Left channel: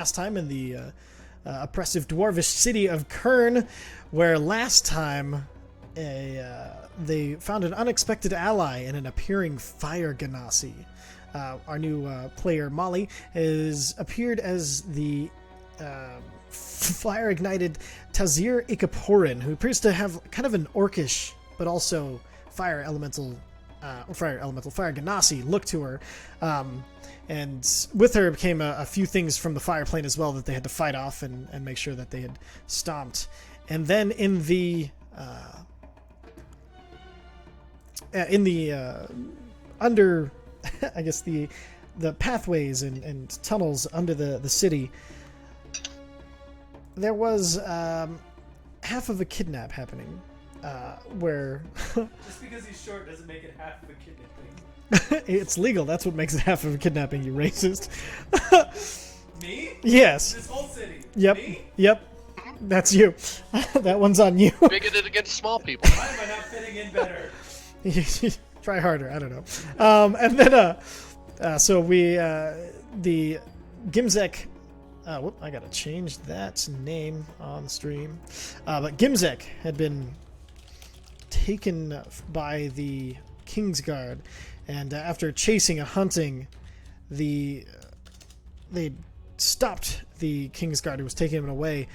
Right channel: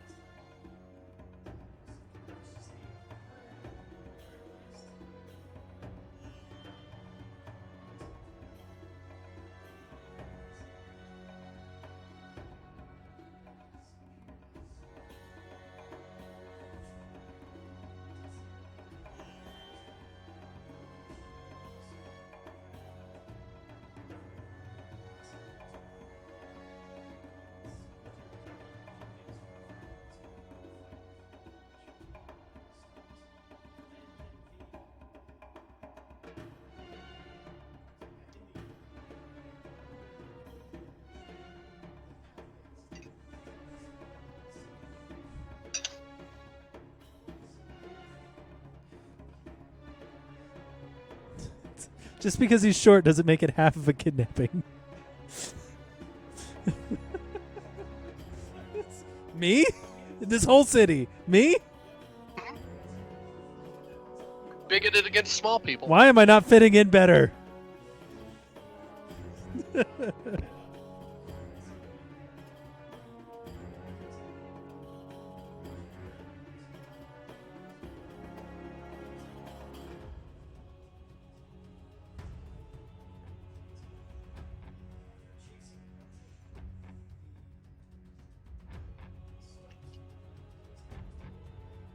last time in the oppressive dwarvish city of Khirn, where last time they found an unexpected ally in an appearing fire ganassi. Our new player Molly has appeared as the fire-ignited Tazir Ikaporin, who appears to have kind of an orcish but also fire ganassi look to her. And with her came a few things from the fire plane as well that they had to fight off and make sure that they had stomped. And then in the under, I guess the pathways and tunnels under the city, there was half of a kidnap happening, where just because he's short doesn't make it half of a kidnapping. it's legal. That's what makes it half of a kidnapping, you racist. Me? Yes. This whole city. Yep. Me? Yep. That's you. That one's on you. Bigoted against small people. Why am I not fitting in better? Try harder. I don't know. And then, so we, the Gimzek. Whoop, I gotta change that name on the stream. But Gimzek had been taken by the Kingsguard, and after chasing and hunting, they stopped the Kingsguard who was taking him away,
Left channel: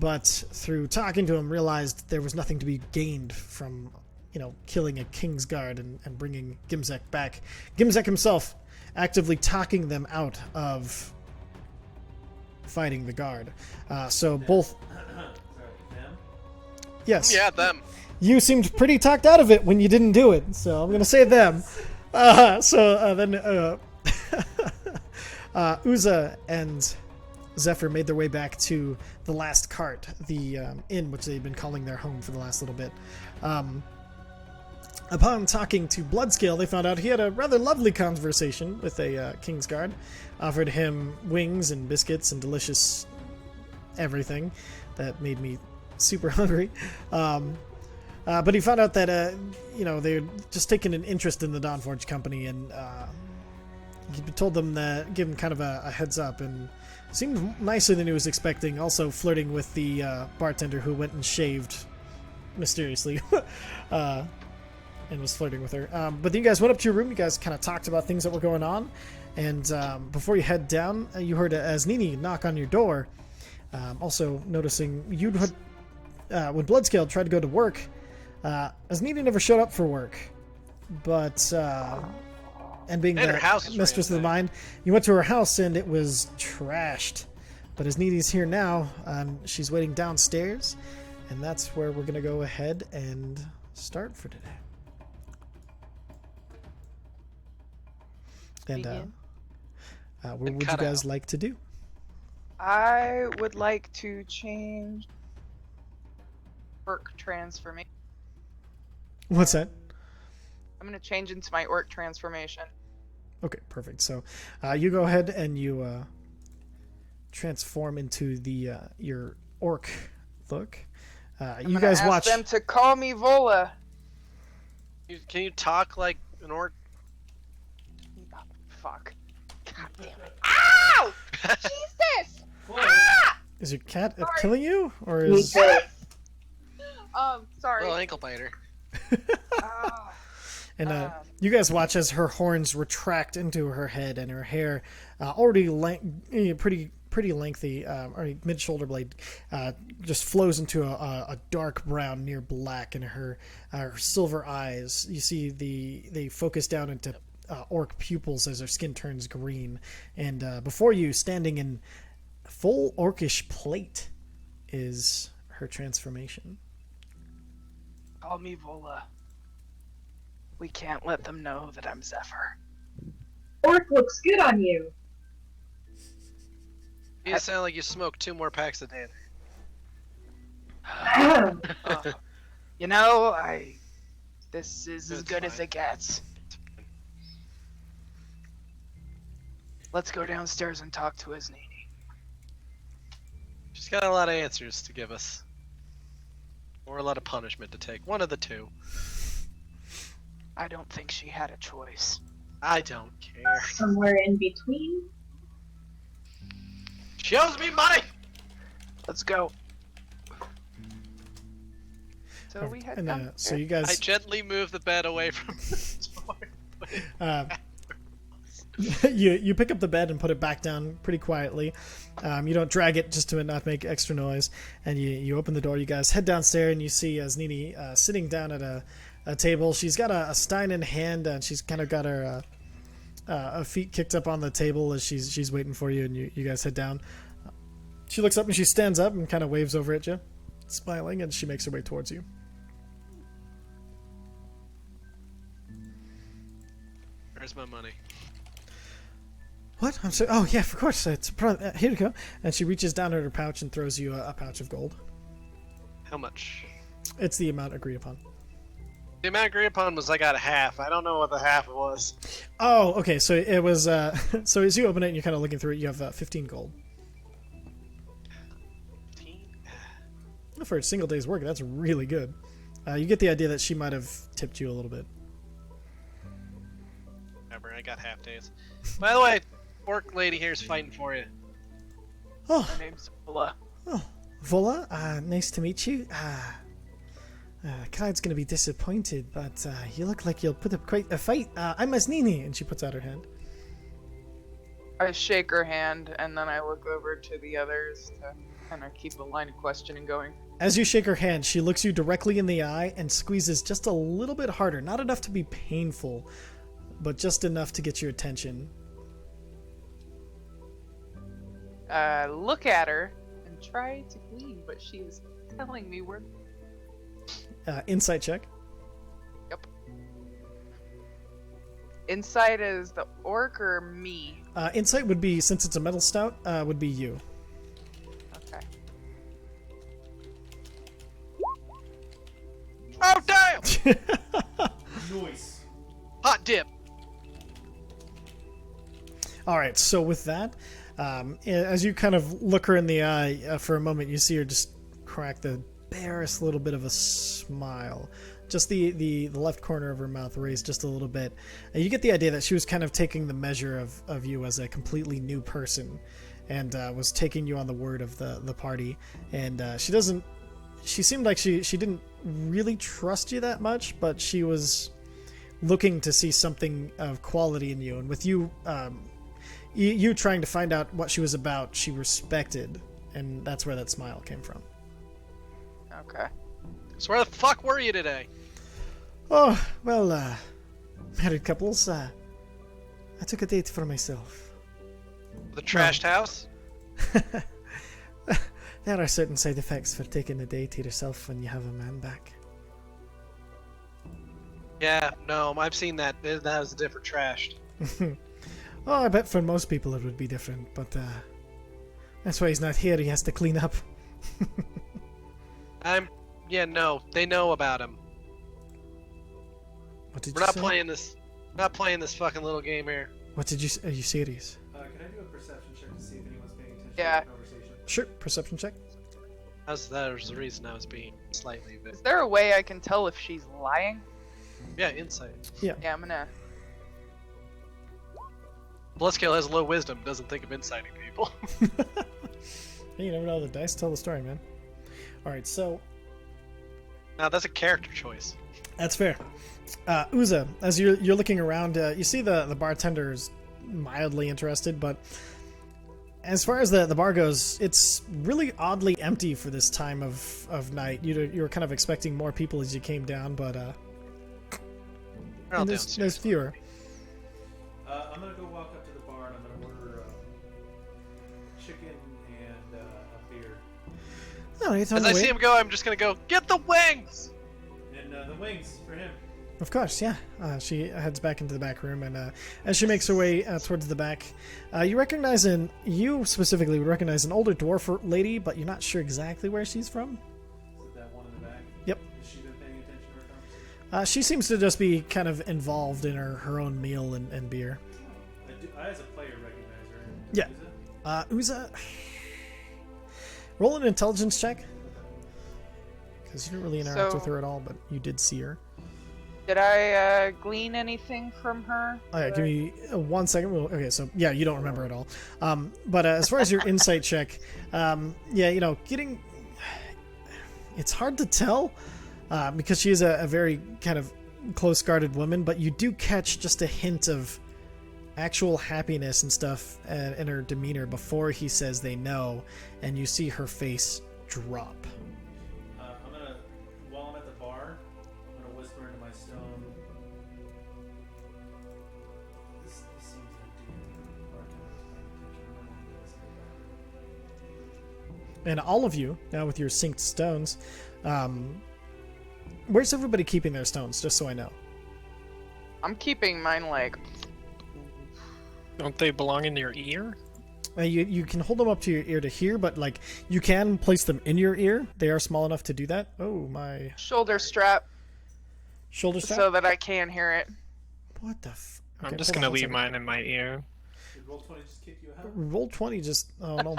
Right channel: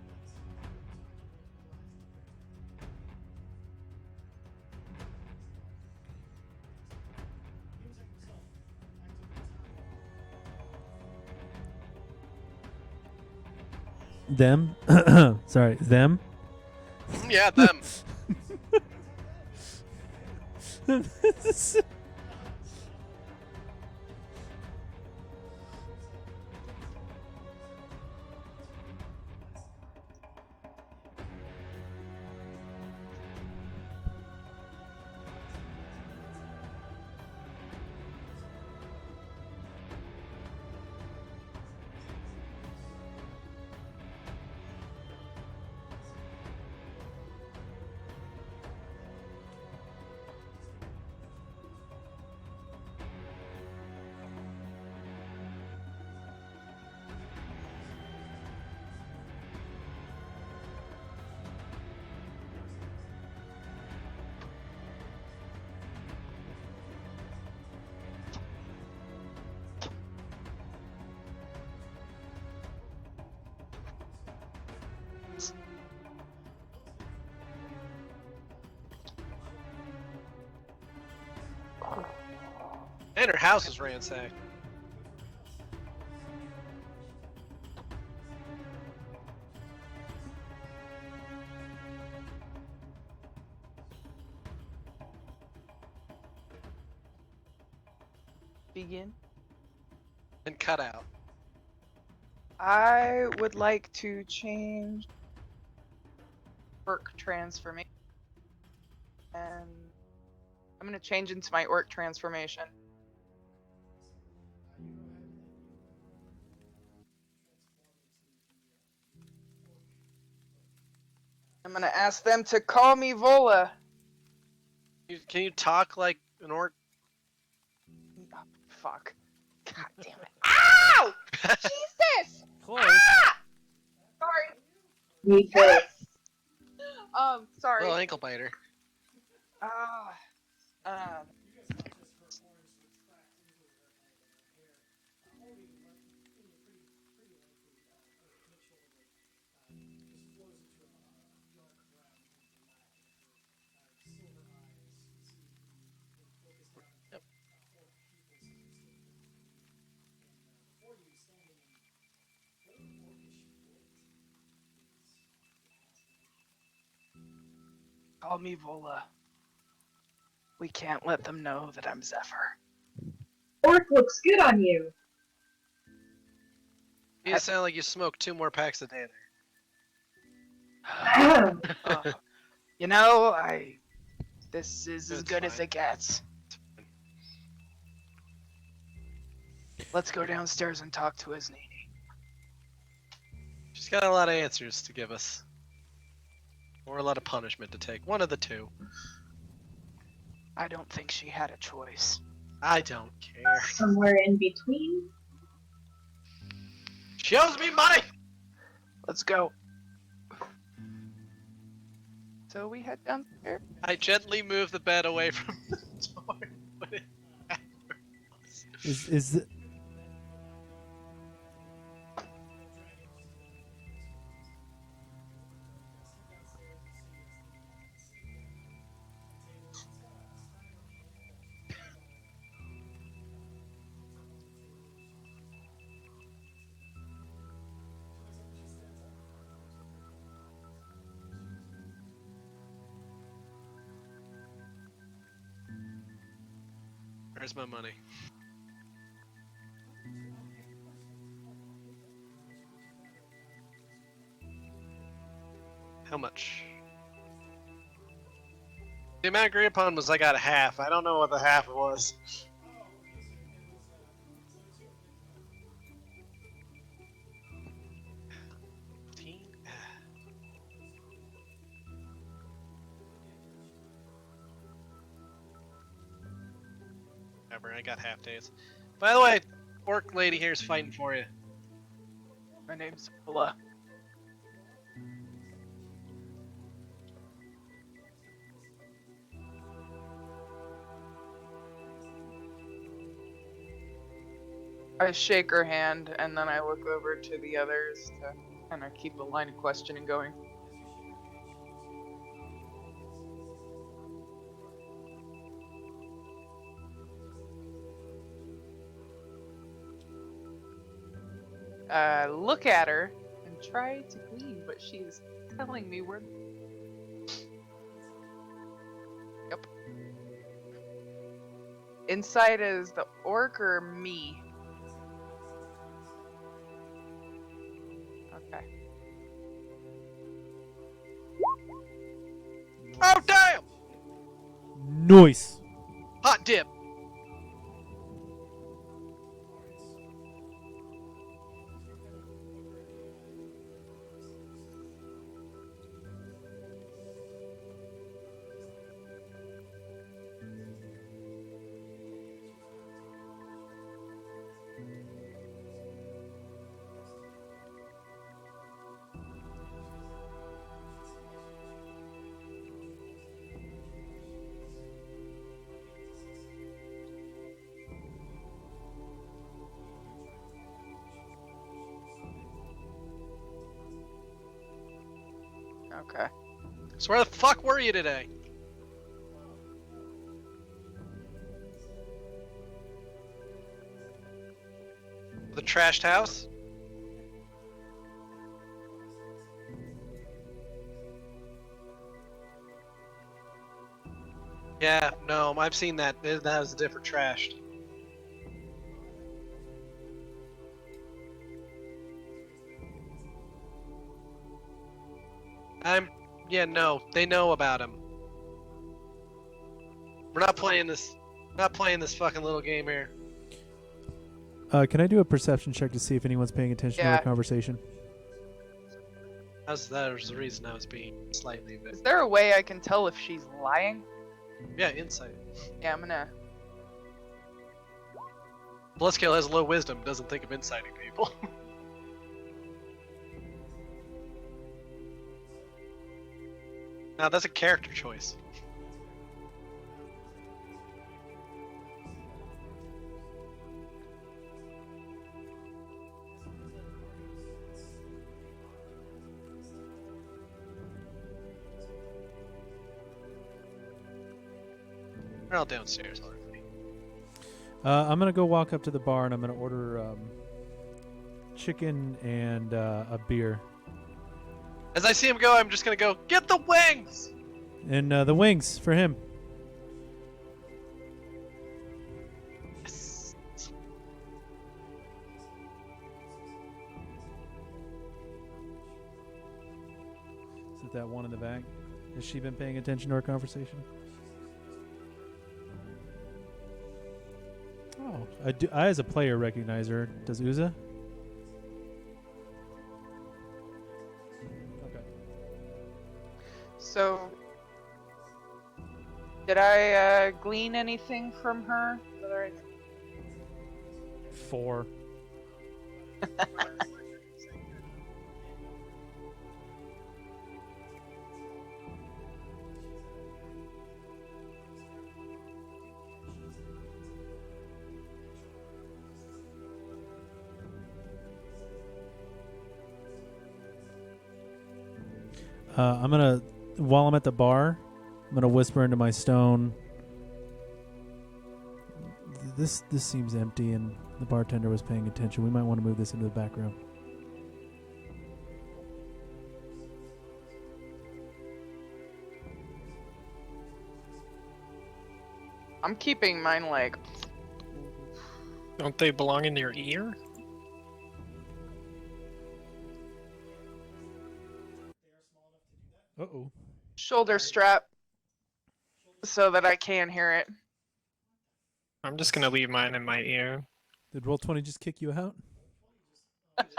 but through talking to him realized there was nothing to be gained from, killing a Kingsguard and bringing Gimzek back. Gimzek himself actively talking them out of fighting the guard. So them? both... Sorry, them? Yes. Yeah, them. You seemed pretty talked out of it when you didn't do it, so I'm going to say them. Then Uza and Zephyr made their way back to the last cart, the inn which they'd been calling their home for the last little bit. Upon talking to Bloodscale, they found out he had a rather lovely conversation with a Kingsguard, offered him wings and biscuits and delicious everything that made me super hungry. But he found out that, they're just taking an interest in the Dawnforged company, and he told them that, give him kind of a heads up, and seemed nicer than he was expecting, also flirting with the bartender who went and shaved mysteriously and was flirting with her. But then you guys went up to your room, you guys kind of talked about things that were going on, and before you head down, you heard Asnini knock on your door, also noticing you'd when Bloodscale tried to go to work, Asnini never showed up for work, but and being And her house is mistress of the mind, you went to her house and it was trashed. But Asnini's here now. She's waiting downstairs, and that's where we're gonna go ahead and start for today. And Begin. what would you cut guys out. like to do? I would like to change orc transformation. What's that? I'm going to change into my orc transformation. Okay, perfect. So you go ahead and you transform into the your orc look. I'm You going to guys ask watch. them to call me Vola. Can you talk like an orc? Oh, fuck. God damn it. Ow! Jesus! Ah! Is your cat Sorry. killing you, or Me is? too. Sorry. Little ankle biter. Ah. And you guys watch as her horns retract into her head, and her hair, already pretty lengthy, already mid-shoulder blade, just flows into a dark brown near black, and her silver eyes. You see they focus down into orc pupils as her skin turns green, and before you, standing in full orcish plate, is her transformation. Call me Vola. We can't let them know that I'm Zephyr. Orc looks good on you. You sound like you smoke 2 more packs a day. This is as It's good as fine. it gets. Let's go downstairs and talk to Asnini. She's got a lot of answers to give us. Or a lot of punishment to take. One of the two. I don't think she had a choice. I don't care. Somewhere in between. She owes me money! Let's go. So we head And down. so you I guys, gently move the bed away from the door. Put it uh, back. you pick up the bed and put it back down pretty quietly. You don't drag it just to not make extra noise, and you open the door. You guys head downstairs, and you see Nini sitting down at a table. She's got a stein in hand, and she's kind of got her feet kicked up on the table as she's waiting for you, and you guys head down. She looks up and she stands up and kind of waves over at you, smiling, and she makes her way towards you. Where's my money? What? I'm sorry. Oh yeah, of course. Here you go. And she reaches down in her pouch and throws you a pouch of gold. How much? It's the amount agreed upon. The amount agreed upon was I got half. I don't know what the half was. Oh, okay. So it was. So as you open it and you're kind of looking through it, you have 15 gold. 15? For a single day's work, that's really good. You get the idea that she might have tipped you a little bit. Whatever, I got half days. By the way, orc lady here is fighting for you. Oh, My name's Villa. Vola, nice to meet you. Clyde's gonna be disappointed, but you look like you'll put up quite a fight. I'm Nini, and she puts out her hand. I shake her hand and then I look over to the others to kind of keep the line of questioning going. As you shake her hand, she looks you directly in the eye and squeezes just a little bit harder. Not enough to be painful, but just enough to get your attention. Look at her and try to glean what she is telling me. We're Insight check. inside is the orc or me? Insight would be, since it's a metal stout, would be you. Okay. Oh, damn! Nice. Hot dip! All right, so with that, as you kind of look her in the eye for a moment, you see her just crack the barest little bit of a smile. Just the left corner of her mouth raised just a little bit. And you get the idea that she was kind of taking the measure of you as a completely new person and was taking you on the word of the party. And she seemed like she didn't really trust you that much, but she was looking to see something of quality in you. And with you, you trying to find out what she was about, she respected. And that's where that smile came from. Okay. So where the fuck were you today? Oh, well, married couples, I took a date for myself. The trashed house? There are certain side effects for taking a date to yourself when you have a man back. Yeah, no, I've seen that. That was a different trashed. Oh, I bet for most people it would be different, but that's why he's not here. He has to clean up. Yeah, no, they know about him. What did We're you not say? playing this. Not playing this fucking little game here. What did you say? Are you serious? Can I do a perception check to see if anyone's paying attention to Yeah. the conversation? Sure. Perception check. That was the reason I was being slightly bit. Is there a way I can tell if she's lying? Yeah, insight. Yeah, I'm gonna. Bloodscale has low wisdom, doesn't think of inciting people. You never know. The dice tell the story, man. All right, so Now that's a character choice. that's fair. Uza, as you're looking around, you see the bartender is mildly interested, but as far as the bar goes, it's really oddly empty for this time of night. You were kind of expecting more people as you came down, but We're all there's downstairs. fewer. I'm gonna go walk up to the bar and I'm gonna order chicken and a beer. Oh, it's on As the I way. see him go, I'm just gonna go, get the wings! And the wings for him. Of course, yeah. She heads back into the back room, and as she makes her way towards the back, you specifically would recognize an older dwarf lady, but you're not sure exactly where she's from. Is it that one in the back? Yep. Has she been paying attention to our conversation? She seems to just be kind of involved in her own meal and beer. Oh, I as a player recognize her. Does Yeah. Uza? Uza, roll an intelligence check. Because you didn't really interact with her at all, but you did see her. Did I glean anything from her? All right, give me 1 second. Okay, so yeah, you don't remember at all. But as far as your insight check, yeah, you know, it's hard to tell because she is a very kind of close-guarded woman, but you do catch just a hint of actual happiness and stuff in her demeanor before he says they know, and you see her face drop. While I'm at the bar, I'm gonna whisper into my stone. This seems empty, and the bartender was paying attention. We might want to move this into the back room. And all of you, now with your synced stones, where's everybody keeping their stones, just so I know? I'm keeping mine like... Don't they belong in your ear? You can hold them up to your ear to hear, but like you can place them in your ear. They are small enough to do that. Oh, my shoulder strap. Shoulder strap? So that I can hear it. What the I'm just gonna leave mine in my ear. Did Roll20 just kick you out? Roll20 just... Oh, no,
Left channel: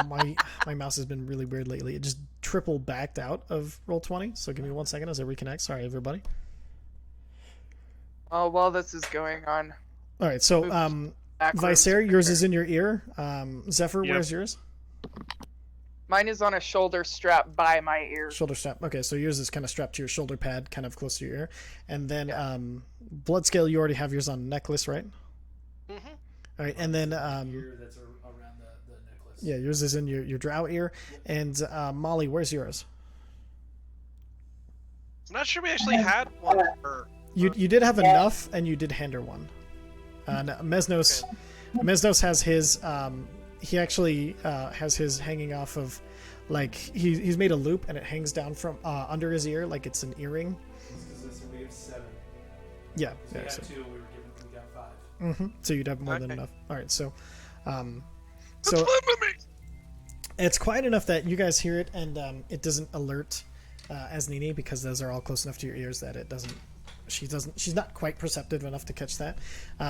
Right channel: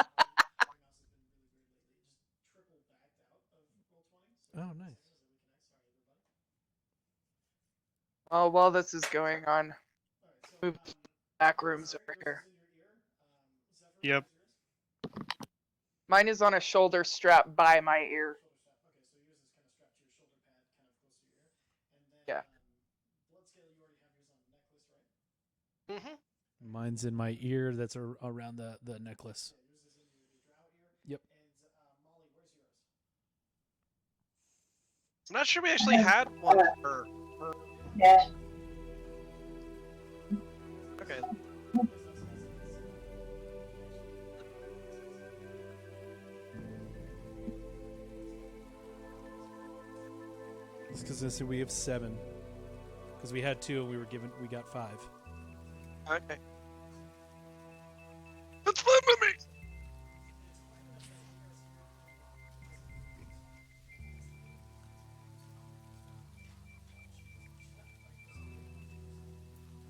my mouse has been really weird lately. It just triple backed out of Roll20. So give me 1 second as I reconnect. Sorry, everybody. Oh, while this is going on. All right, so Vicer, yours is in your ear. Zephyr, Yep. where's yours? Mine is on a shoulder strap by my ear. Shoulder strap. Okay, so yours is kind of strapped to your shoulder pad, kind of close to your ear. And then Yeah. Bloodscale, you already have yours on necklace, right? Mm-hmm. All right, Mine's and then in my ear that's around the necklace. yeah, yours is in your drow ear. Yep. And Molly, where's yours? I'm not sure we actually had one for... You did have enough, and you did hand her one. No, Mesnos has his. He actually has his hanging off of, like he's made a loop and it hangs down from under his ear like it's an earring. Because we have 7. Yeah, Because we had 2 and we got 5. Mm-hmm. So you'd have more than Okay. enough. All right, so That's fine with me! it's quiet enough that you guys hear it, and it doesn't alert as Nini because those are all close enough to your ears that it doesn't. She's not quite perceptive enough to catch that.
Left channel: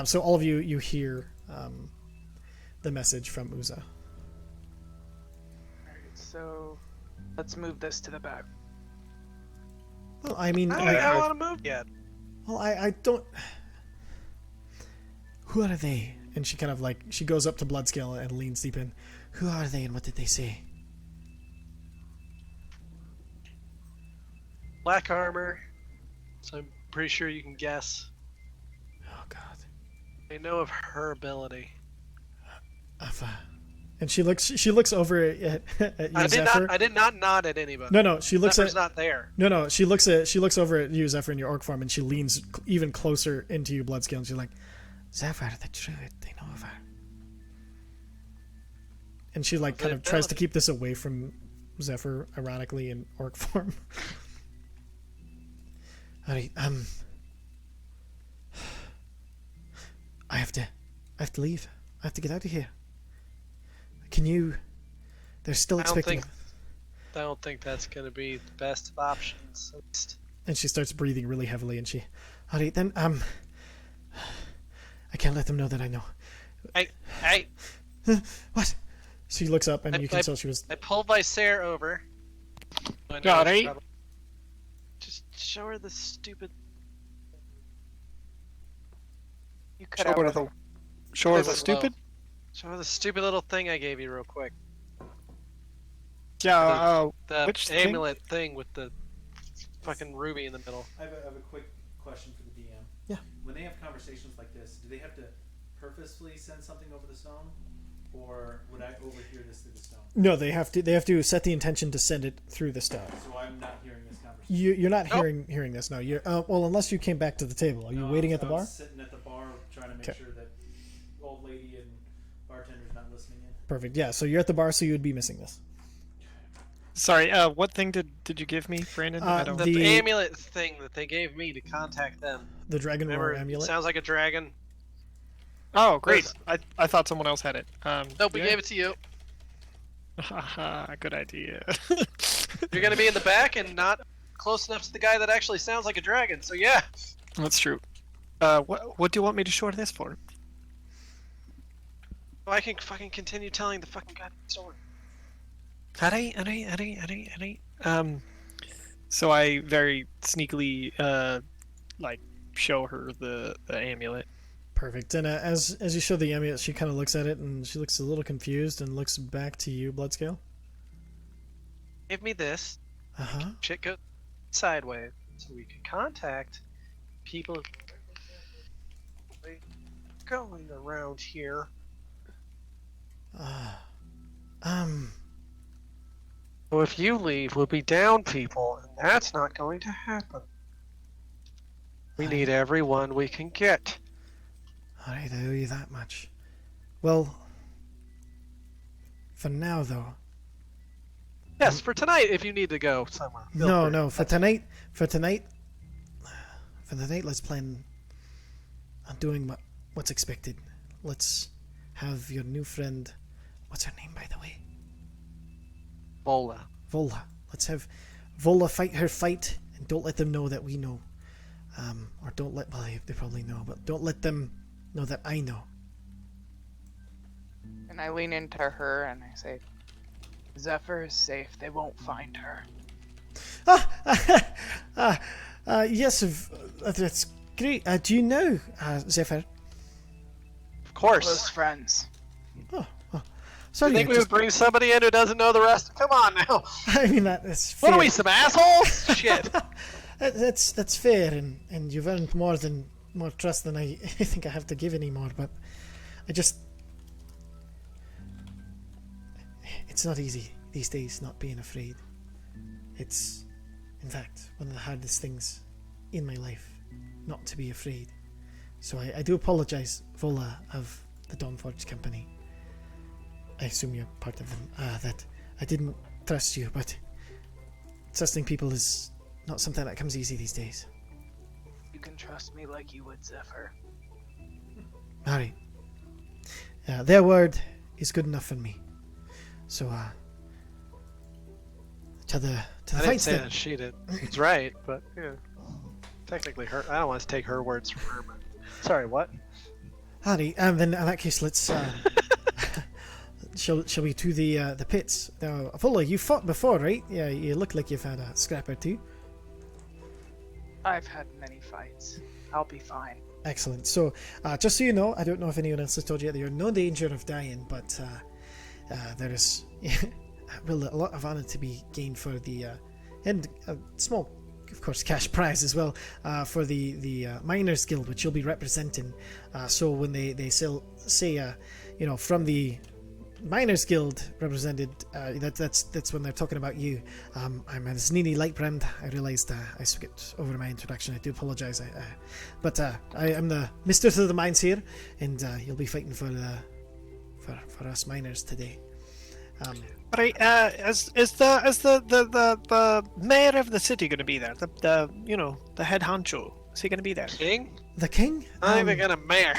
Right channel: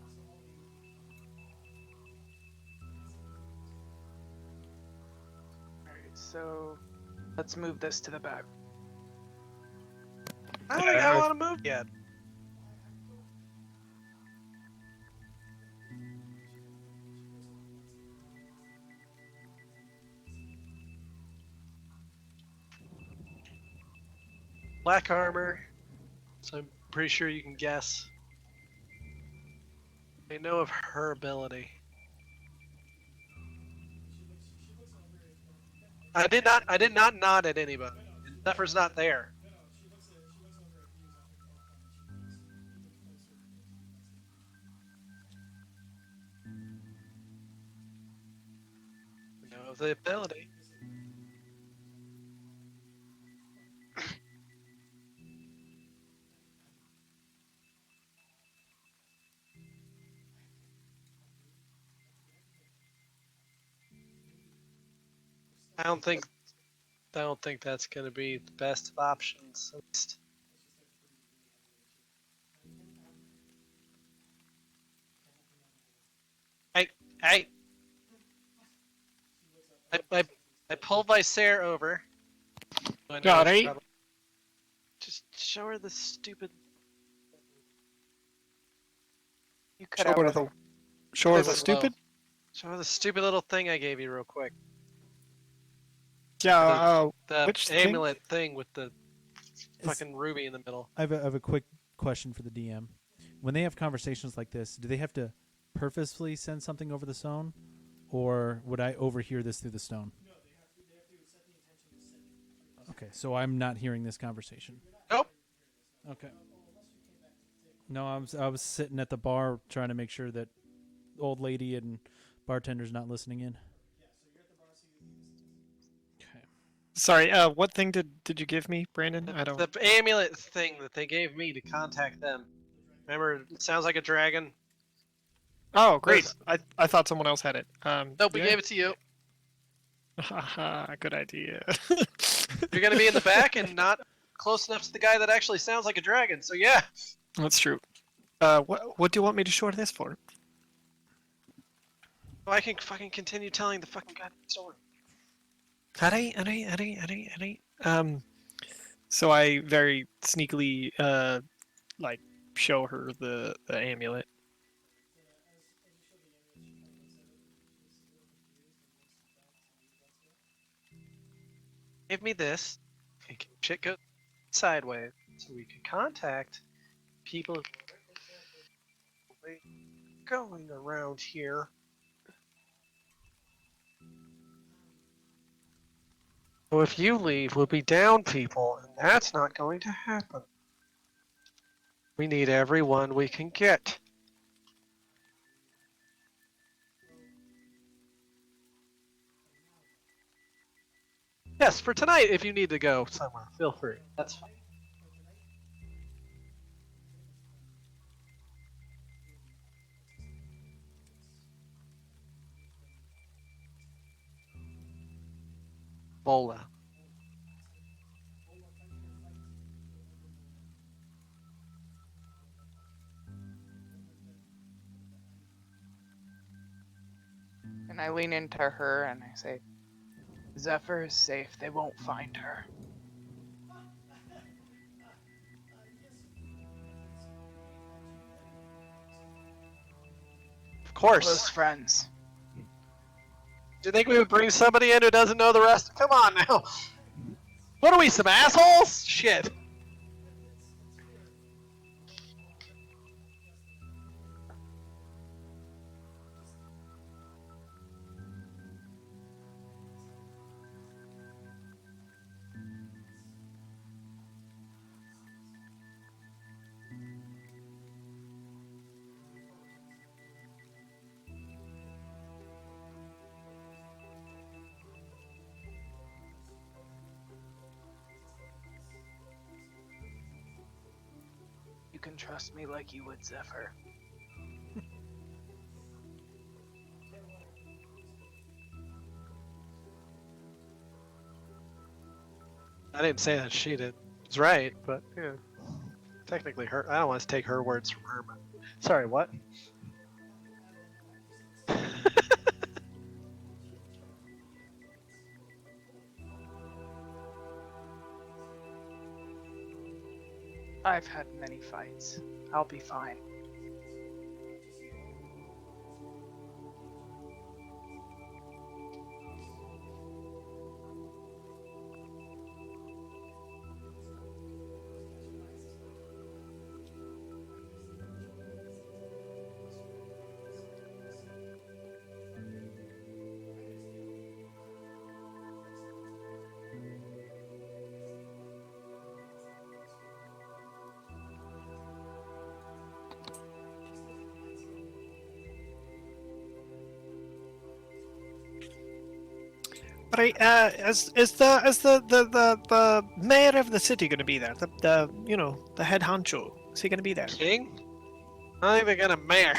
So all of you hear the message from Uza. Alright, so let's move this to the back. Well, I mean, I don't think I want to move yet. well, I don't. Who are they? And she kind of like she goes up to Bloodscale and leans deep in. Who are they and what did they say? Black armor. So I'm pretty sure you can guess. Oh God. I know of her ability. And she looks over at you, I Zephyr. did not nod at anybody. No, she looks Zephyr's not there. No, she looks over at you, Zephyr, in your orc form, and she leans even closer into you, Bloodscale, and she's like, Zephyr, the truth, they know of her. And she like the kind of tries to ability. keep this away from Zephyr, ironically, in orc form. Alright, I have to leave. I have to get out of here. Can you? They're still I don't expecting. think that's gonna be the best of options. At least. And she starts breathing really heavily, and she, alright then, I can't let them know that I know. Hey, What? She looks up, and you can tell she was. I pull Vicer over. I know Got it's it. probably- Just show her the stupid. You cut Show out. her the This is stupid. low. Show her the stupid little thing I gave you real quick. Yeah. The Which thing? amulet thing with the fucking ruby in the middle. I have a quick question for the DM. Yeah. When they have conversations like this, do they have to purposefully send something over the stone, or would I overhear this through the stone? No, they have to set the intention to send it through the stone. So I'm not hearing this conversation. You're not Nope. hearing this. No, you're well, unless you came back to the table. Are you No, waiting I at the bar? was sitting at the bar trying to make Okay. sure that old lady and bartender's not listening in. Perfect. Yeah. So you're at the bar, so you would be missing this. Sorry. What thing did you give me, Brandon? I don't. The The- amulet thing that they gave me to contact them. The dragon Remember, roar it amulet. sounds like a dragon. Oh, great. Yes. I thought someone else had it. Nope, we yeah. gave it to you. Haha, good idea. You're gonna be in the back and not close enough to the guy that actually sounds like a dragon. So yeah. That's true. What do you want me to short this for? Oh, I can fucking continue telling the fucking goddamn story. So I very sneakily, like, show her the amulet. Perfect. And as you show the amulet, she kind of looks at it and she looks a little confused and looks back to you, Bloodscale. Give me this. Uh-huh. Shit goes sideways, so we can contact people going around here. So if you leave, we'll be down people, and that's not going to happen. We need everyone we can get. Alright, I owe you that much. Well, for now though. Yes, for tonight, if you need to go somewhere. feel free. No, for tonight, let's plan on doing what's expected. Let's have your new friend, what's her name by the way? Vola. Vola. Let's have Vola fight her fight, and don't let them know that we know. Or don't let, well, they probably know, but don't let them know that I know. And I lean into her and I say, Zephyr is safe. They won't find her. Yes, that's great. Do you know Zephyr? Of course. Close friends. Oh, Do sorry. you think we would bring somebody in who doesn't know the rest? Come on now. I mean, that's fair. What are we, some assholes? Shit. That's fair, and you've earned more trust than I think I have to give anymore. But it's not easy these days not being afraid. It's, in fact, one of the hardest things in my life, not to be afraid. So I do apologize, Vola of the Dawnforged company. I assume you're part of them. That I didn't trust you, but trusting people is not something that comes easy these days. You can trust me like you would Zephyr. Alright. Their word is good enough for me. So, to the I didn't fights say then. that she did. It's right, but yeah. Technically, I don't want to take her words from her. But... Sorry, what? Alright, and then in that case, let's. Shall we to the pits? Now, Vola, you fought before, right? Yeah, you look like you've had a scrap or two. I've had many fights. I'll be fine. Excellent. So, just so you know, I don't know if anyone else has told you that you're in no danger of dying, but there is a lot of honor to be gained for the and a small, of course, cash prize as well for the Miners Guild, which you'll be representing. So when they say from the Miners Guild represented, that's when they're talking about you. I'm Znini Lightbrand. I realised I skipped over my introduction. I do apologise. But I am the Mistress of the Mines here, and you'll be fighting for us miners today. Right, is the mayor of the city going to be there? The head honcho. Is he going to be there? King? The king? I think they got a mayor.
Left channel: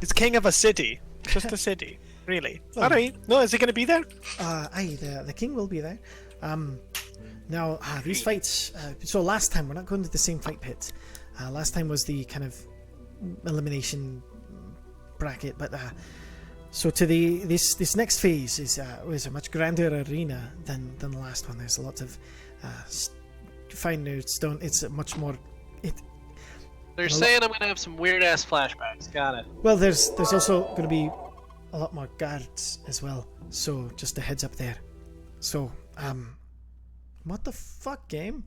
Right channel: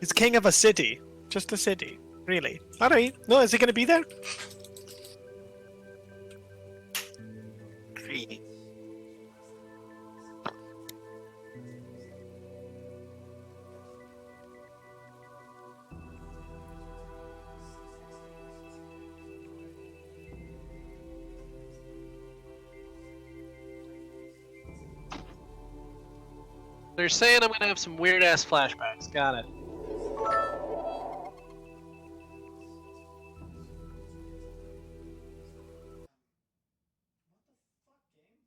He's king of a city. Just a city. Really? Alright. No, is he going to be there? The king will be there. Now, these fights... so last time, we're not going to the same fight pit. Last time was the kind of elimination bracket, but... So to this next phase is a much grander arena than the last one. There's a lot of finer stone. It's a much more... They're saying I'm going to have some weird-ass flashbacks. Got it. Well, there's also going to be a lot more guards as well, so just a heads up there. So, what the fuck, game?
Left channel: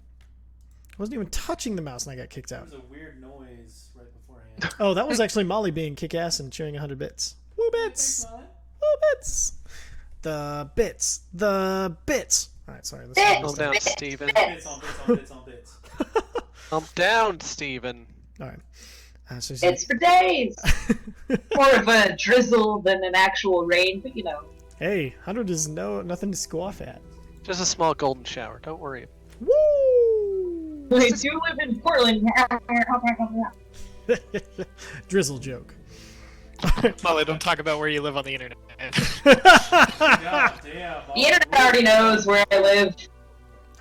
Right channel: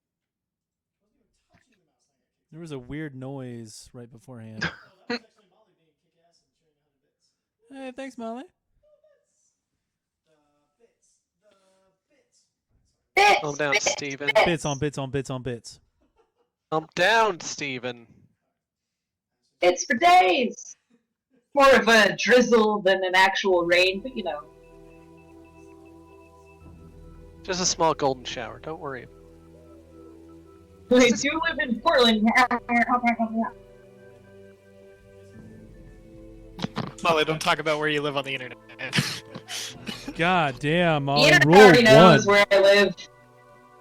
I wasn't even touching the mouse and I got kicked There out. was a weird noise right beforehand. Oh, that was actually Molly being kick-ass and chewing 100 bits. Woo Yeah, bits! thanks, Molly. Woo bits! The bits! Alright, sorry. Bits! Calm down, Steven. Bits on bits on bits on bits. Calm down, Steven. Alright. So It's for days! More of a drizzle than an actual rain, but hey, 100 is nothing to scoff at. Just a small golden shower. Don't worry. Woo! We do live in Portland. Drizzle joke. Molly, don't talk about where you live on the internet. God damn. The internet already knows where I live.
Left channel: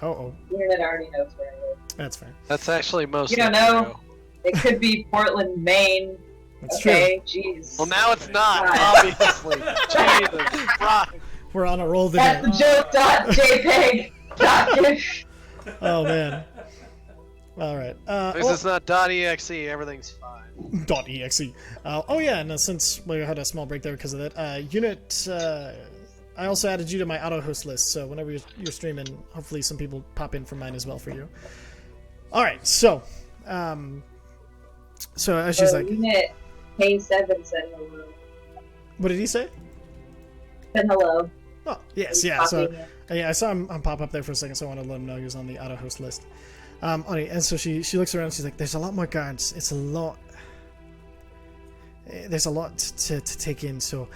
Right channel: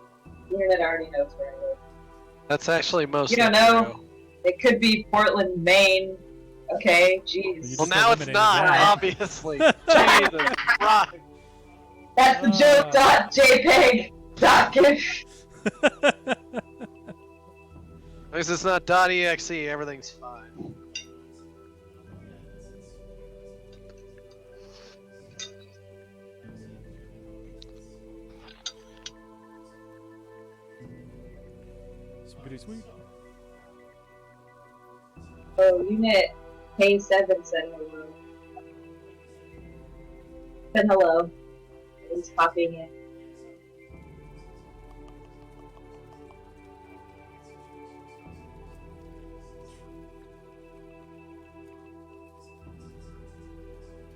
Uh-oh. The internet already knows where I live. That's fair. That's actually most. You don't know. It could be Portland, Maine. That's Okay, jeez. Well, now it's not, Right. obviously. Jesus Christ. We're on a roll That's there. the joke. .jpeg. .gif. Oh, man. All right. Because it's not .exe, everything's fine. .exe. Oh yeah, and since we had a small break there because of that, unit. I also added you to my auto host list, so whenever you're streaming, hopefully some people pop in from mine as well for you. All right, so as she's like, Unit K7 said hello. what did he say? Said hello. Oh yes, yeah. So yeah, I saw him pop up there for a second, so I wanted to let him know he was on the auto host list. And so she looks around. She's like, "There's a lot more guards. It's a lot. There's a lot to take in. So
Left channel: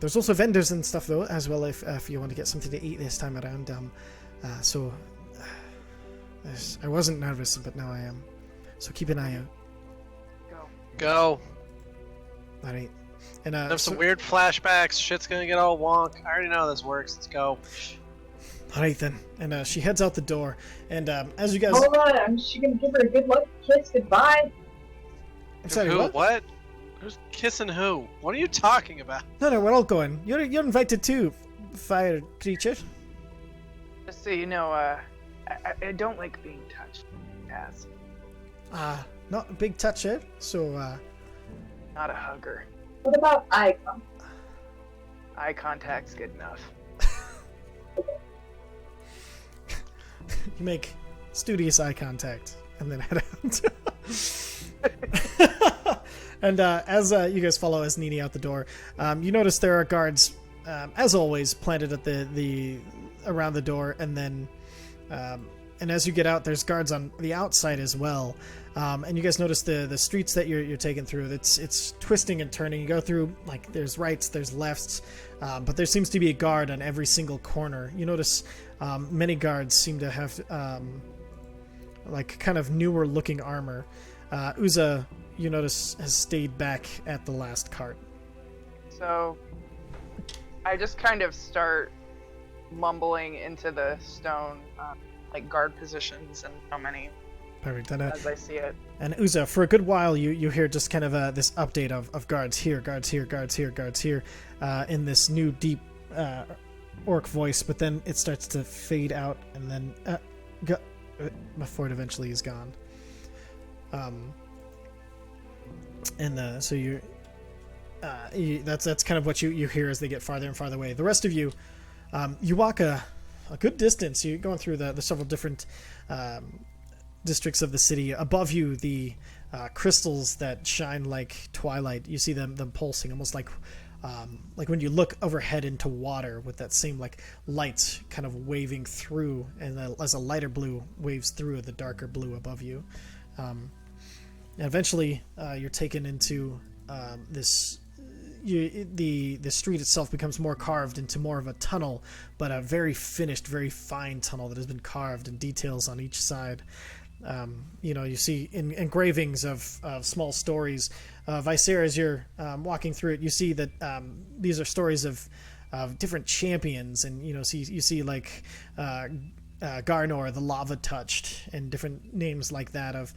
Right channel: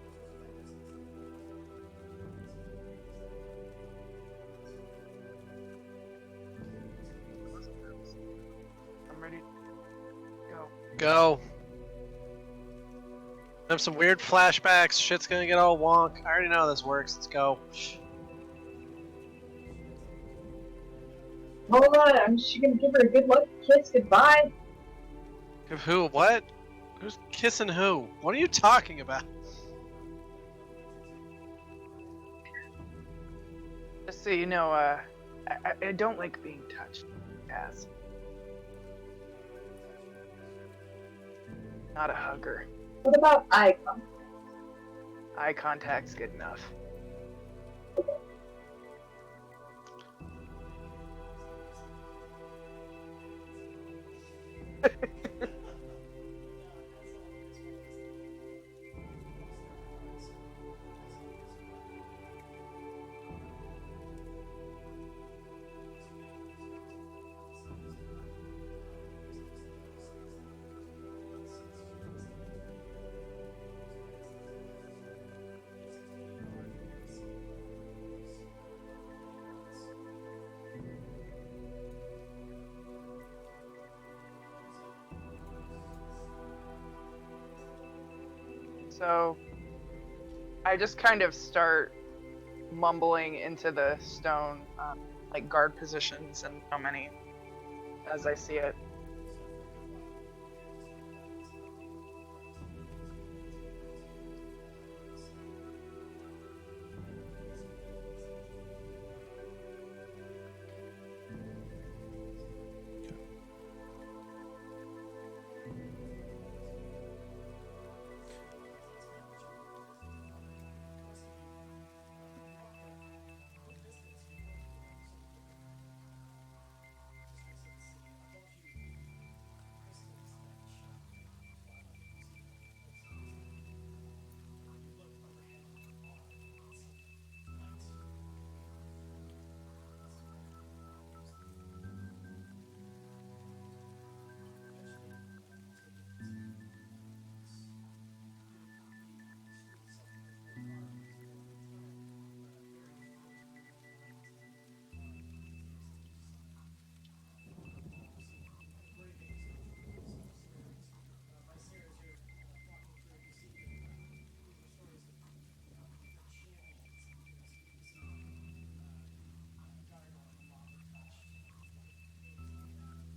there's also vendors and stuff though, as well. If you want to get something to eat this time around. I wasn't nervous, but now I am. So keep an eye out. Go. All right. And Have some weird flashbacks. Shit's gonna get all wonk. I already know how this works. Let's go. All right then. And she heads out the door. And as you guys, Hold on, I'm just gonna give her a good look, kiss, goodbye. Sorry, Who? What? Who's kissing who? What are you talking about? No, we're all going. You're invited too, fire creature. Just so you know, I don't like being touched, Kaz. Not a big toucher, so Not a hugger. What about eye contact? Eye contact's good enough. you make studious eye contact and then head out. And as you guys follow as Nini out the door, you notice there are guards, as always, planted at the around the door, and then and as you get out, there's guards on the outside as well. And you guys notice the streets that you're taking through. It's twisting and turning. You go through, like, there's rights, there's lefts, but there seems to be a guard on every single corner. You notice many guards seem to have like kind of newer looking armor. Uza, you notice, has stayed back at the last cart. So I just kind of start mumbling into the stone, like guard positions and how many. Perfect. And, as I see it. And Uza, for a good while, you hear just kind of this update of guards here, guards here, guards here, guards here, in this new deep orc voice, but then it starts to fade out, and then before it eventually is gone. So that's kind of what you hear as they get farther and farther away. The rest of you, you walk a good distance. You're going through the several different districts of the city. Above you, the crystals that shine like twilight. You see them pulsing, almost like when you look overhead into water, with that same like light kind of waving through, and as a lighter blue waves through the darker blue above you. And eventually, you're taken into the street itself becomes more carved into more of a tunnel, but a very finished, very fine tunnel that has been carved in details on each side. You see engravings of small stories. Visera, as you're walking through it, you see that these are stories of different champions, and you see like Garnor, the Lava Touched, and different names like that of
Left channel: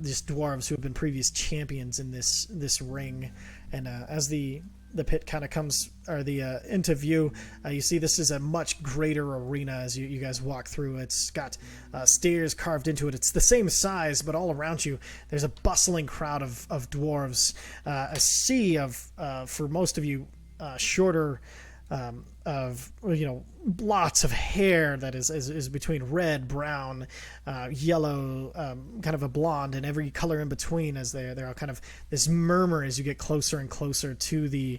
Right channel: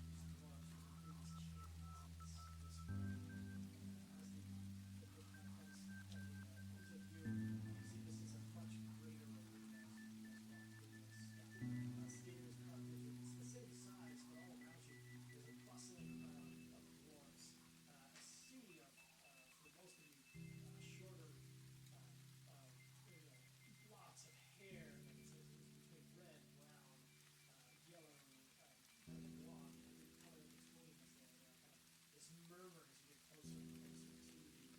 these dwarves who have been previous champions in this ring. And as the pit kind of comes, or the into view, you see this is a much greater arena as you guys walk through. It's got stairs carved into it. It's the same size, but all around you there's a bustling crowd of dwarves, a sea of for most of you shorter of lots of hair that is between red, brown, yellow, kind of a blonde, and every color in between, as they're all kind of this murmur as you get closer and closer to the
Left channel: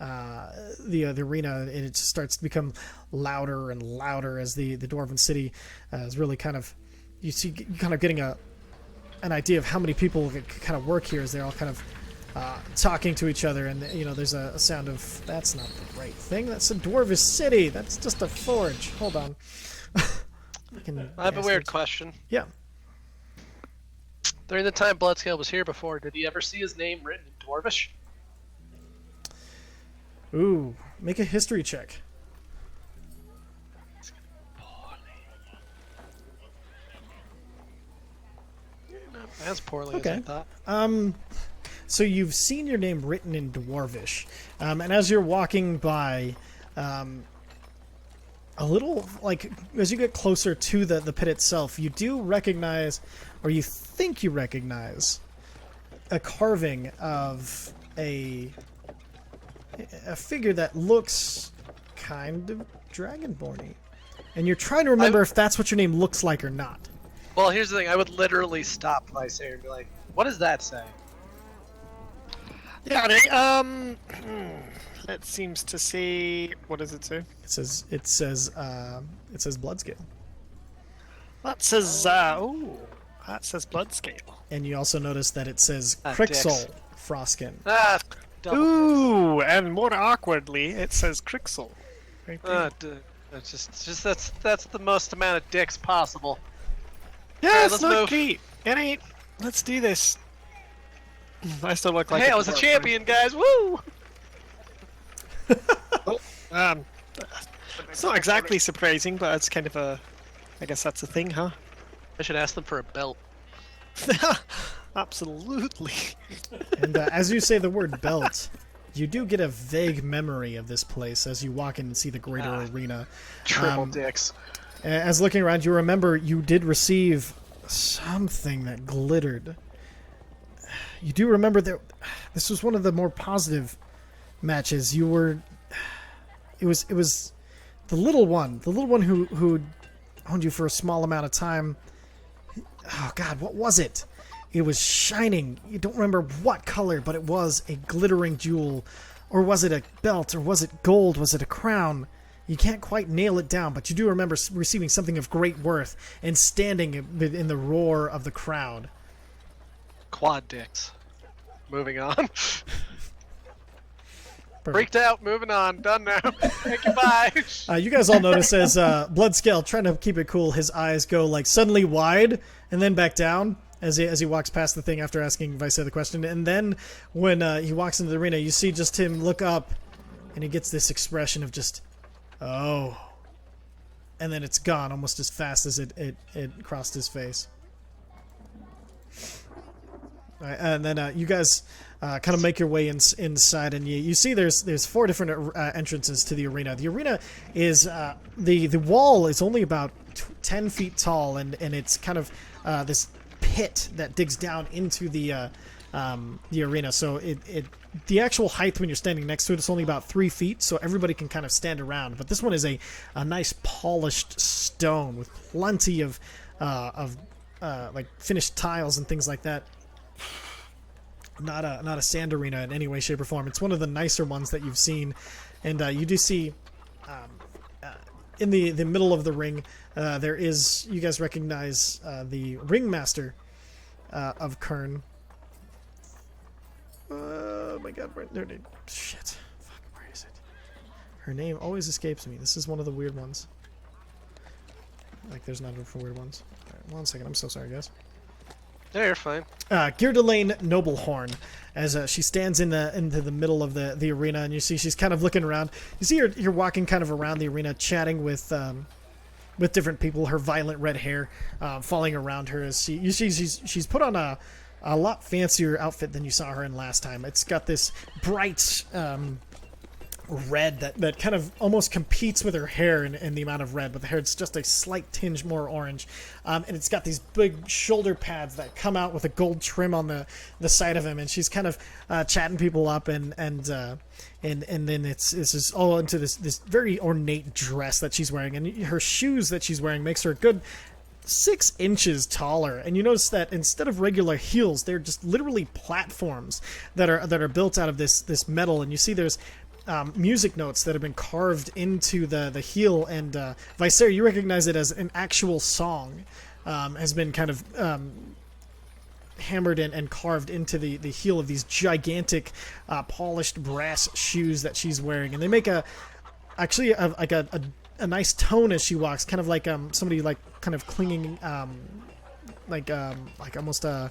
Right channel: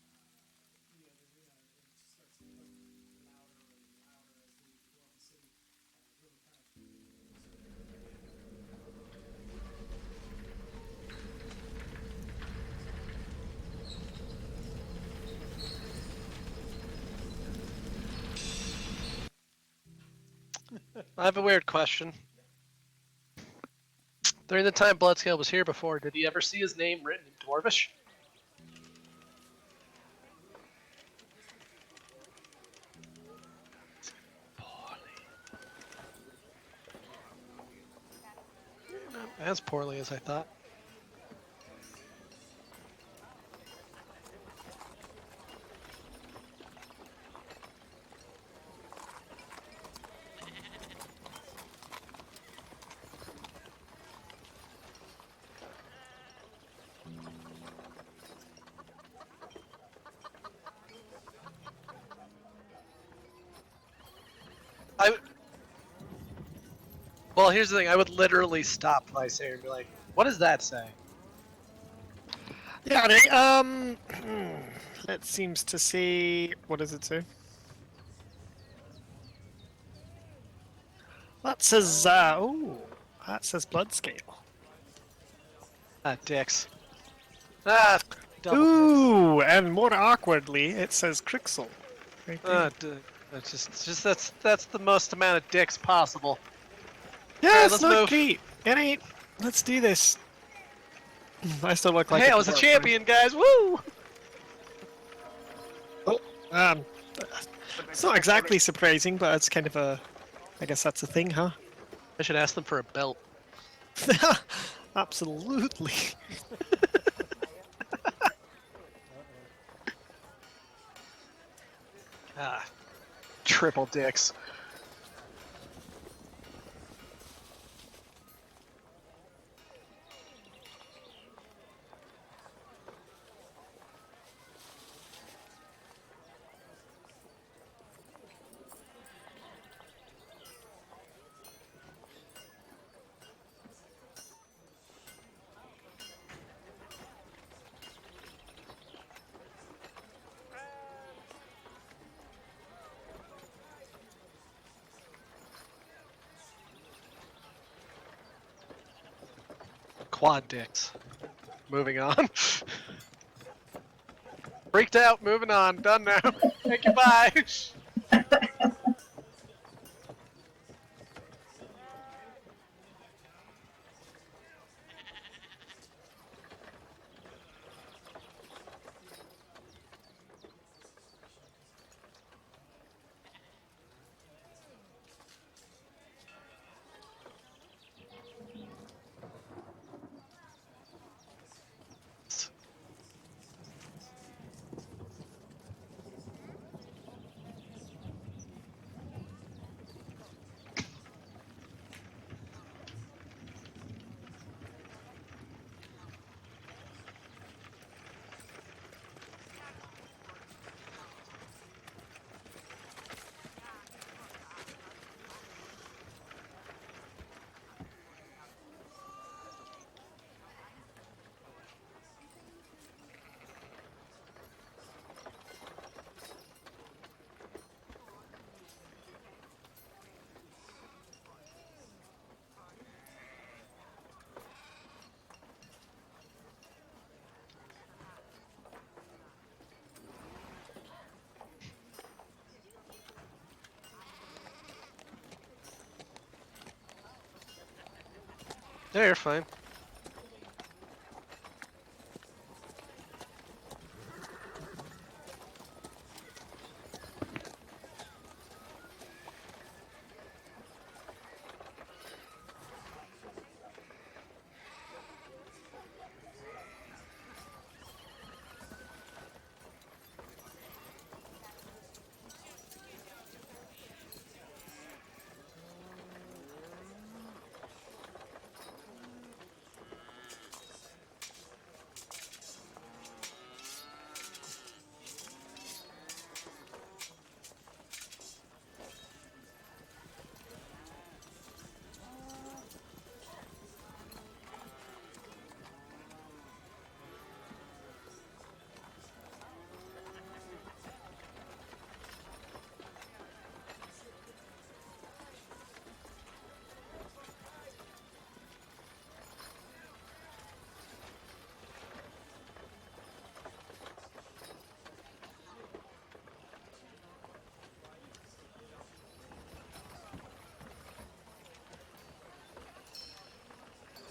arena, and it just starts to become louder and louder as the dwarven city is really kind of, you kind of getting an idea of how many people kind of work here as they're all kind of talking to each other, and there's a sound of, that's not the right thing, that's a dwarvish city, that's just a forge. Hold on. I have a weird question. Yeah. During the time Bloodscale was here before, did he ever see his name written in Dwarvish? Ooh, make a history check. Not as poorly as I thought. So you've seen your name written in Dwarvish, and as you're walking by, a little, like, as you get closer to the pit itself, you do recognize, or you think you recognize, a carving of a figure that looks kind of dragonborn-y. And you're trying to remember if that's what your name looks like or not. Well, here's the thing. I would literally stop Lysair and be like, what does that say? Yeah, right, that seems to say... What does it say? It says Bloodscale. That says, that says Bloodscale. And you also notice that it says Dicks. Crixel Frostkin. Ah, double Ooh, and more awkwardly, it says Crixel. Right there. That's just that's the most amount of dicks possible. Yeah, Alright, it's let's not move. great. Alright, let's do this. I still look like Hey, I was a dwarf, champion, guys! Woo! right? It's not exactly surprising, but it's kind of a... I guess that's a thing, huh? I should ask them for a belt. Absolutely. And as you say the word belt, you do get a vague memory of this place as you walk in and see the greater arena. Triple dicks. As looking around, you remember you did receive something that glittered. You do remember that this was one of the more positive matches. You were... It was the little one who owned you for a small amount of time. Oh God, what was it? It was shining. You don't remember what color, but it was a glittering jewel. Or was it a belt? Or was it gold? Was it a crown? You can't quite nail it down, but you do remember receiving something of great worth and standing in the roar of the crowd. Quad dicks. Moving on. Freaked out, moving on. Done now. Thank you, bye. You guys all notice as Bloodscale, trying to keep it cool, his eyes go like suddenly wide and then back down as he walks past the thing after asking if I said the question. And then when he walks into the arena, you see just him look up and he gets this expression of just, oh. And then it's gone almost as fast as it crossed his face. All right, and then you guys kind of make your way inside, and you see there's 4 different entrances to the arena. The arena is the wall is only about 10 feet tall, and it's kind of this pit that digs down into the arena. So the actual height when you're standing next to it is only about 3 feet, so everybody can kind of stand around. But this one is a nice polished stone with plenty of like finished tiles and things like that. Not a sand arena in any way, shape, or form. It's one of the nicer ones that you've seen, and you do see in the middle of the ring there is, you guys recognize the ringmaster of Khirn. Oh my God, where there? Shit, fuck, where is it? Her name always escapes me. This is one of the weird ones. Like, there's nothing for weird ones. Right, 1 second, I'm so sorry, guys. Yeah, you're fine. Geardelaine Noblehorn, as she stands into the middle of the arena, and you see she's kind of looking around. You see you're walking kind of around the arena, chatting with different people. Her violent red hair falling around her as she's put on a lot fancier outfit than you saw her in last time. It's got this bright red that kind of almost competes with her hair in the amount of red, but the hair is just a slight tinge more orange, and it's got these big shoulder pads that come out with a gold trim on the side of him, and she's kind of chatting people up, and then it's just all into this very ornate dress that she's wearing, and her shoes that she's wearing makes her a good 6 inches taller. And you notice that instead of regular heels, they're just literally platforms that are built out of this metal, and you see there's music notes that have been carved into the heel, and Visair, you recognize it as an actual song, has been kind of hammered and carved into the heel of these gigantic polished brass shoes that she's wearing, and they make a nice tone as she walks, kind of like somebody like kind of clinging like almost a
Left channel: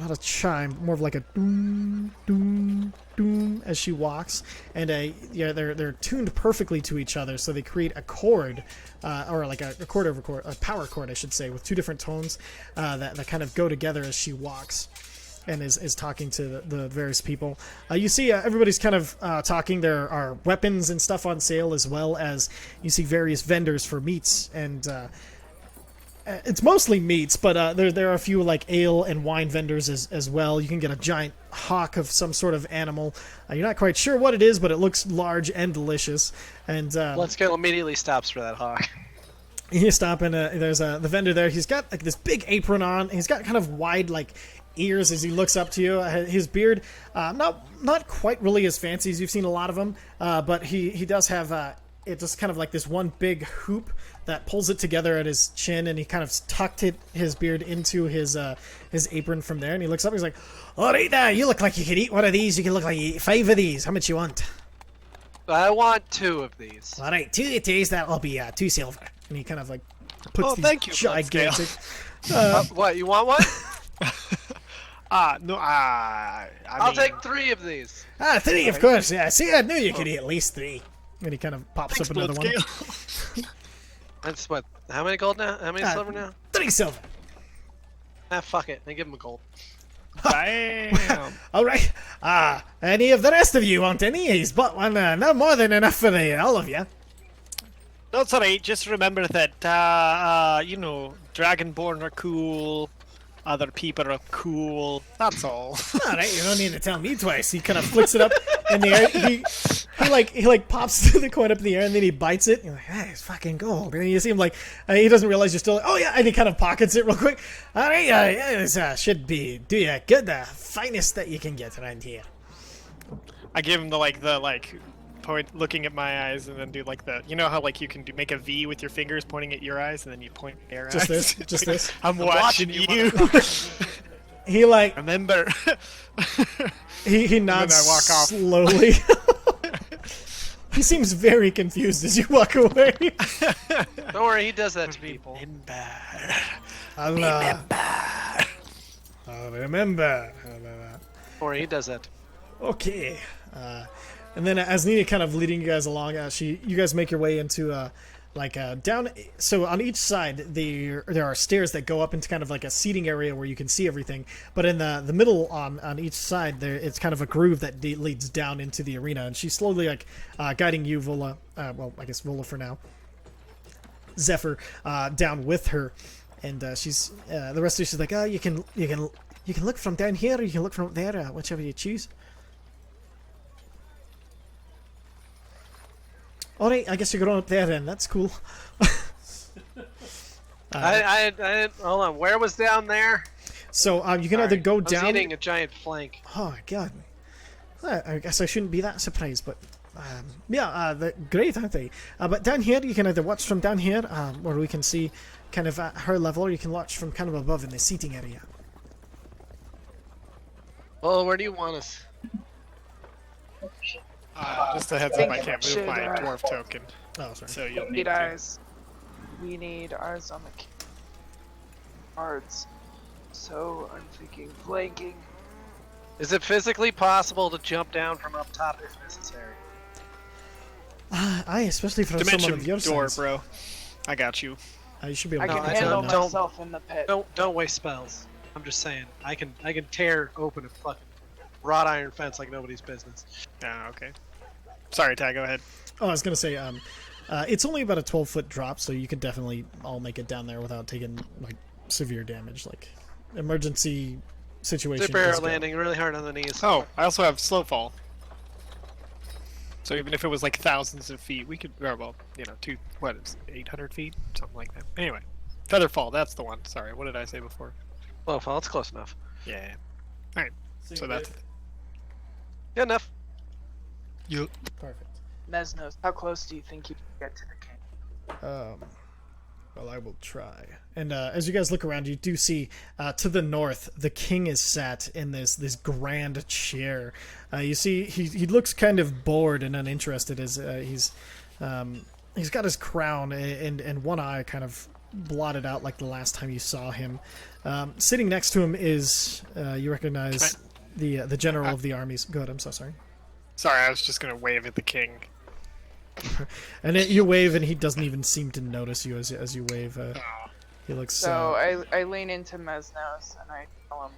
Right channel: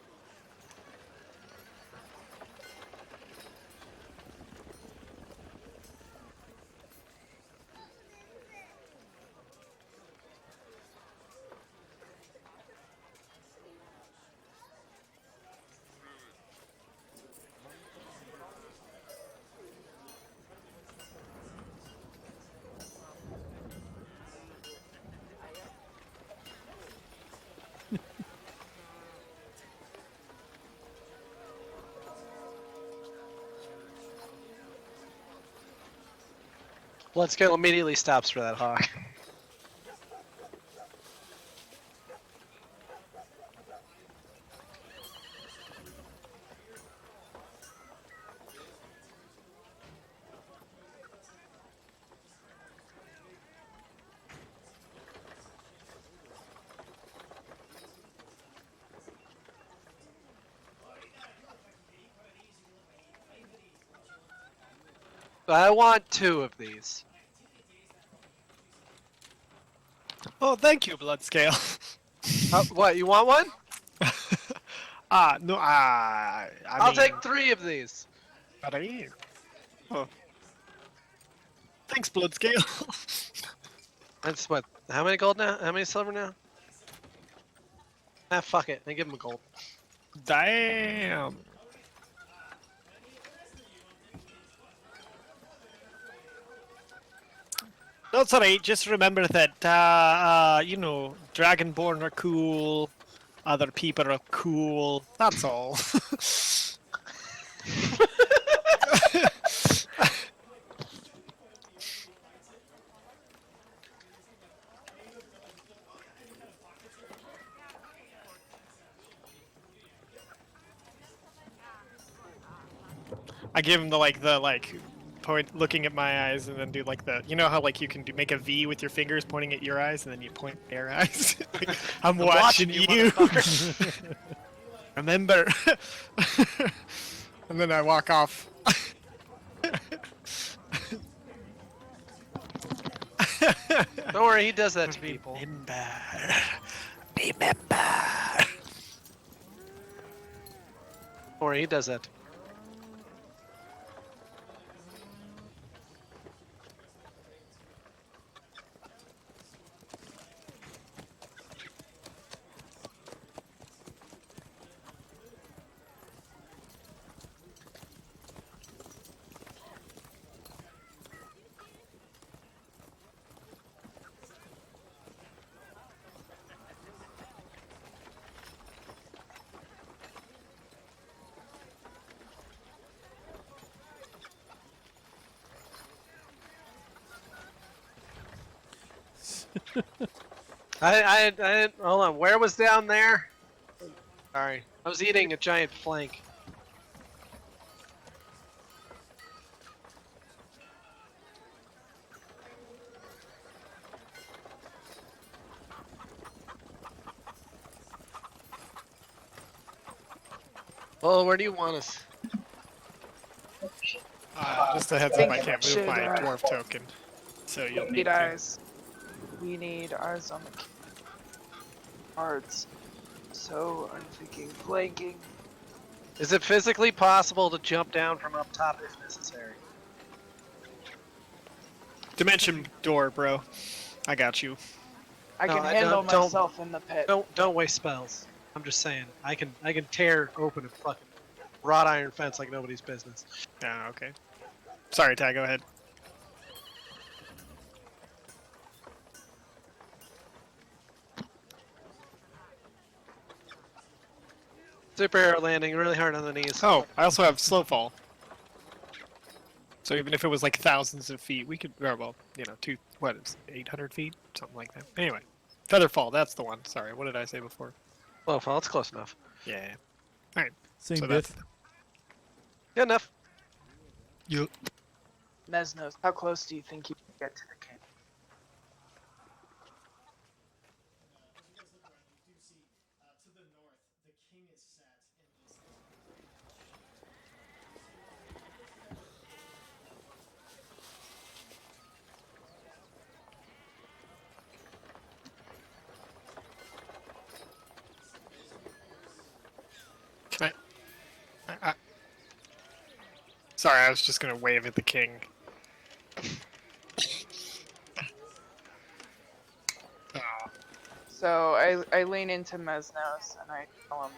not a chime, more of like a doom, doom, doom as she walks, and they're tuned perfectly to each other, so they create a chord, or like a chord over chord, a power chord, I should say, with 2 different tones that kind of go together as she walks. and is talking to the various people. You see everybody's kind of talking. There are weapons and stuff on sale, as well as you see various vendors for meats, and it's mostly meats, but there are a few like ale and wine vendors as well. You can get a giant hawk of some sort of animal. You're not quite sure what it is, but it looks large and delicious. And Bloodscale immediately stops for that hawk. you stop and there's the vendor there. He's got like this big apron on. He's got kind of wide like ears as he looks up to you. His beard, not quite really as fancy as you've seen a lot of them, but he does have it just kind of like this one big hoop that pulls it together at his chin, and he kind of tucked his beard into his apron from there. And he looks up. He's like, "All right, now you look like you could eat one of these. You can look like you eat 5 of these. How much you want?" I want 2 of these. All right, 2 of these. That'll be 2 silver. And he kind of like puts Oh, these thank you, gigantic- What, you want one? No, I'll take 3 of these. 3, of course. Yeah, see, I knew you could eat at least 3. And he kind of pops Thanks, up another one. Bloodscale. That's what? How many gold now? How many silver now? 3 silver. Fuck it. I give him a gold. Damn. All right. Any of the rest of you want any? He's bought one. No more than enough for all of you. That's alright. Just remember that, Dragonborn are cool. Other people are cool. That's all. All right, you don't need to tell me twice. He kind of flicks it up in the air. He like pops the coin up in the air, and then he bites it. You're like, "Ah, it's fucking gold." And you see him like he doesn't realize you're still like, "Oh yeah," and he kind of pockets it real quick. All right, this should be do ya good, the finest that you can get around here. I give him the point, looking at my eyes, and then do like how like you can make a V with your fingers pointing at your eyes, and then you point at their eyes. Just this. I'm watching you. He like Remember. he nods And then I walk off. slowly. He seems very confused as you walk away. Don't worry, he does that to people. Remember. I'll remember. Don't worry, he does that. Okay. And then as Nina kind of leading you guys along, you guys make your way into down. So on each side there are stairs that go up into kind of like a seating area where you can see everything. But in the middle on each side there, it's kind of a groove that leads down into the arena. And she's slowly guiding you, Vola. Well, I guess Vola for now. Zephyr down with her, and she's the rest of you. She's like, you can look from down here, or you can look from up there, whichever you choose. Alright, I guess you're going up there then. That's cool. I hold on. Where was down there? So you can either go I was down. eating a giant flank. Oh my god. I guess I shouldn't be that surprised, but they're great, aren't they? But down here, you can either watch from down here, where we can see kind of at her level, or you can watch from kind of above in the seating area. Well, where do you want us? Just a heads up, I can't move my dwarf token, Oh, sorry. so you'll We need need to. eyes. We need eyes on the cards. So I'm thinking flanking. Is it physically possible to jump down from up top if necessary? Aye, especially for Dimension someone of your door, size. bro. I got you. You should be I able can to I handle don't- myself in the pit. Don't waste spells. I'm just saying. I can tear open a fucking wrought iron fence like nobody's business. Ah, okay. Sorry, Ty, go ahead. Oh, I was gonna say, it's only about a 12-foot drop, so you could definitely all make it down there without taking like severe damage, like emergency situation. Super arrow is good. landing really hard on the knees. Oh, I also have slow fall. So even if it was like thousands of feet, we could, or well, 800 feet? Something like that. Anyway, feather fall, that's the one. Sorry, what did I say before? Well, it's close enough. Yeah. Alright, Same so bit. that's... Good enough. Perfect. Mesnos, how close do you think you can get to the king? Well, I will try. And as you guys look around, you do see to the north, the king is sat in this grand chair. You see, he looks kind of bored and uninterested as he's got his crown and one eye kind of blotted out like the last time you saw him. Sitting next to him is you recognize the general of the armies. Go ahead. I'm so sorry. Sorry, I was just gonna wave at the king. And then you wave, and he doesn't even seem to notice you as you wave. Oh. He looks. So I lean into Mesnos and I tell him,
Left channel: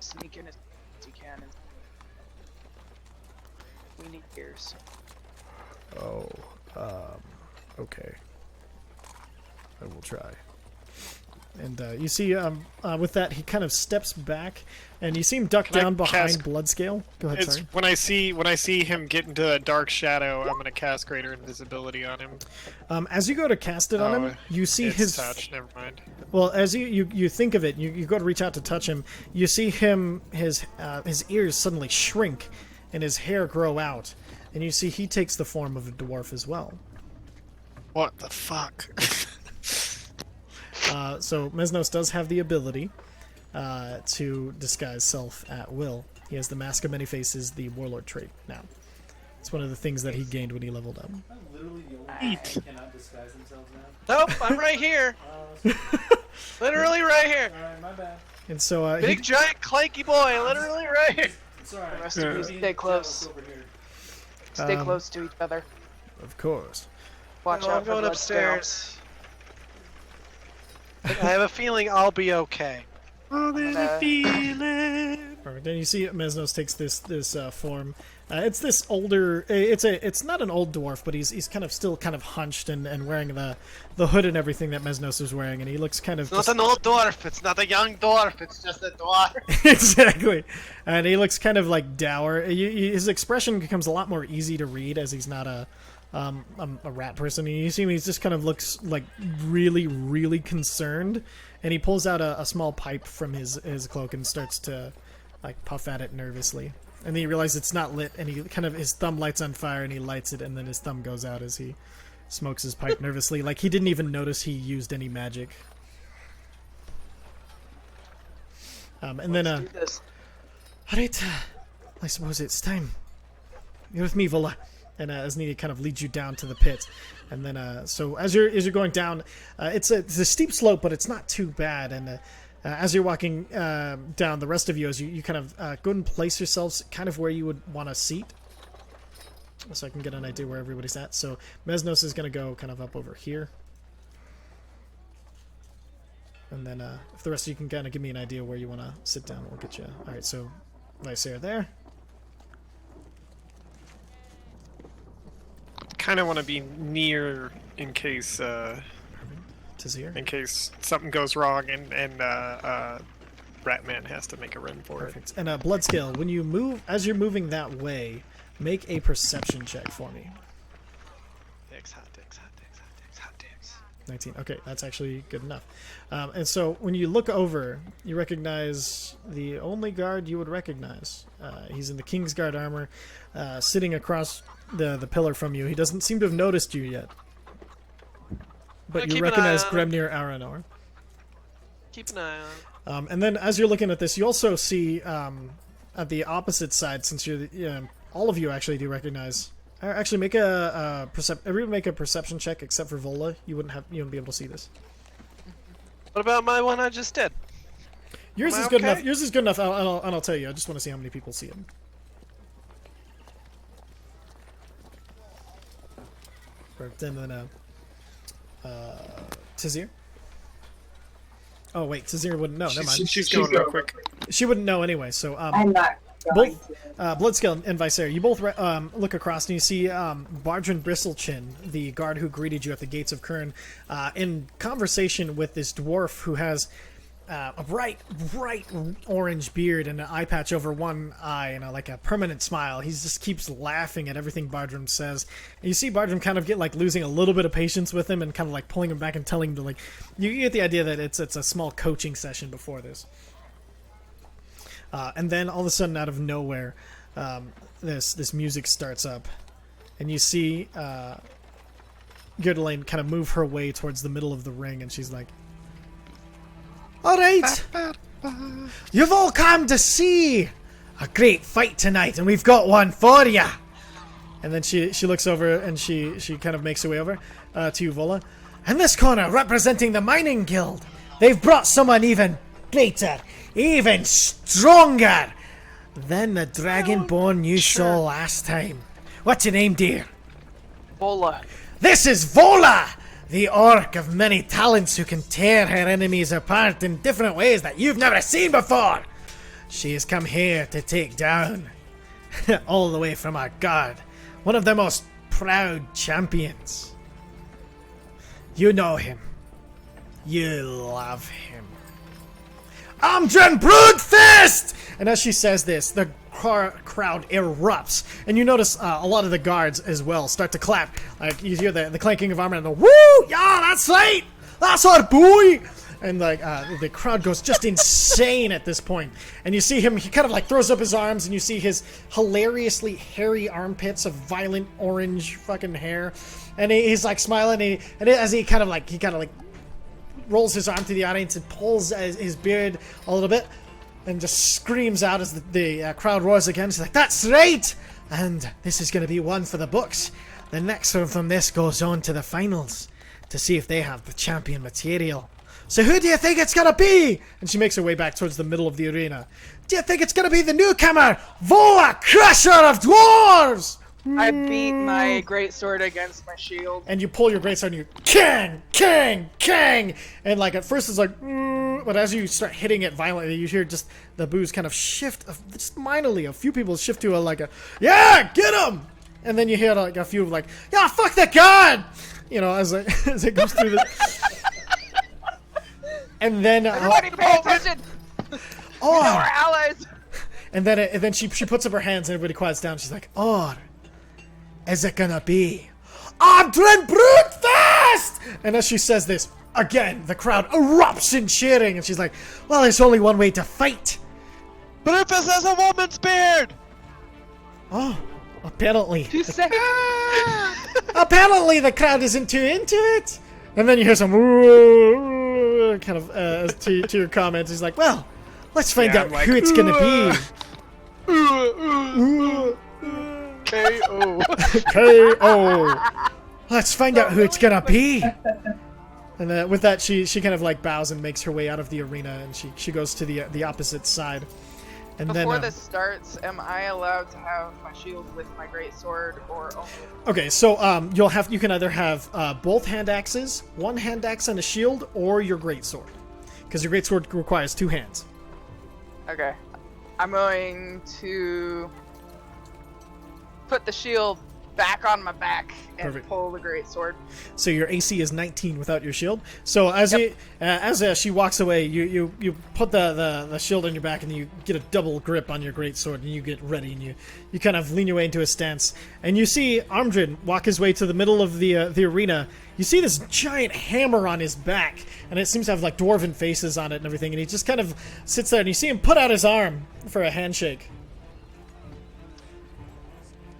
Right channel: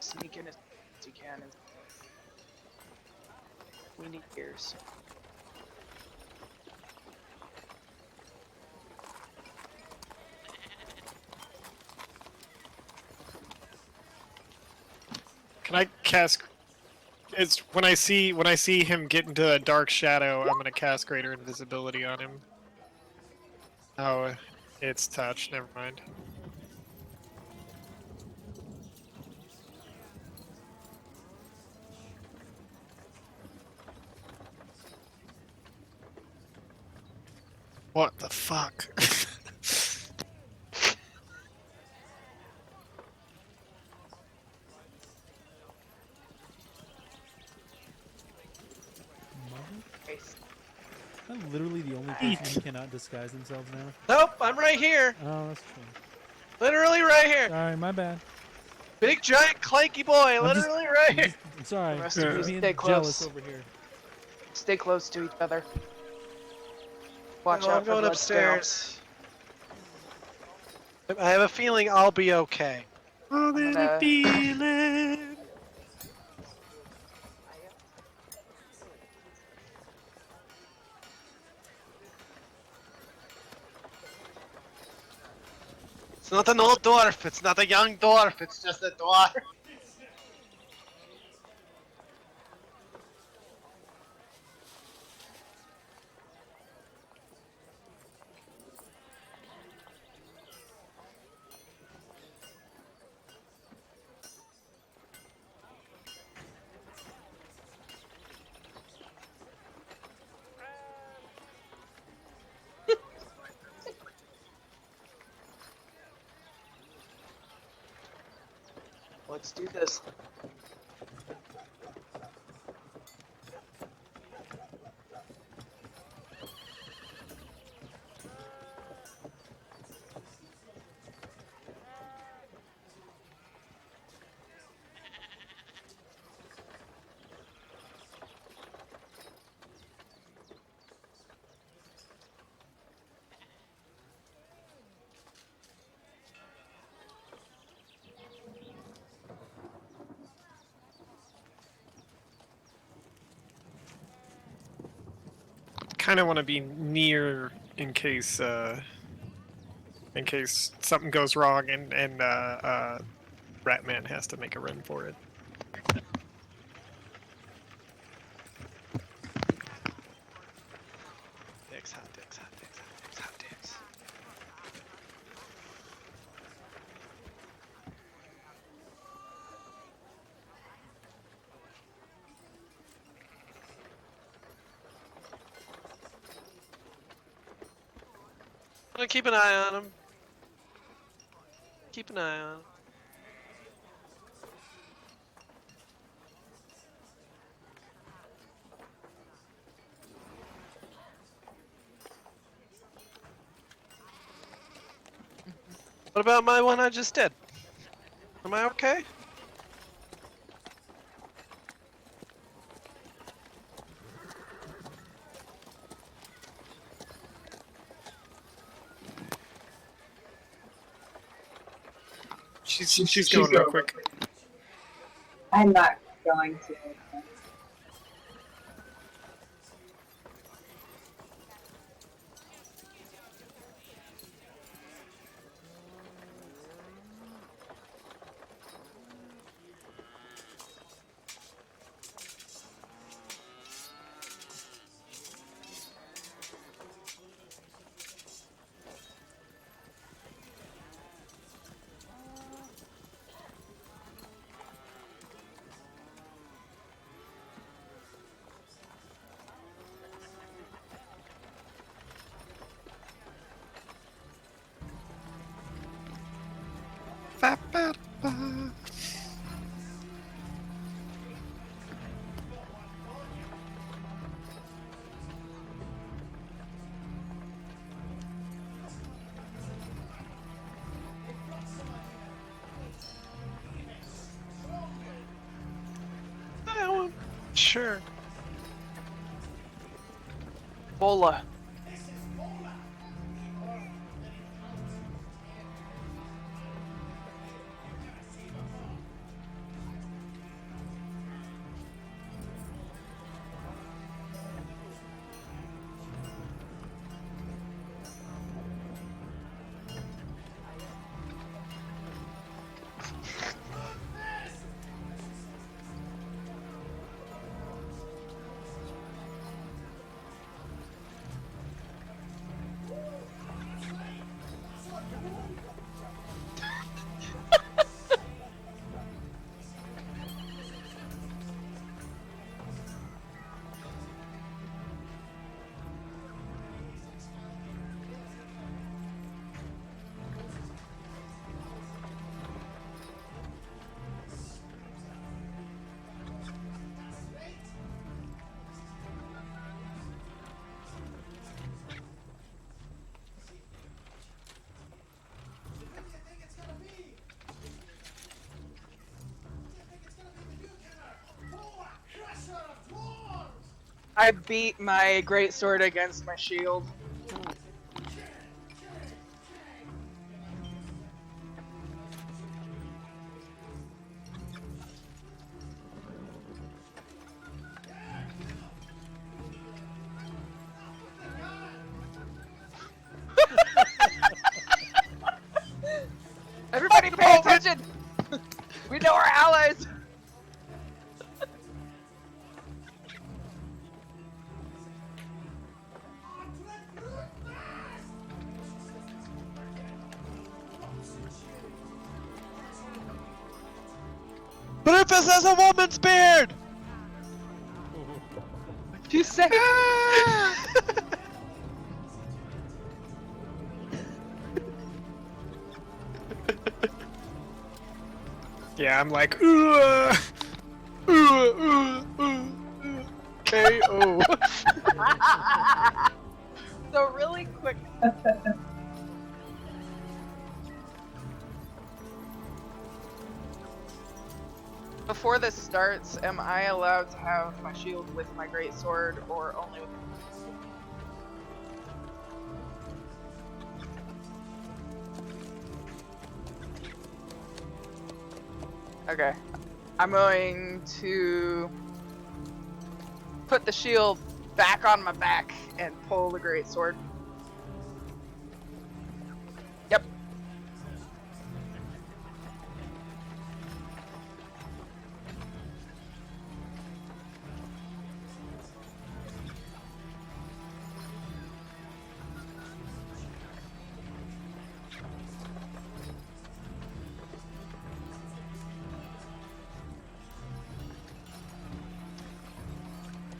sneak in as you can. And we need ears. Oh, okay. I will try. And you see, with that, he kind of steps back, and you see him duck Can I down behind cast- Bloodscale. Go ahead, It's sorry. when I see him get into a dark shadow, I'm gonna cast greater invisibility on him. As you go to cast it on him, you see it's his touch. Never mind. Well, as you think of it, you go to reach out to touch him. You see his ears suddenly shrink, and his hair grow out, and you see he takes the form of a dwarf as well. What the fuck? So Mesnos does have the ability to disguise self at will. He has the Mask of Many Faces, the Warlord trait now. It's one of the things that he gained when he leveled up. I'm literally the only person who cannot disguise themselves now. Nope, I'm right here. Oh, Literally right here. alright, my bad. And so Big, giant, clanky boy. Literally right here. I'm sorry. The rest of you I'm stay being close. jealous over here. Stay close to each other. of course. Watch No, out I'm for going Bloodscale. upstairs. But I have a feeling I'll be okay. Oh, there's a feeling. Perfect. And you see Mesnos takes this form. It's this older. It's not an old dwarf, but he's kind of still kind of hunched and wearing the hood and everything that Mesnos is wearing, and he looks kind of. It's not an old dwarf. It's not a young dwarf. It's just a dwarf. Exactly, and he looks kind of like dour. His expression becomes a lot more easy to read as he's not a rat person. You see him; he just kind of looks like really, really concerned, and he pulls out a small pipe from his cloak and starts to like puff at it nervously. And then he realizes it's not lit, and his thumb lights on fire, and he lights it, and then his thumb goes out as he smokes his pipe nervously, like he didn't even notice he used any magic. And Let's then do this. alright, I suppose it's time. You're with me, Vola. And Asnidi kind of leads you down to the pit. And then, so as you're going down, it's a steep slope, but it's not too bad. And as you're walking down, the rest of you, as you kind of go and place yourselves kind of where you would want a seat, so I can get an idea where everybody's at. So Mesnos is going to go kind of up over here. And then if the rest of you can kind of give me an idea where you want to sit down, we'll get you. All right, so Lysair there. Kind of want to be near in case Tazir. something goes wrong and Ratman has to make a run for it. And Bloodscale, when you move, as you're moving that way, make a perception check for me. Dicks, hot dicks, hot dicks, hot dicks, hot dicks. 19. Okay, that's actually good enough. And so when you look over, you recognize the only guard you would recognize. He's in the Kingsguard armor, sitting across the pillar from you. He doesn't seem to have noticed you yet. But you Keep an eye recognize on him. Gremnir Aranor. Keep an eye on. And then as you're looking at this, you also see at the opposite side, since you're all of you actually do recognize. Actually, make everyone make a perception check except for Vola. You wouldn't be able to see this. What about my one I just did? Yours Am is I good okay? enough. Yours is good enough. I'll tell you. I just want to see how many people see it. And then Tazir. Oh wait, Tazir wouldn't know. Never mind. She's going real quick. She wouldn't know anyway. So I'm not going to. Bloodscale and Visair, you both look across and you see Bardrin Bristlechin, the guard who greeted you at the gates of Khirn, in conversation with this dwarf who has a bright orange beard and an eye patch over one eye and like a permanent smile. He just keeps laughing at everything Bardrim says. And you see Bardrim kind of get like losing a little bit of patience with him and kind of like pulling him back and telling him to like. You get the idea that it's a small coaching session before this. And then all of a sudden, out of nowhere, this music starts up, and you see Gerdelaine kind of move her way towards the middle of the ring, and she's like, "All right, you've all come to see a great fight tonight, and we've got one for you." And then she looks over and she kind of makes her way over to you, Vola. And this corner, representing the Mining Guild, they've brought someone even greater, even stronger than the Dragonborn you saw last time. What's your name, dear? Bola. This is Vola, the orc of many talents who can tear her enemies apart in different ways that you've never seen before. She has come here to take down, all the way from our guard, one of the most proud champions. You know him. You love him. Amdren Broodfist! And as she says this, the crowd erupts, and you notice a lot of the guards as well start to clap. Like you hear the clanking of armor and the woo! Yeah, that's right! That's our boy! And like the crowd goes just insane at this point. And you see him, he kind of like throws up his arms, and you see his hilariously hairy armpits of violent orange fucking hair. And he's like smiling, and as he kind of like rolls his arm to the audience and pulls his beard a little bit, and just screams out as the crowd roars again. He's like, "That's right! And this is going to be one for the books. The next one from this goes on to the finals to see if they have the champion material. So who do you think it's going to be?" And she makes her way back towards the middle of the arena. "Do you think it's going to be the newcomer, Vola, Crusher of Dwarves?" I beat my greatsword against my shield. And you pull your greatsword and you kang, kang, kang, and like at first it's like, but as you start hitting it violently, you hear just the boos kind of shift, just minorly. A few people shift to a yeah, get him, and then you hear like a few like, yeah, fuck the god, you know, as it goes through the. And then Everybody pay attention! Oh. We know our allies! And then she puts up her hands and everybody quiets down. She's like, "Or is it gonna be Amdren Broodfast?" And as she says this, again, the crowd erupts in cheering. And she's like, "Well, there's only one way to fight." Broodfist has a woman's beard! Oh, apparently. You say Apparently the crowd isn't too into it. And then you hear some "Ooh," kind of to your comments. He's like, "Well, let's find out I'm like, who it's gonna be." K.O. K.O. Let's find out who it's really gonna quick- be. And with that, she kind of like bows and makes her way out of the arena, and she goes to the opposite side. And Before then, this starts, am I allowed to have my shield with my greatsword or only? okay, so you can either have both hand axes, one hand axe and a shield, or your greatsword, because your greatsword requires two hands. Okay. I'm going to put the shield back on my back and Perfect. pull the greatsword. So your AC is 19 without your shield. So as she walks away, you put the shield on your back and you get a double grip on your greatsword and you get ready and you kind of lean your way into a stance and you see Amdren walk his way to the middle of the arena. You see this giant hammer on his back and it seems to have like dwarven faces on it and everything, and he just kind of sits there and you see him put out his arm for a handshake.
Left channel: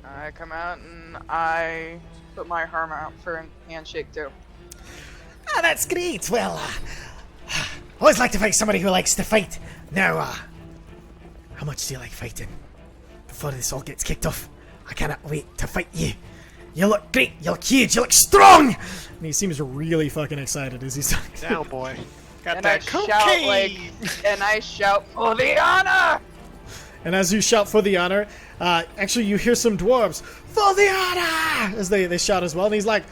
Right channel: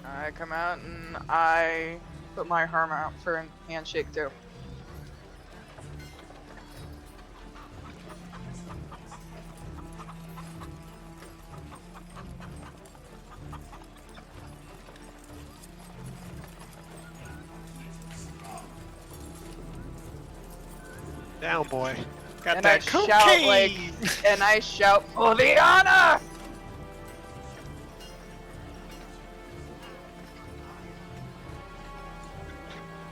I come out and I put my arm out for a handshake too. Ah, that's great. Well, always like to find somebody who likes to fight. Now, how much do you like fighting? Before this all gets kicked off, I cannot wait to fight you. You look great. You look huge. You look strong. And he seems really fucking excited as he's talking. Down, boy. Got And I that shout cocaine. and I shout for the honor! And as you shout for the honor, actually you hear some dwarves for the honor as they shout as well. And he's like,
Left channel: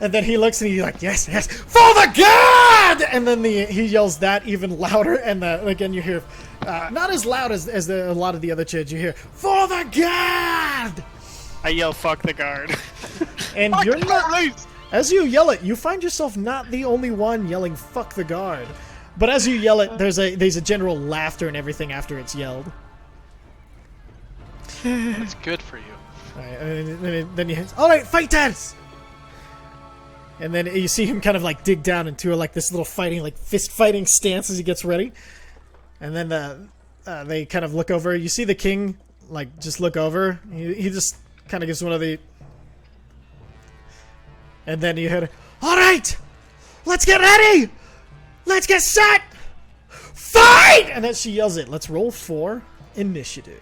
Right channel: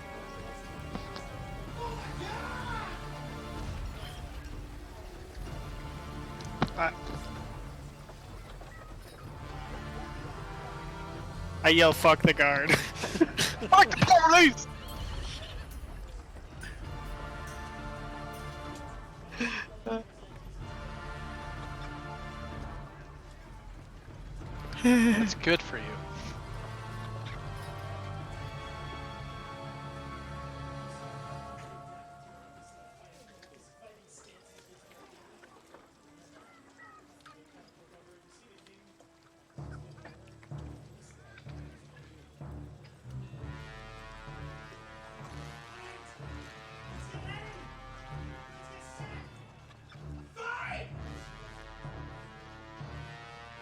and then he looks and he's like, yes, yes, for the god! And then he yells that even louder. And again you hear, not as loud as a lot of the other chants. You hear for the god! I yell, "Fuck the guard." And Fuck you're the police! as you yell it, you find yourself not the only one yelling "fuck the guard," but as you yell it, there's a general laughter and everything after it's yelled. That's good for you. And then you hit, all right, fighters. And then you see him kind of like dig down into like this little fighting, like fist fighting stance as he gets ready. And then they kind of look over. You see the king like just look over. He just kind of gives one of the. And then you hear, all right, let's get ready. Let's get set. Fight! And then she yells it. Let's roll for initiative.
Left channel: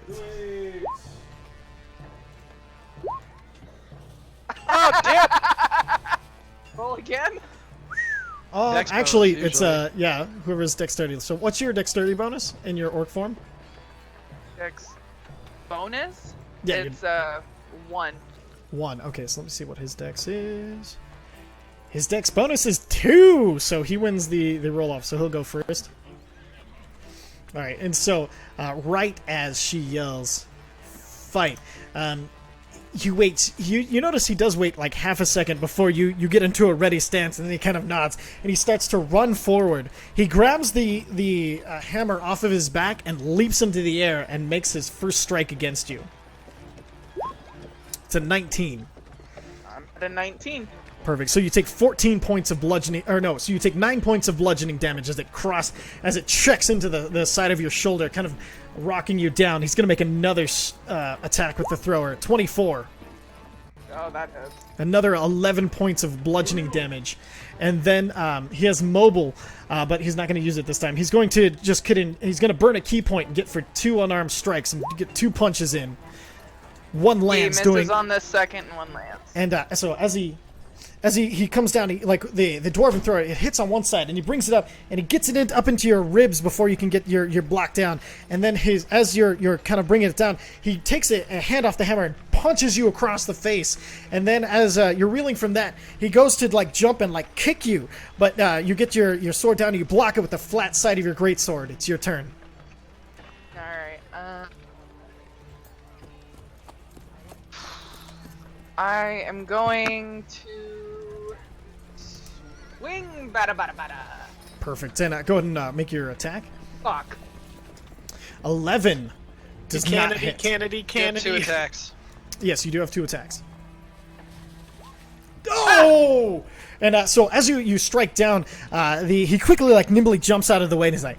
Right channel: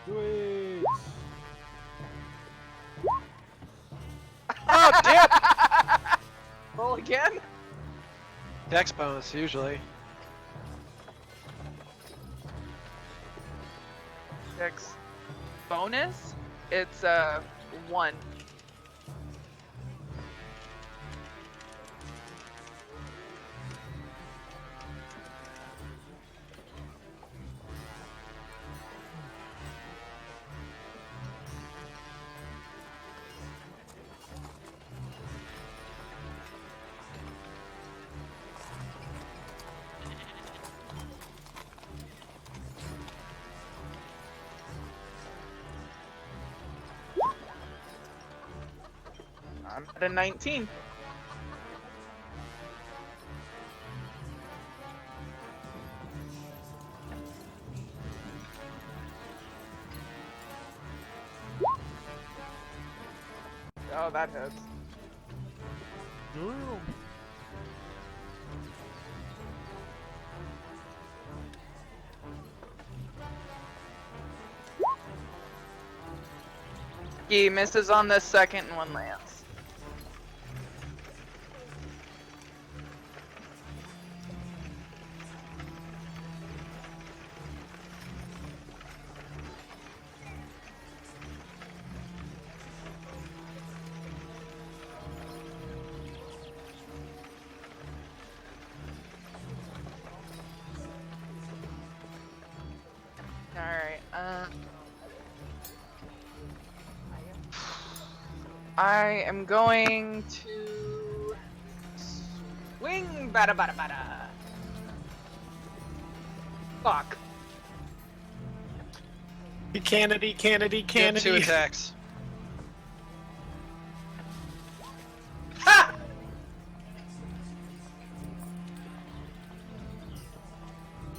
Oh, damn! Roll again? Dex bonus, Actually, it's usually. yeah, whoever's dexterity. So what's your dexterity bonus in your orc form? Dex bonus? Yeah, It's 1. 1. Okay, so let me see what his dex is. His dex bonus is 2, so he wins the roll off. So he'll go first. All right, and so right as she yells, "Fight!" You wait. You notice he does wait like half a second before you get into a ready stance, and then he kind of nods and he starts to run forward. He grabs the hammer off of his back and leaps into the air and makes his first strike against you. It's a 19. I'm at a 19. Perfect. So you take 14 points of bludgeoning, or no, so you take 9 points of bludgeoning damage as it checks into the side of your shoulder, kind of rocking you down. He's going to make another attack with the thrower. 24. Oh, that hits. Another 11 points of bludgeoning damage. And then he has mobile, but he's not going to use it this time. He's going to just he's going to burn a key point and get for 2 unarmed strikes and get 2 punches in. One lands. He misses on the second and one lands. And so as he comes down, like the dwarven thrower, it hits on one side, and he brings it up, and he gets it up into your ribs before you can get your block down. And then as you're kind of bringing it down, he takes a hand off the hammer and punches you across the face. And then as you're reeling from that, he goes to like jump and like kick you, but you get your sword down and you block it with the flat side of your greatsword. It's your turn. All right. I am going to swing. Bada bada bada. Perfect. And go ahead and make your attack. Fuck. 11. Does not Kennedy, hit. Kennedy, You have Kennedy. 2 attacks. Yes, you do have 2 attacks. Oh! And so as you strike down, he quickly, like, nimbly jumps out of the way and he's like,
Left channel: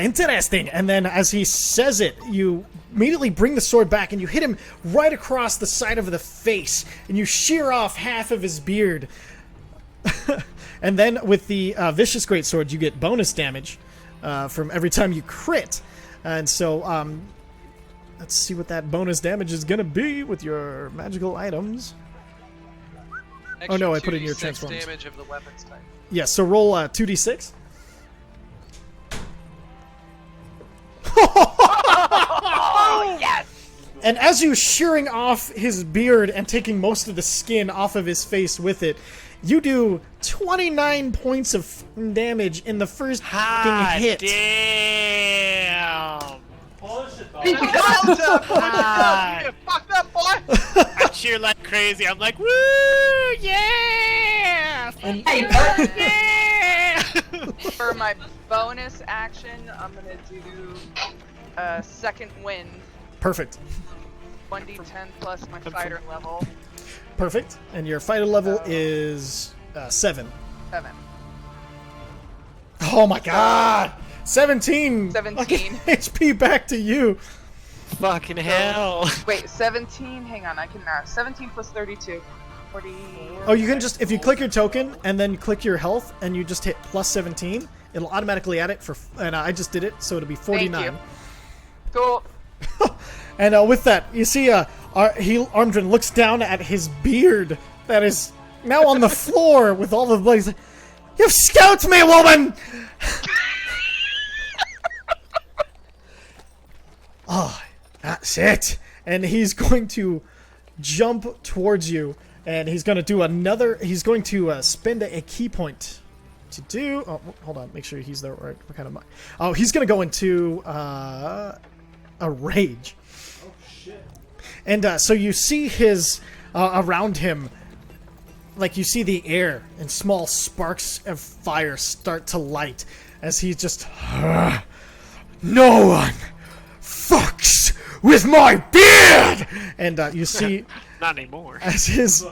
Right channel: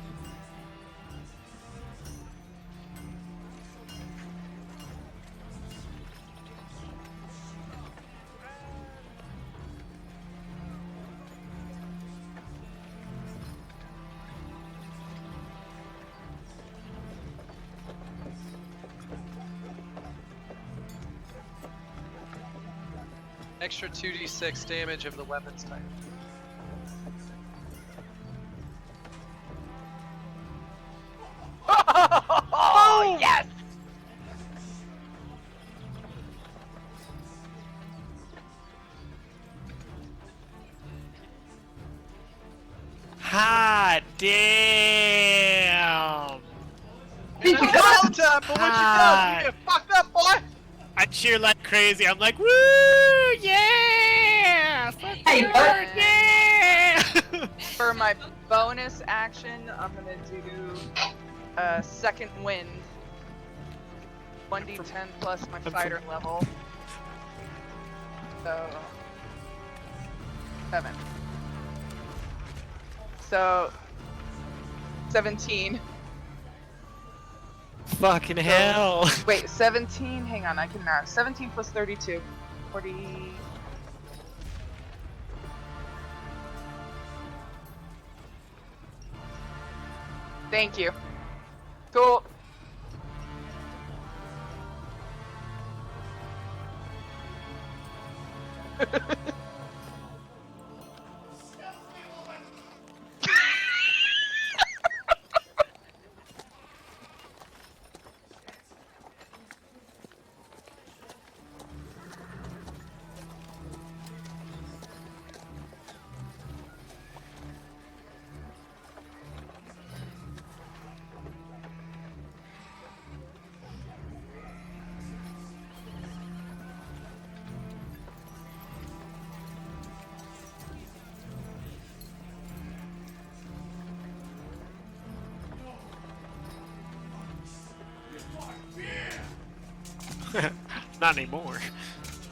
interesting. And then as he says it, you immediately bring the sword back and you hit him right across the side of the face and you shear off half of his beard. And then with the vicious greatsword, you get bonus damage from every time you crit. And so let's see what that bonus damage is going to be with your magical items. Extra no, I put it in your 2d6 transformers. damage of the weapons type. Yes, so roll 2d6. Oh yes! And as you shearing off his beard and taking most of the skin off of his face with it, you do 29 points of damage in the first Hot hit. damn! Ah. You fucked up, boy! I cheer like crazy. I'm like, woo, yeah! Hey, Yeah! For my bonus action, I'm gonna do second wind, Perfect. 1d10 plus my fighter level, Perfect. And your fighter level So- is 7. 7. Oh my god! 17! 17. Okay, HP back to you. Fucking hell. Wait, 17? Hang on, I can math. 17 plus 32. 40. Oh, you can just, if you click your token and then click your health and you just hit plus 17, it'll automatically add it for, and I just did it, so it'll be 49. Thank you. Cool. And with that, you see Armdrin looks down at his beard that is now on the floor with all the blood. He's like, "You've scalped me, woman!" Oh, that's it. And he's going to jump towards you, and he's going to do another. He's going to spend a key point to do. Oh, hold on. Make sure he's the right kind of. Oh, he's going to go into a rage. And so you see his around him, like you see the air and small sparks of fire start to light as he just. No one fucks with my beard, and you see Not anymore. as his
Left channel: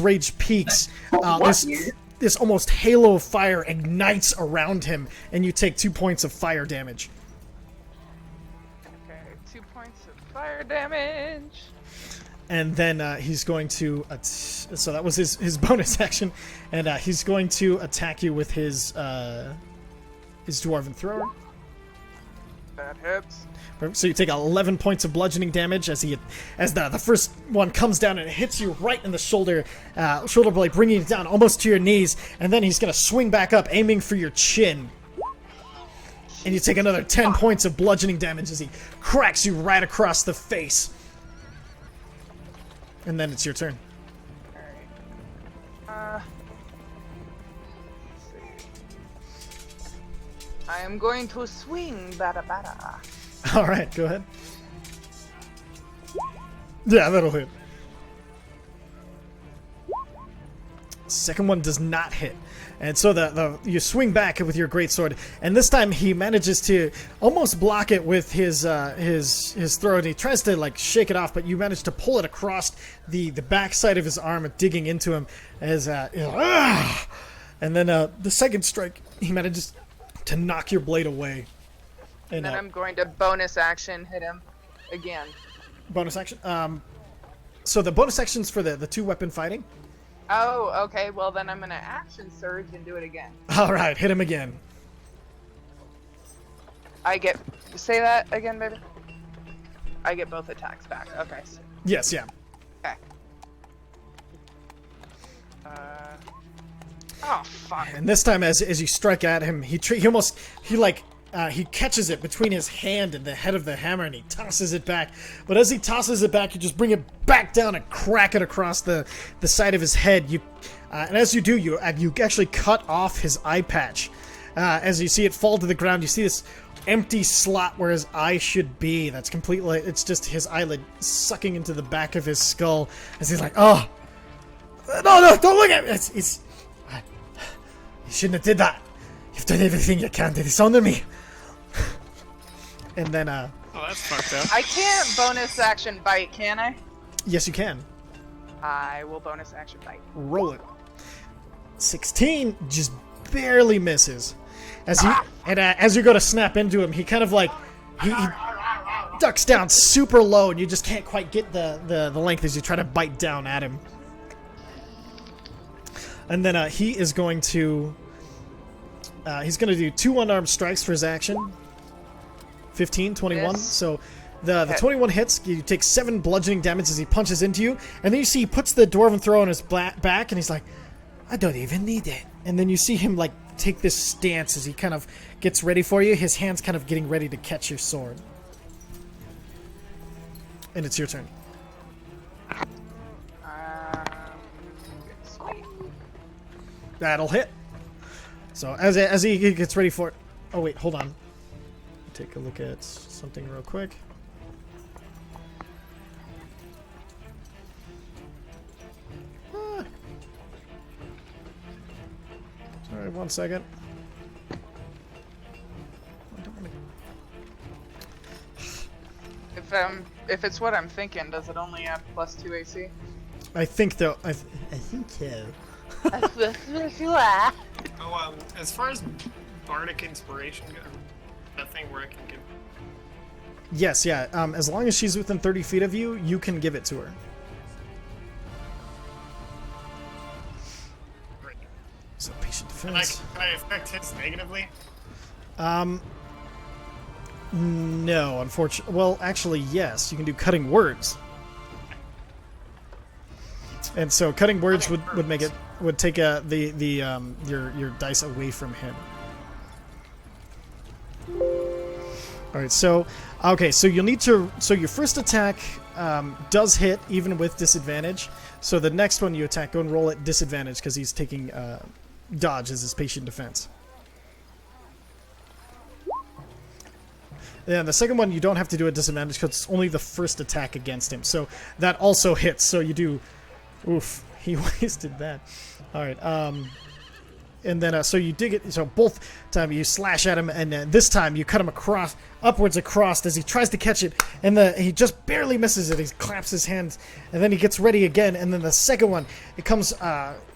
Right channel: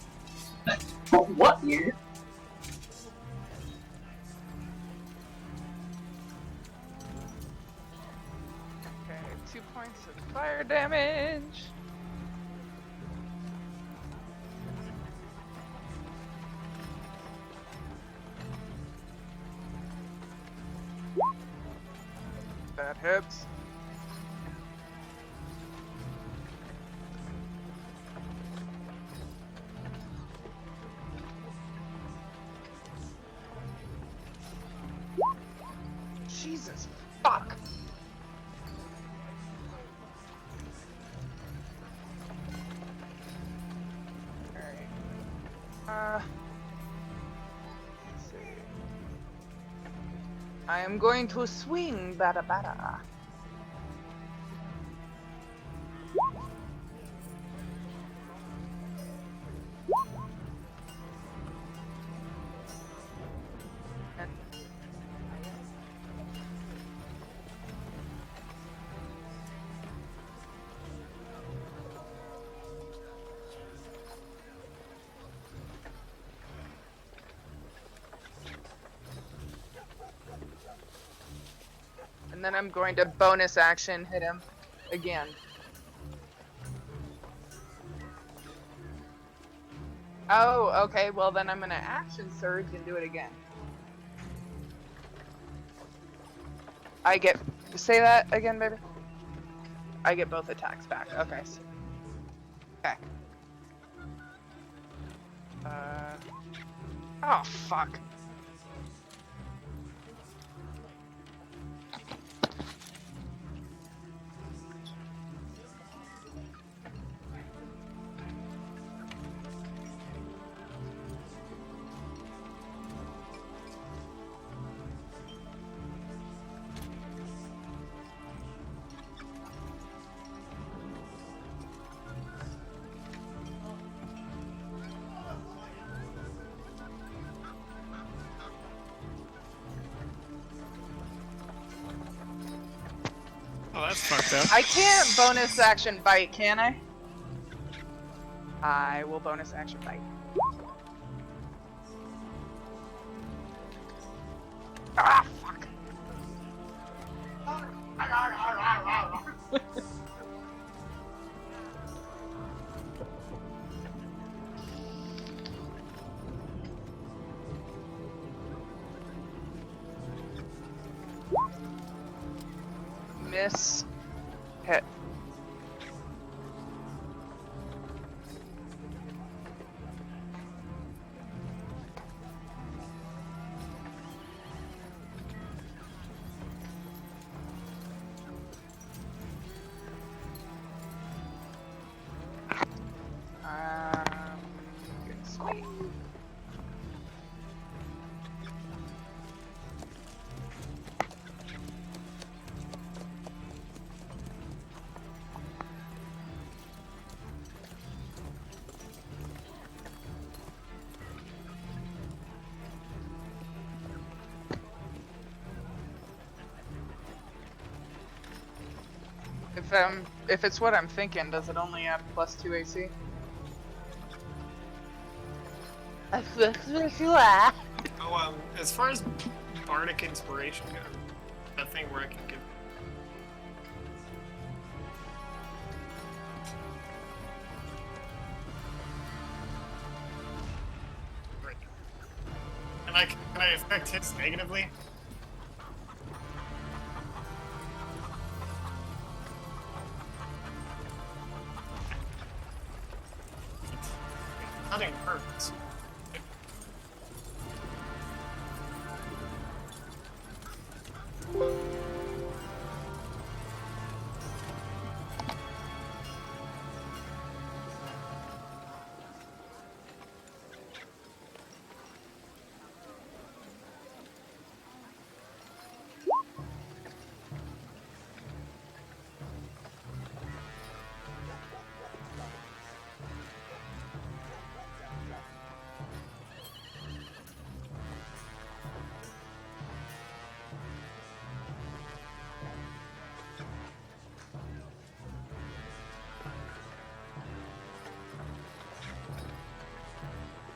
rage peaks, What beard? this almost halo of fire ignites around him, and you take 2 points of fire damage. Okay, 2 points of fire damage. And then he's going to so that was his bonus action, and he's going to attack you with his dwarven thrower. That hits. So you take 11 points of bludgeoning damage as the first one comes down and hits you right in the shoulder blade, bringing it down almost to your knees, and then he's going to swing back up, aiming for your chin. And you take another 10 points of bludgeoning damage as he cracks you right across the face. And then it's your turn. Alright. Let's see. I am going to swing, bada bada. All right, go ahead. Yeah, that'll hit. Second one does not hit. And so you swing back with your greatsword, and this time he manages to almost block it with his throw, and he tries to like shake it off, but you manage to pull it across the backside of his arm, digging into him as and then the second strike he manages to knock your blade away. And then I'm going to bonus action hit him again. Bonus action. So the bonus action's for the two weapon fighting. Oh, okay. Well, then I'm gonna action surge and do it again. All right, hit him again. I get. Say that again, baby. I get both attacks back. Okay. Yes, yeah. Okay. Oh fuck. And this time, as you strike at him, he catches it between his hand and the head of the hammer, and he tosses it back. But as he tosses it back, you just bring it back down and crack it across the side of his head. And as you do, you actually cut off his eye patch. As you see it fall to the ground, you see this empty slot where his eye should be. That's completely, it's just his eyelid sucking into the back of his skull. As he's like, oh, no, don't look at me. You shouldn't have did that. You've done everything you can to dishonor me. And then, Oh, that's fucked up. I can't bonus action bite, can I? yes, you can. I will bonus action bite. Roll it. 16 just barely misses. As you go to snap into him, he kind of like he ducks down super low, and you just can't quite get the length as you try to bite down at him. And then he is going to do 2 unarmed strikes for his action. 15, 21. Yes. So the 21 hits. You take 7 bludgeoning damage as he punches into you. And then you see he puts the dwarven throw on his back, and he's like, I don't even need it. And then you see him like take this stance as he kind of gets ready for you. His hand's kind of getting ready to catch your sword. And it's your turn. Sweet. That'll hit. So as he gets ready for it. Oh wait, hold on. Take a look at something real quick. Alright, 1 second. If it's what I'm thinking, does it only have +2 AC? I think though. I think so. Oh, as far as bardic inspiration goes, that thing where I can give. Yes, yeah. As long as she's within 30 feet of you, you can give it to her. Great. So patient Can defense. I affect his negatively? No, unfortunately. Well, actually, yes. You can do cutting words. And so cutting words would make it would take your dice away from him. All right, so you'll need to. So your first attack does hit even with disadvantage. So the next one you attack, go and roll at disadvantage because he's taking dodge as his patient defense. Yeah, the second one you don't have to do a disadvantage because it's only the first attack against him. So that also hits. So you do. Oof, he wasted that. All right. And then so you dig it. So both time you slash at him, and this time you cut him upwards across as he tries to catch it, and he just barely misses it. He claps his hands, and then he gets ready again. And then the second one, it comes.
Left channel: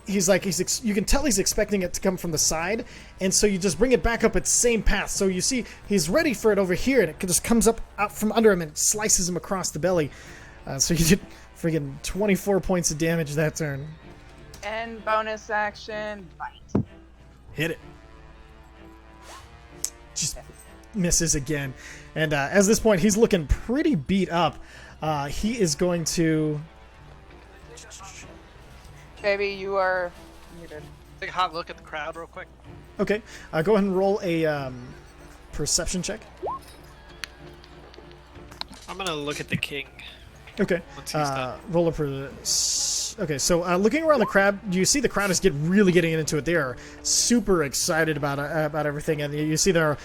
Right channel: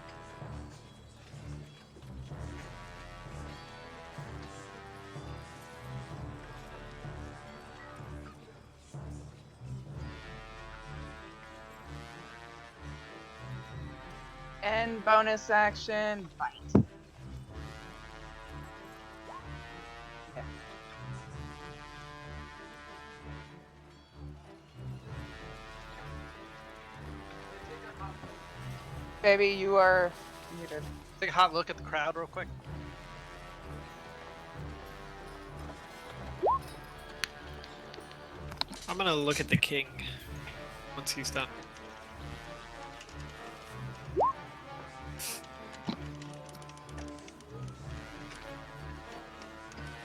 You can tell he's expecting it to come from the side, and so you just bring it back up its same path. So you see he's ready for it over here, and it just comes up out from under him and slices him across the belly. So you did friggin' 24 points of damage that turn. And bonus action bite. Hit it. Just misses again. And at this point, he's looking pretty beat up. He is going to. Baby, you are muted. Take a hot look at the crowd real quick. Okay, go ahead and roll a perception check. I'm gonna look at the king Okay. once he's done. Roll a Okay, so looking around the crowd, you see the crowd is really getting into it. They are super excited about everything, and you see they're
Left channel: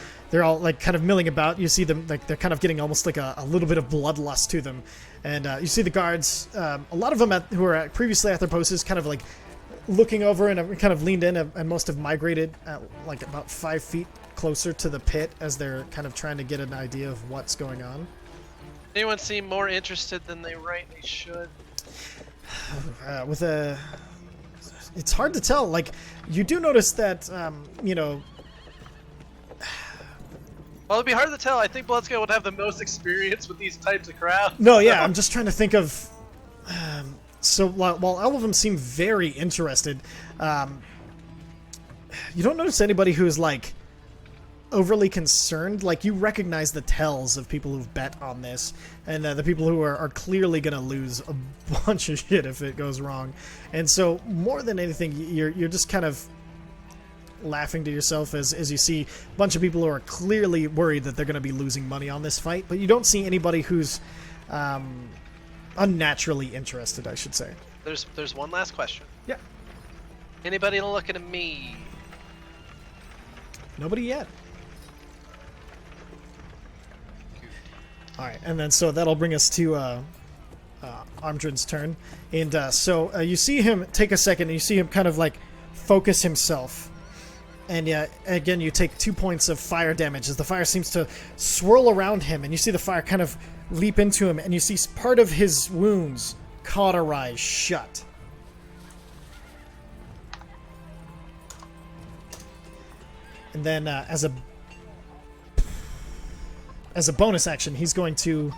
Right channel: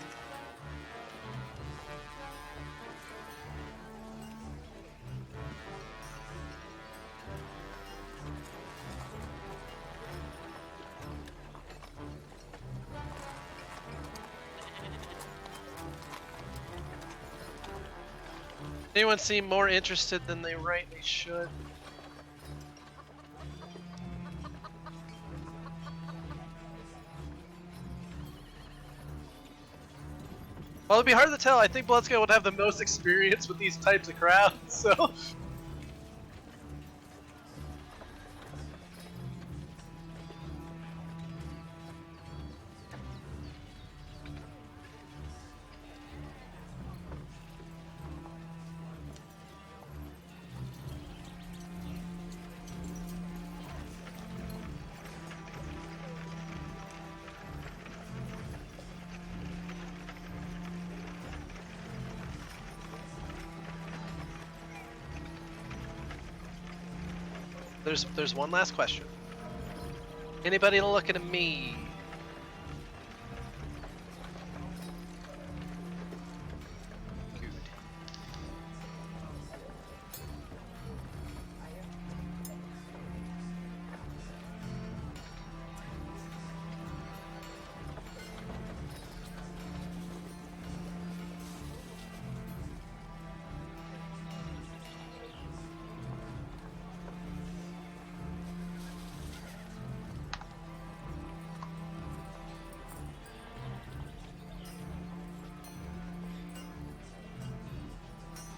all like kind of milling about. You see them like they're kind of getting almost like a little bit of bloodlust to them, and you see the guards. A lot of them who were previously at their posts, kind of like looking over and have kind of leaned in, and most have migrated like about 5 feet closer to the pit as they're kind of trying to get an idea of what's going on. Anyone seem more interested than they rightly should? It's hard to tell. Like, you do notice that, you know. Well, it'd be hard to tell. I think Bloodscale would have the most experience with these types of crowds. No, yeah, I'm just trying to think of. So while all of them seem very interested, you don't notice anybody who's like overly concerned. Like, you recognize the tells of people who've bet on this, and the people who are clearly gonna lose a bunch of shit if it goes wrong. And so more than anything, you're just kind of laughing to yourself as you see a bunch of people who are clearly worried that they're gonna be losing money on this fight, but you don't see anybody who's unnaturally interested, I should say. There's one last question. Yeah. Anybody looking at me? Nobody yet. Alright, and then so that'll bring us to Armdrin's turn. And so you see him take a second, and you see him kind of like focus himself. And again, you take 2 points of fire damage as the fire seems to swirl around him, and you see the fire kind of leap into him, and you see part of his wounds cauterize shut. And then as a bonus action, he's going to...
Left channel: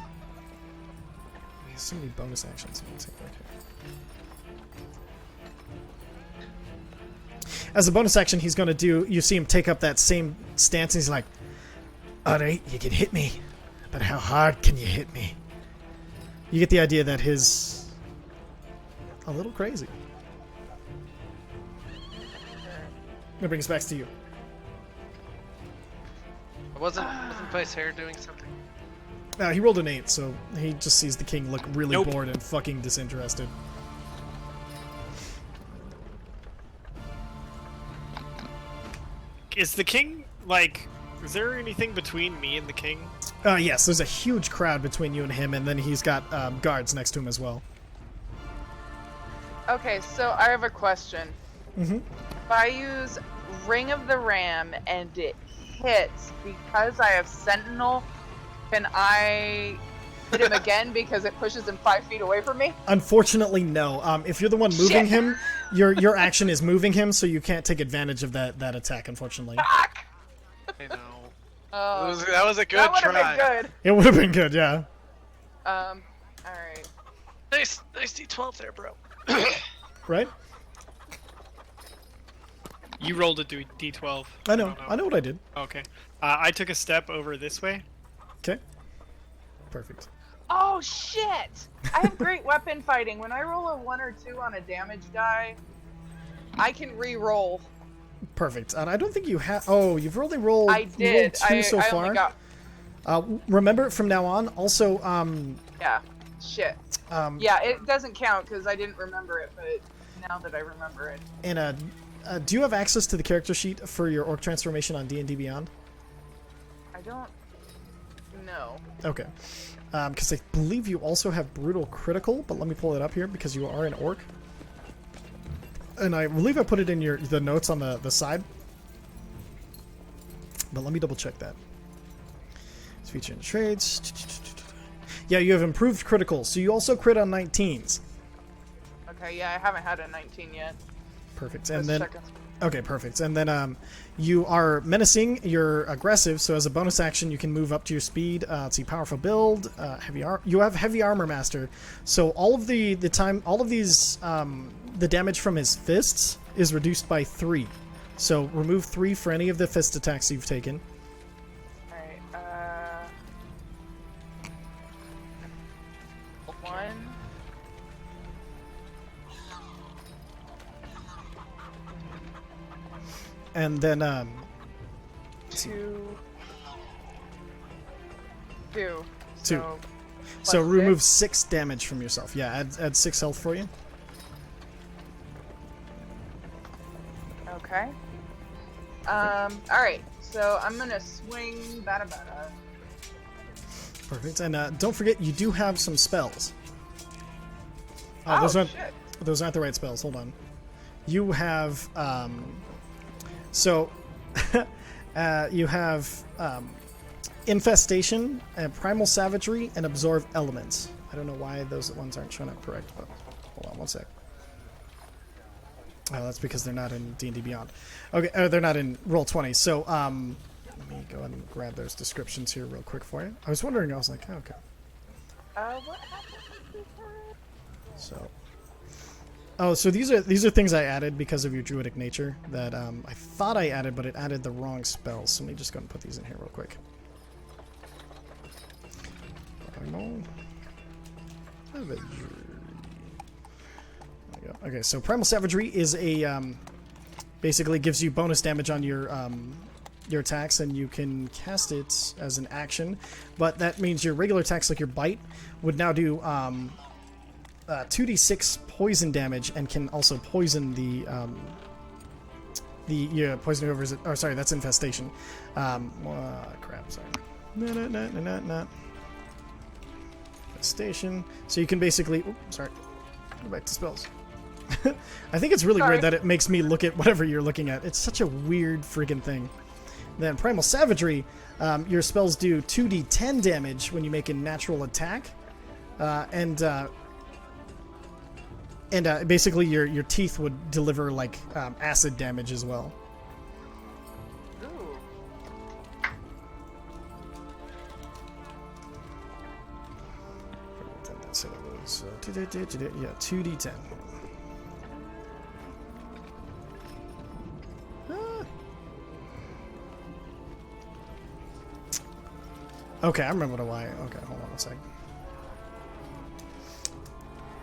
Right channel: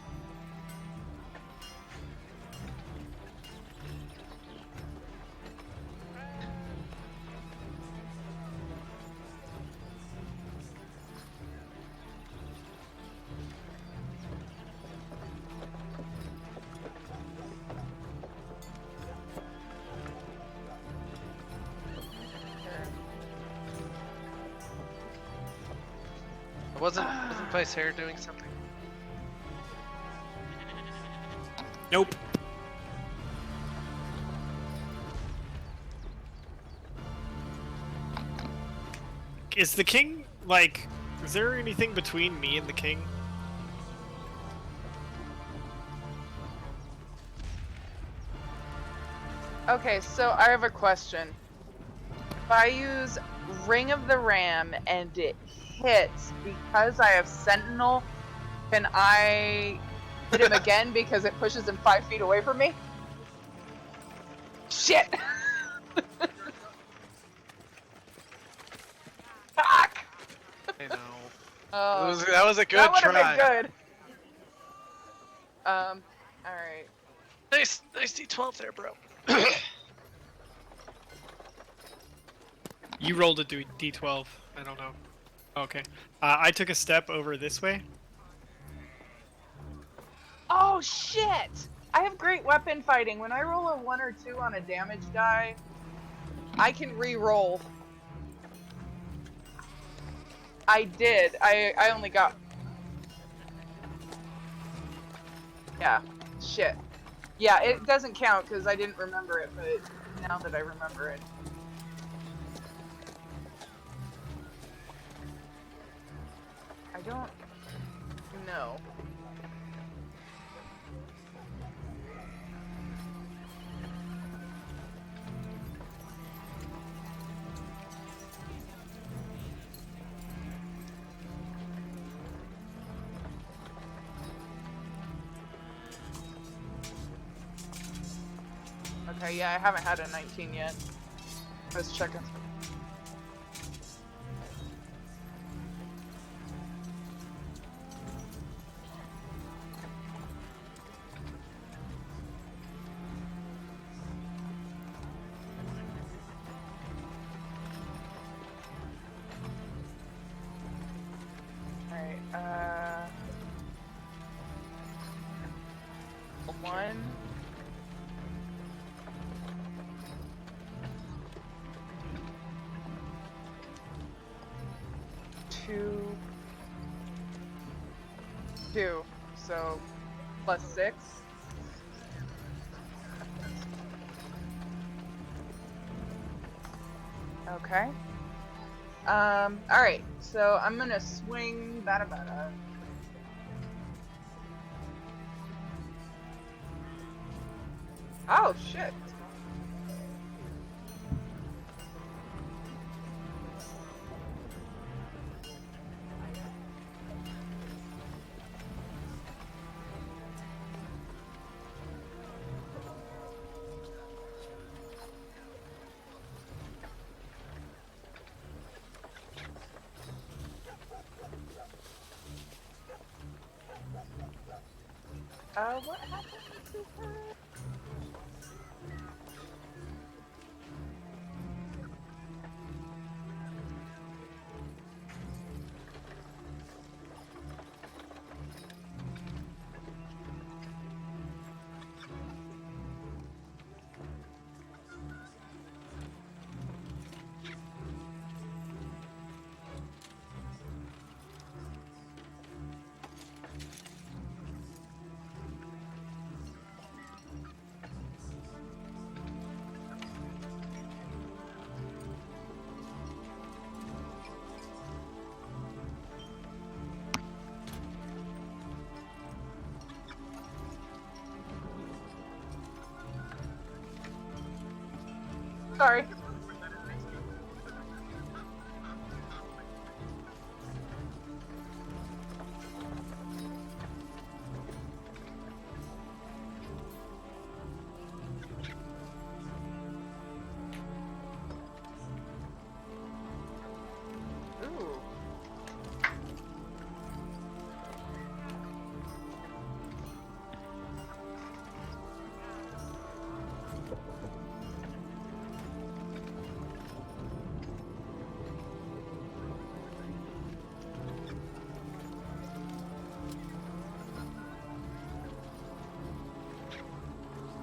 So many bonus actions. As a bonus action, he's going to do... You see him take up that same stance, and he's like, alright, you can hit me, but how hard can you hit me? You get the idea that his... a little crazy. That brings us back to you. Wasn't Vice Hair doing something? He rolled an 8, so he just sees the king look really bored and fucking disinterested. Is the king, like, is there anything between me and the king? Yes, there's a huge crowd between you and him, and then he's got guards next to him as well. Okay, so I have a question. Mm-hmm. If I use Ring of the Ram and it hits because I have Sentinel, can I hit him again because it pushes him 5 feet away from me? Unfortunately, no. If you're the one moving him, your action is moving him, so you can't take advantage of that attack, unfortunately. Fuck! I know. Oh, That was a good that would try. have been good. It would have been good, yeah. Alright. Nice D12 there, bro. Right? You rolled a D12. I know what I did. Okay. I took a step over this way. Okay. Perfect. Oh shit! I have great weapon fighting. When I roll a 1 or 2 on a damage die, I can re-roll. Perfect. And I don't think you have... Oh, you've only rolled... I did. Rolled 2 so I far. only got... Remember, from now on, also, Yeah. Shit. Yeah, it doesn't count because I didn't remember it, but now that I remember it. And, do you have access to the character sheet for your orc transformation on D&D Beyond? I don't know. Okay. Because I believe you also have Brutal Critical, but let me pull it up here because you are an orc. And I believe I put it in the notes on the side. But let me double check that. Feature and trades. Yeah, you have improved critical, so you also crit on 19s. Okay, yeah, I haven't had a 19 yet. Perfect. Just And then checking. okay, perfect. And then you are menacing. You're aggressive, so as a bonus action, you can move up to your speed. Let's see, powerful build, you have heavy armor master. So all of the damage from his fists is reduced by 3. So remove 3 for any of the fist attacks you've taken. All right. 1. And then 2. 2. So plus remove 6. 6 damage from yourself. Yeah, add 6 health for you. Okay. Alright, so I'm gonna swing bada. Perfect. And don't forget, you do have some spells. Oh, those aren't, shit. Those aren't the right spells. Hold on. You have, you have Infestation, Primal Savagery, and Absorb Elements. I don't know why those ones aren't showing up correct, but hold on one sec. Oh, that's because they're not in D&D Beyond. Okay, they're not in Roll20. So, let me go ahead and grab those descriptions here real quick for you. I was wondering, I was like, oh, okay. What happened to her? So, oh, so these are things I added because of your druidic nature that I thought I added, but it added the wrong spells. So let me just go and put these in here real quick. Okay, so Primal Savagery is a basically gives you bonus damage on your attacks, and you can cast it as an action. But that means your regular attacks, like your bite, would now do 2d6 poison damage, and can also poison the poison whoever's. Or sorry, that's infestation. Crap. Sorry. No. Infestation. So you can basically. Oops, sorry. Go back to spells. I think it's really weird that it makes me look at whatever you're looking at. It's such a weird friggin' thing. Then Primal Savagery, your spells do 2d10 damage when you make a natural attack, and basically your teeth would deliver like acid damage as well. Ooh. So yeah, 2d10. Okay, I remember why. Okay, hold on a second.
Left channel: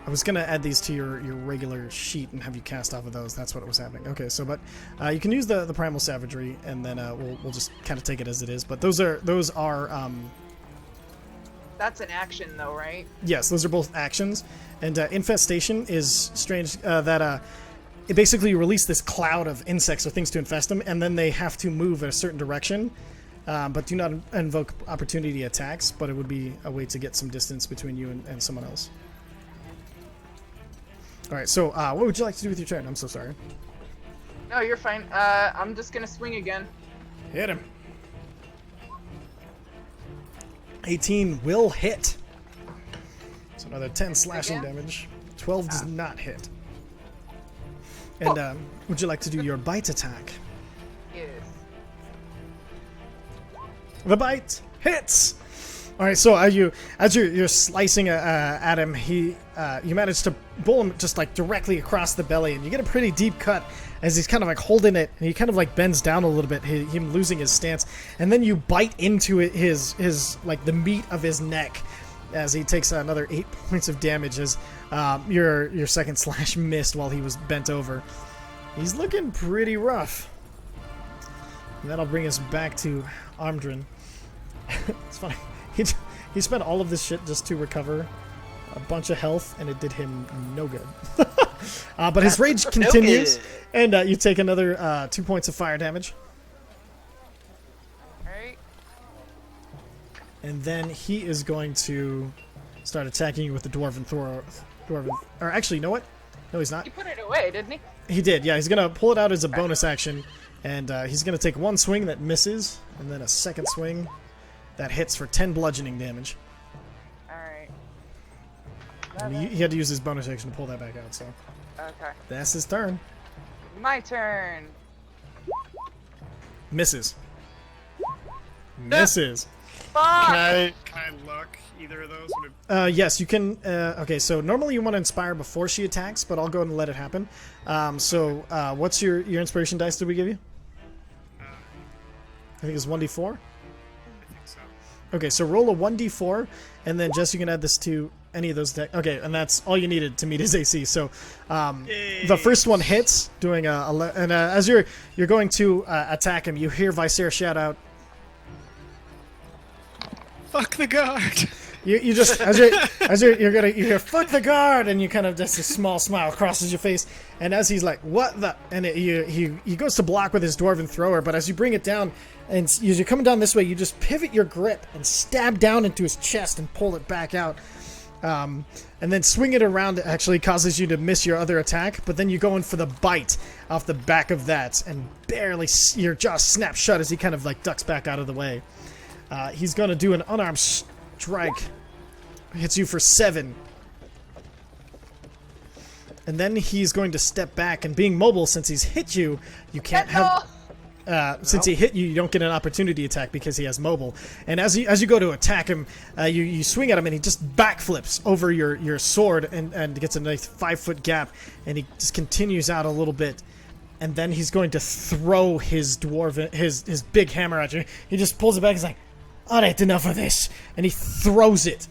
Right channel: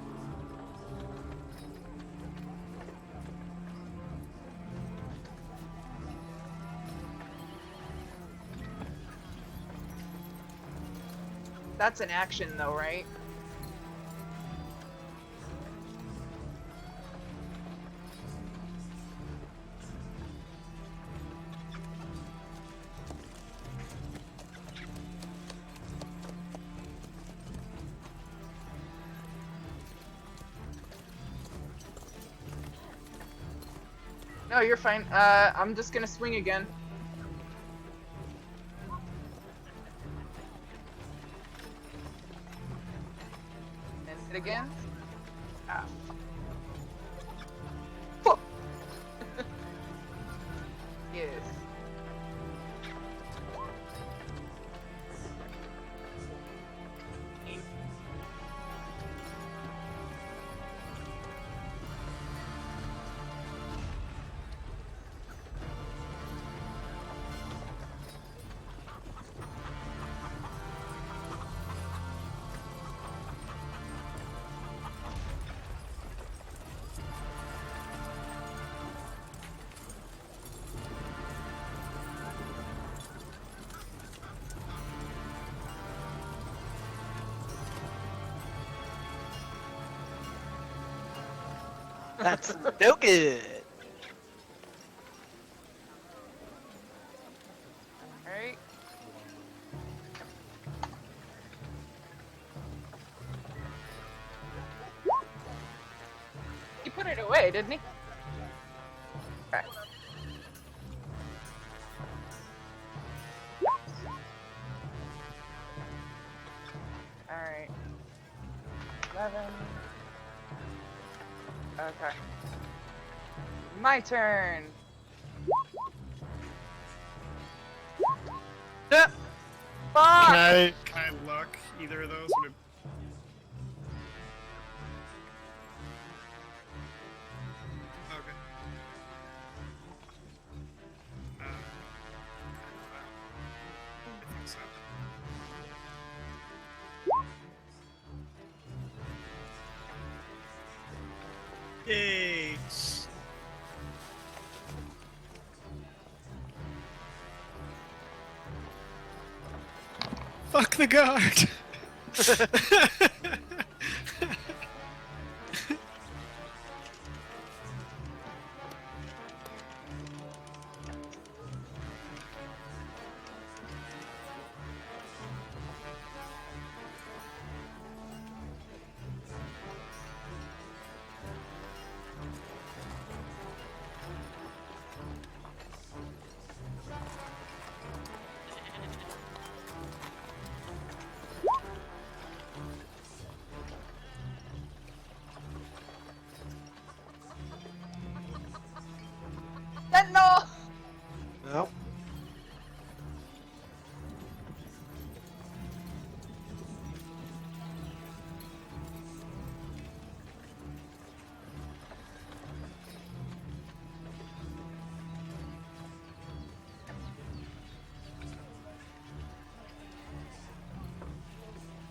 I was gonna add these to your regular sheet and have you cast off of those. That's what was happening. Okay, so but you can use the Primal Savagery, and then we'll just kind of take it as it is. But those are That's an action, though, right? yes, those are both actions. And Infestation is strange that it basically release this cloud of insects or things to infest them, and then they have to move in a certain direction. But do not invoke opportunity attacks, but it would be a way to get some distance between you and someone else. Alright, so what would you like to do with your turn? I'm so sorry. No, you're fine. I'm just gonna swing again. Hit him. 18 will hit. So another 10 slashing again? damage. 12 does not hit. And would you like to do your bite attack? Yes. The bite hits. All right, so as you're slicing at him, you manage to pull him just like directly across the belly, and you get a pretty deep cut as he's kind of like holding it, and he kind of like bends down a little bit, him losing his stance, and then you bite into it, his like the meat of his neck, as he takes another 8 points of damage as your second slash missed while he was bent over. He's looking pretty rough. And that'll bring us back to Armdrin. It's funny. He spent all of this shit just to recover a bunch of health, and it did him no good. But his rage continues, and you take another 2 points of fire damage. Alright. And then he is going to start attacking you with the Dwarven Dwarven. Or actually, you know what? No, he's not. He put it away, didn't he? He did, yeah. He's going to pull it out as a bonus action, and he's going to take one swing that misses, and then a second swing that hits for 10 bludgeoning damage. Alright. He had to use his bonus action to pull that back out, so Okay. that's his turn. My turn. Misses. Misses. Fuck! Can I luck either of those? Yes, you can. Okay, so normally you want to inspire before she attacks, but I'll go ahead and let it happen. What's your inspiration dice did we give you? I I think it's 1d4. think so. Okay, so roll a 1d4, and then Jess, you can add this to any of those. Okay, and that's all you needed to meet his AC. So the first one hits, doing and as you're going to attack him, you hear Viser shout out, Fuck the guard! You just you hear fuck the guard, and you kind of just a small smile crosses your face, and as he's like what the, and he goes to block with his dwarven thrower, but as you bring it down, and as you're coming down this way, you just pivot your grip and stab down into his chest and pull it back out, and then swing it around actually causes you to miss your other attack, but then you go in for the bite off the back of that, and barely your jaw snaps shut as he kind of like ducks back out of the way. He's going to do an unarmed strike. Hits you for 7. And then he's going to step back, and being mobile, since he's hit you, you can't have... Since he hit you, you don't get an opportunity attack because he has mobile. And as you go to attack him, you swing at him, and he just backflips over your sword and gets a nice 5-foot gap, and he just continues out a little bit. And then he's going to throw his his big hammer at you. He just pulls it back. He's like, "Alright, enough of this," and he throws it.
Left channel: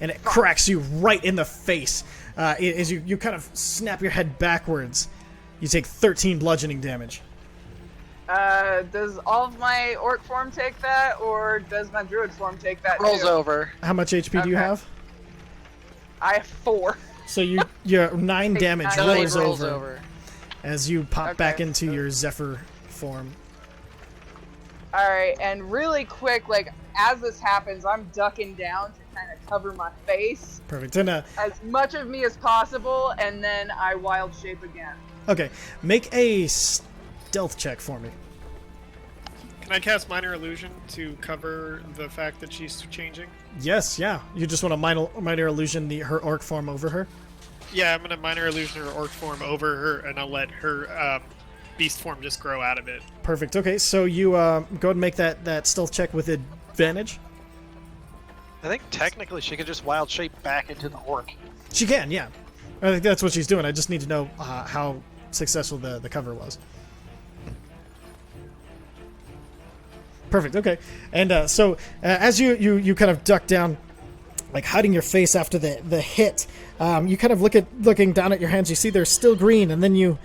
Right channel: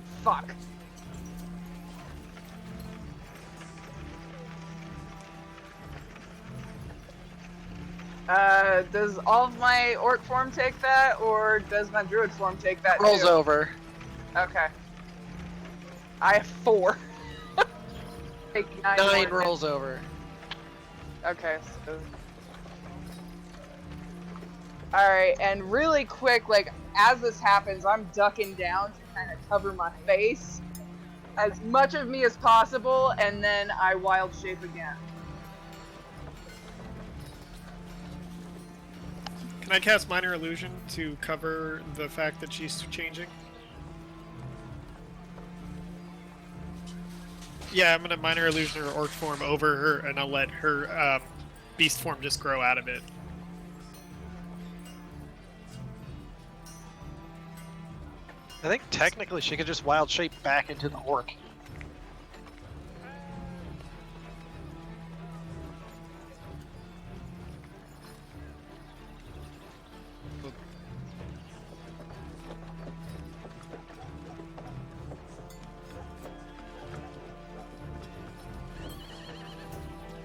And it cracks you right in the face. As you kind of snap your head backwards, you take 13 bludgeoning damage. Does all of my orc form take that, or does my druid form take that Rolls too? over. How much HP do you Okay. have? I have 4. So you're 9 damage. 9 rolls over. As you pop back Okay, into so- your Zephyr form. Alright, and really quick, like, as this happens, I'm ducking down to kind of cover my face, Perfect. And as much of me as possible, and then I wild shape again. okay, make a stealth check for me. Can I cast Minor Illusion to cover the fact that she's changing? Yes, yeah. You just want to minor illusion her orc form over her. Yeah, I'm gonna Minor Illusion her orc form over her, and I'll let her beast form just grow out of it. Perfect. Okay, so you go ahead and make that stealth check with advantage. I think technically she could just wild shape back into the orc. She can, yeah. I think that's what she's doing. I just need to know how successful the cover was. Perfect. Okay. And so as you kind of duck down, like hiding your face after the hit, you kind of looking down at your hands. You see they're still green, and then you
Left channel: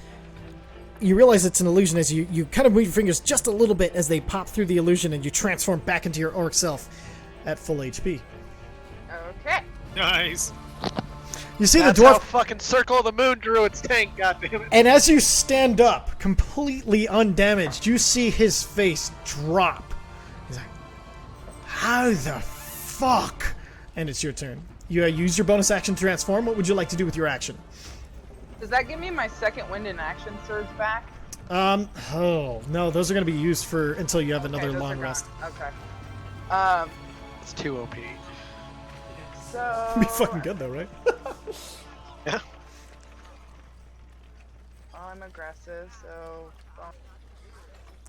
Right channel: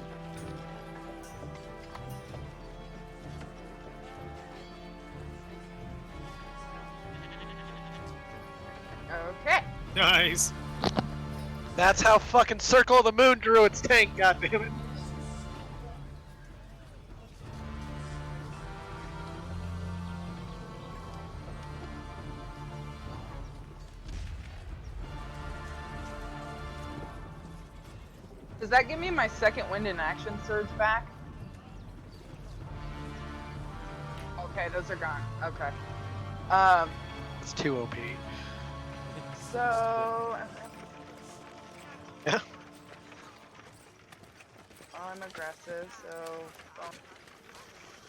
realize it's an illusion as you kind of move your fingers just a little bit as they pop through the illusion, and you transform back into your orc self at full HP. Okay. Nice. You see That's the dwarf. how fucking Circle of the Moon drew its tank, goddammit. And as you stand up, completely undamaged, you see his face drop. He's like, how the fuck? And it's your turn. You use your bonus action to transform. What would you like to do with your action? Does that give me my second wind in action surge back? Oh, no, those are going to be used for until you have Okay, another those are long gone. rest. Okay. It's too OP. So... It'd be fucking good though, right? Yeah. I'm aggressive, so...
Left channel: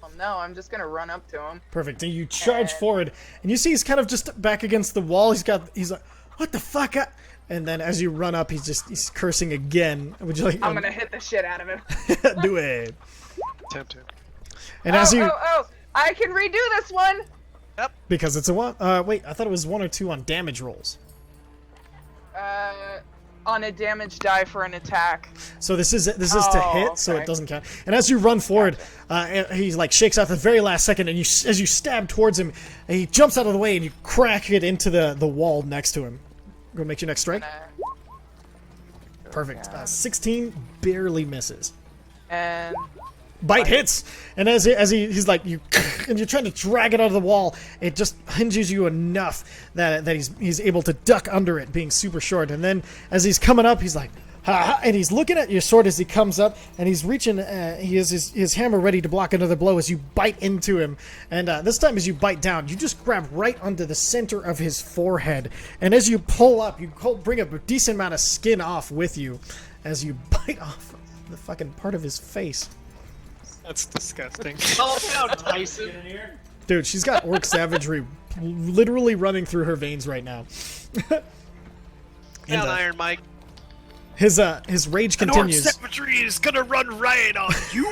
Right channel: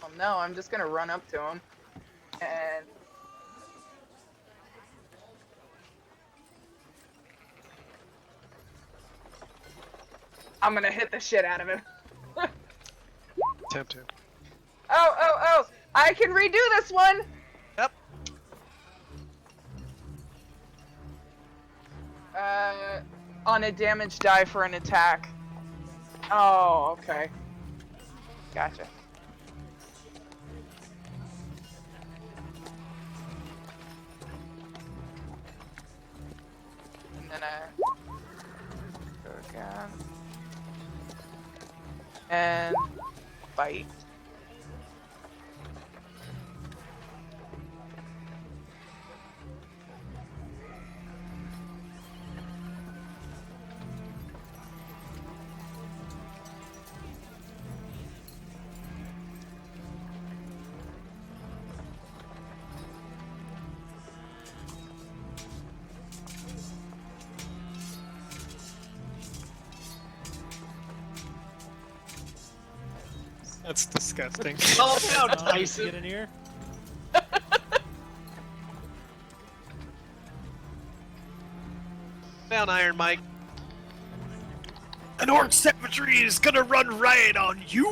Well, no, I'm just gonna run up to him. Perfect. And you charge And- forward, and you see he's kind of just back against the wall. He's like, what the fuck? And then as you run up, he's cursing again. Would you like? I'm gonna hit the shit out of him. do it. Tempted. And as you, I can redo this one! because it's a one. Wait, I thought it was 1 or 2 on damage rolls. On a damage die for an attack. So this is to hit, so okay. it doesn't count. And as you run forward, he like shakes out the very last second, and as you stab towards him, he jumps out of the way, and you crack it into the wall next to him. Go make your next strike. Perfect. 16 barely misses. And Bite hits, and as he's like you, and you're trying to drag it out of the wall, it just hinges you enough that he's able to duck under it, being super short. And then as he's coming up, he's like, ha, and he's looking at your sword as he comes up, and he's reaching. He has his hammer ready to block another blow as you bite into him. And this time, as you bite down, you just grab right onto the center of his forehead, and as you pull up, you bring a decent amount of skin off with you, as you bite off the fucking part of his face. That's disgusting. Oh, no, Tyson. Dude, she's got orc savagery literally running through her veins right now. Down, Iron Mike. His rage An orc continues. savagery is gonna run riot on you.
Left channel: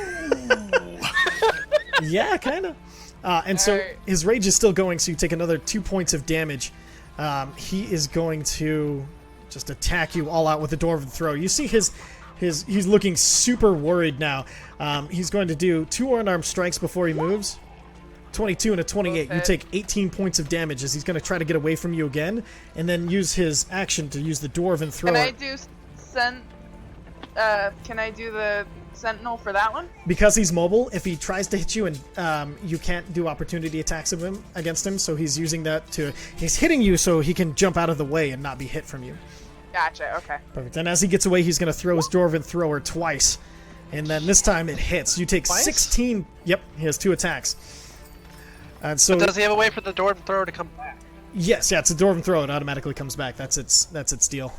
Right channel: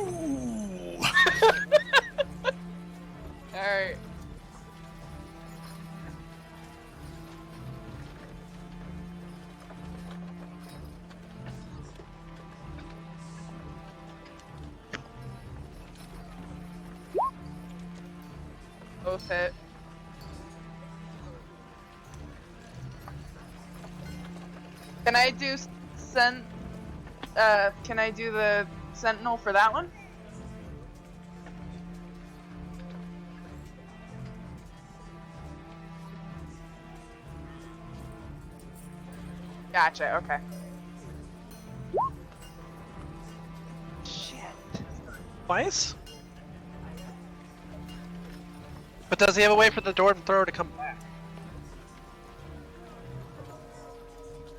Yeah, kind of. And so Alright. his rage is still going, so you take another 2 points of damage. He is going to just attack you all out with a dwarven throw. You see he's looking super worried now. He's going to do 2 unarmed strikes before he moves. 22 and a 28. Both You hit. take 18 points of damage as he's going to try to get away from you again, and then use his action to use the dwarven thrower. Can I do can I do the sentinel for that one? Because he's mobile, if he tries to hit you and you can't do opportunity attacks of him against him, so he's using that to... He's hitting you so he can jump out of the way and not be hit from you. Gotcha. Okay. Perfect. And as he gets away, he's going to throw his dwarven thrower twice. And then this time it hits. You take Twice? 16... Yep, he has 2 attacks. And so... But does he have a way for the dwarven thrower to come back? Yes, yeah, it's a dwarven throw. It automatically comes back. That's its deal.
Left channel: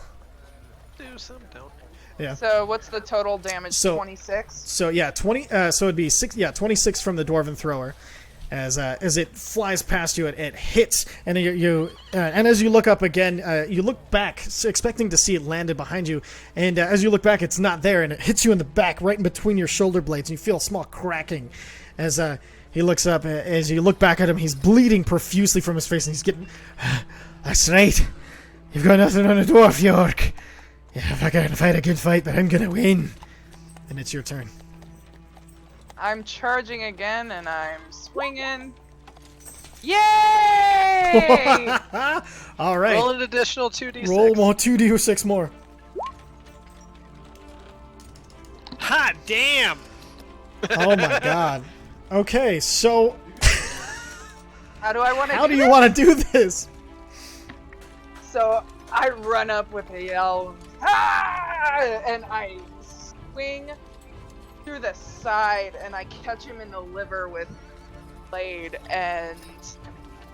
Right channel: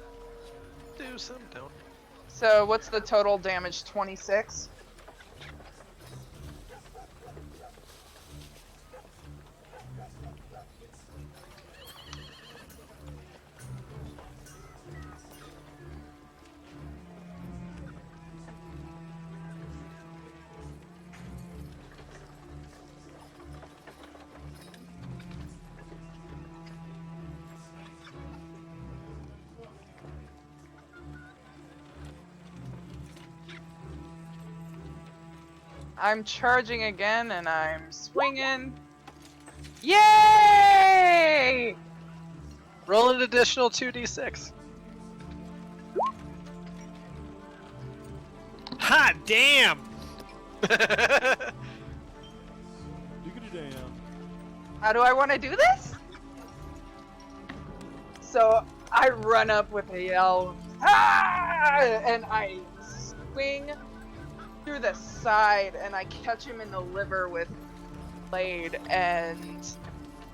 Do some, don't. Yeah. So what's the total damage? So- 26. So yeah, 20. So it'd be 26 from the dwarven thrower, as it flies past you, it hits, and and as you look up again, you look back, expecting to see it landed behind you, and as you look back, it's not there, and it hits you in the back, right in between your shoulder blades, and you feel a small cracking, as he looks up. As you look back at him, he's bleeding profusely from his face, and he's getting. That's right. You've got nothing on a dwarf, York. Yeah, if I can fight a good fight, but I'm gonna win. And it's your turn. I'm charging again, and I'm swinging. Yay! All right. Roll an additional 2d6. Roll more 2d6 more. Hot damn! Oh my god. Okay, so How do I want to how do do this? you want to do this? So I run up with a yell, ah! And I swing through the side, and I catch him in the liver with blade. And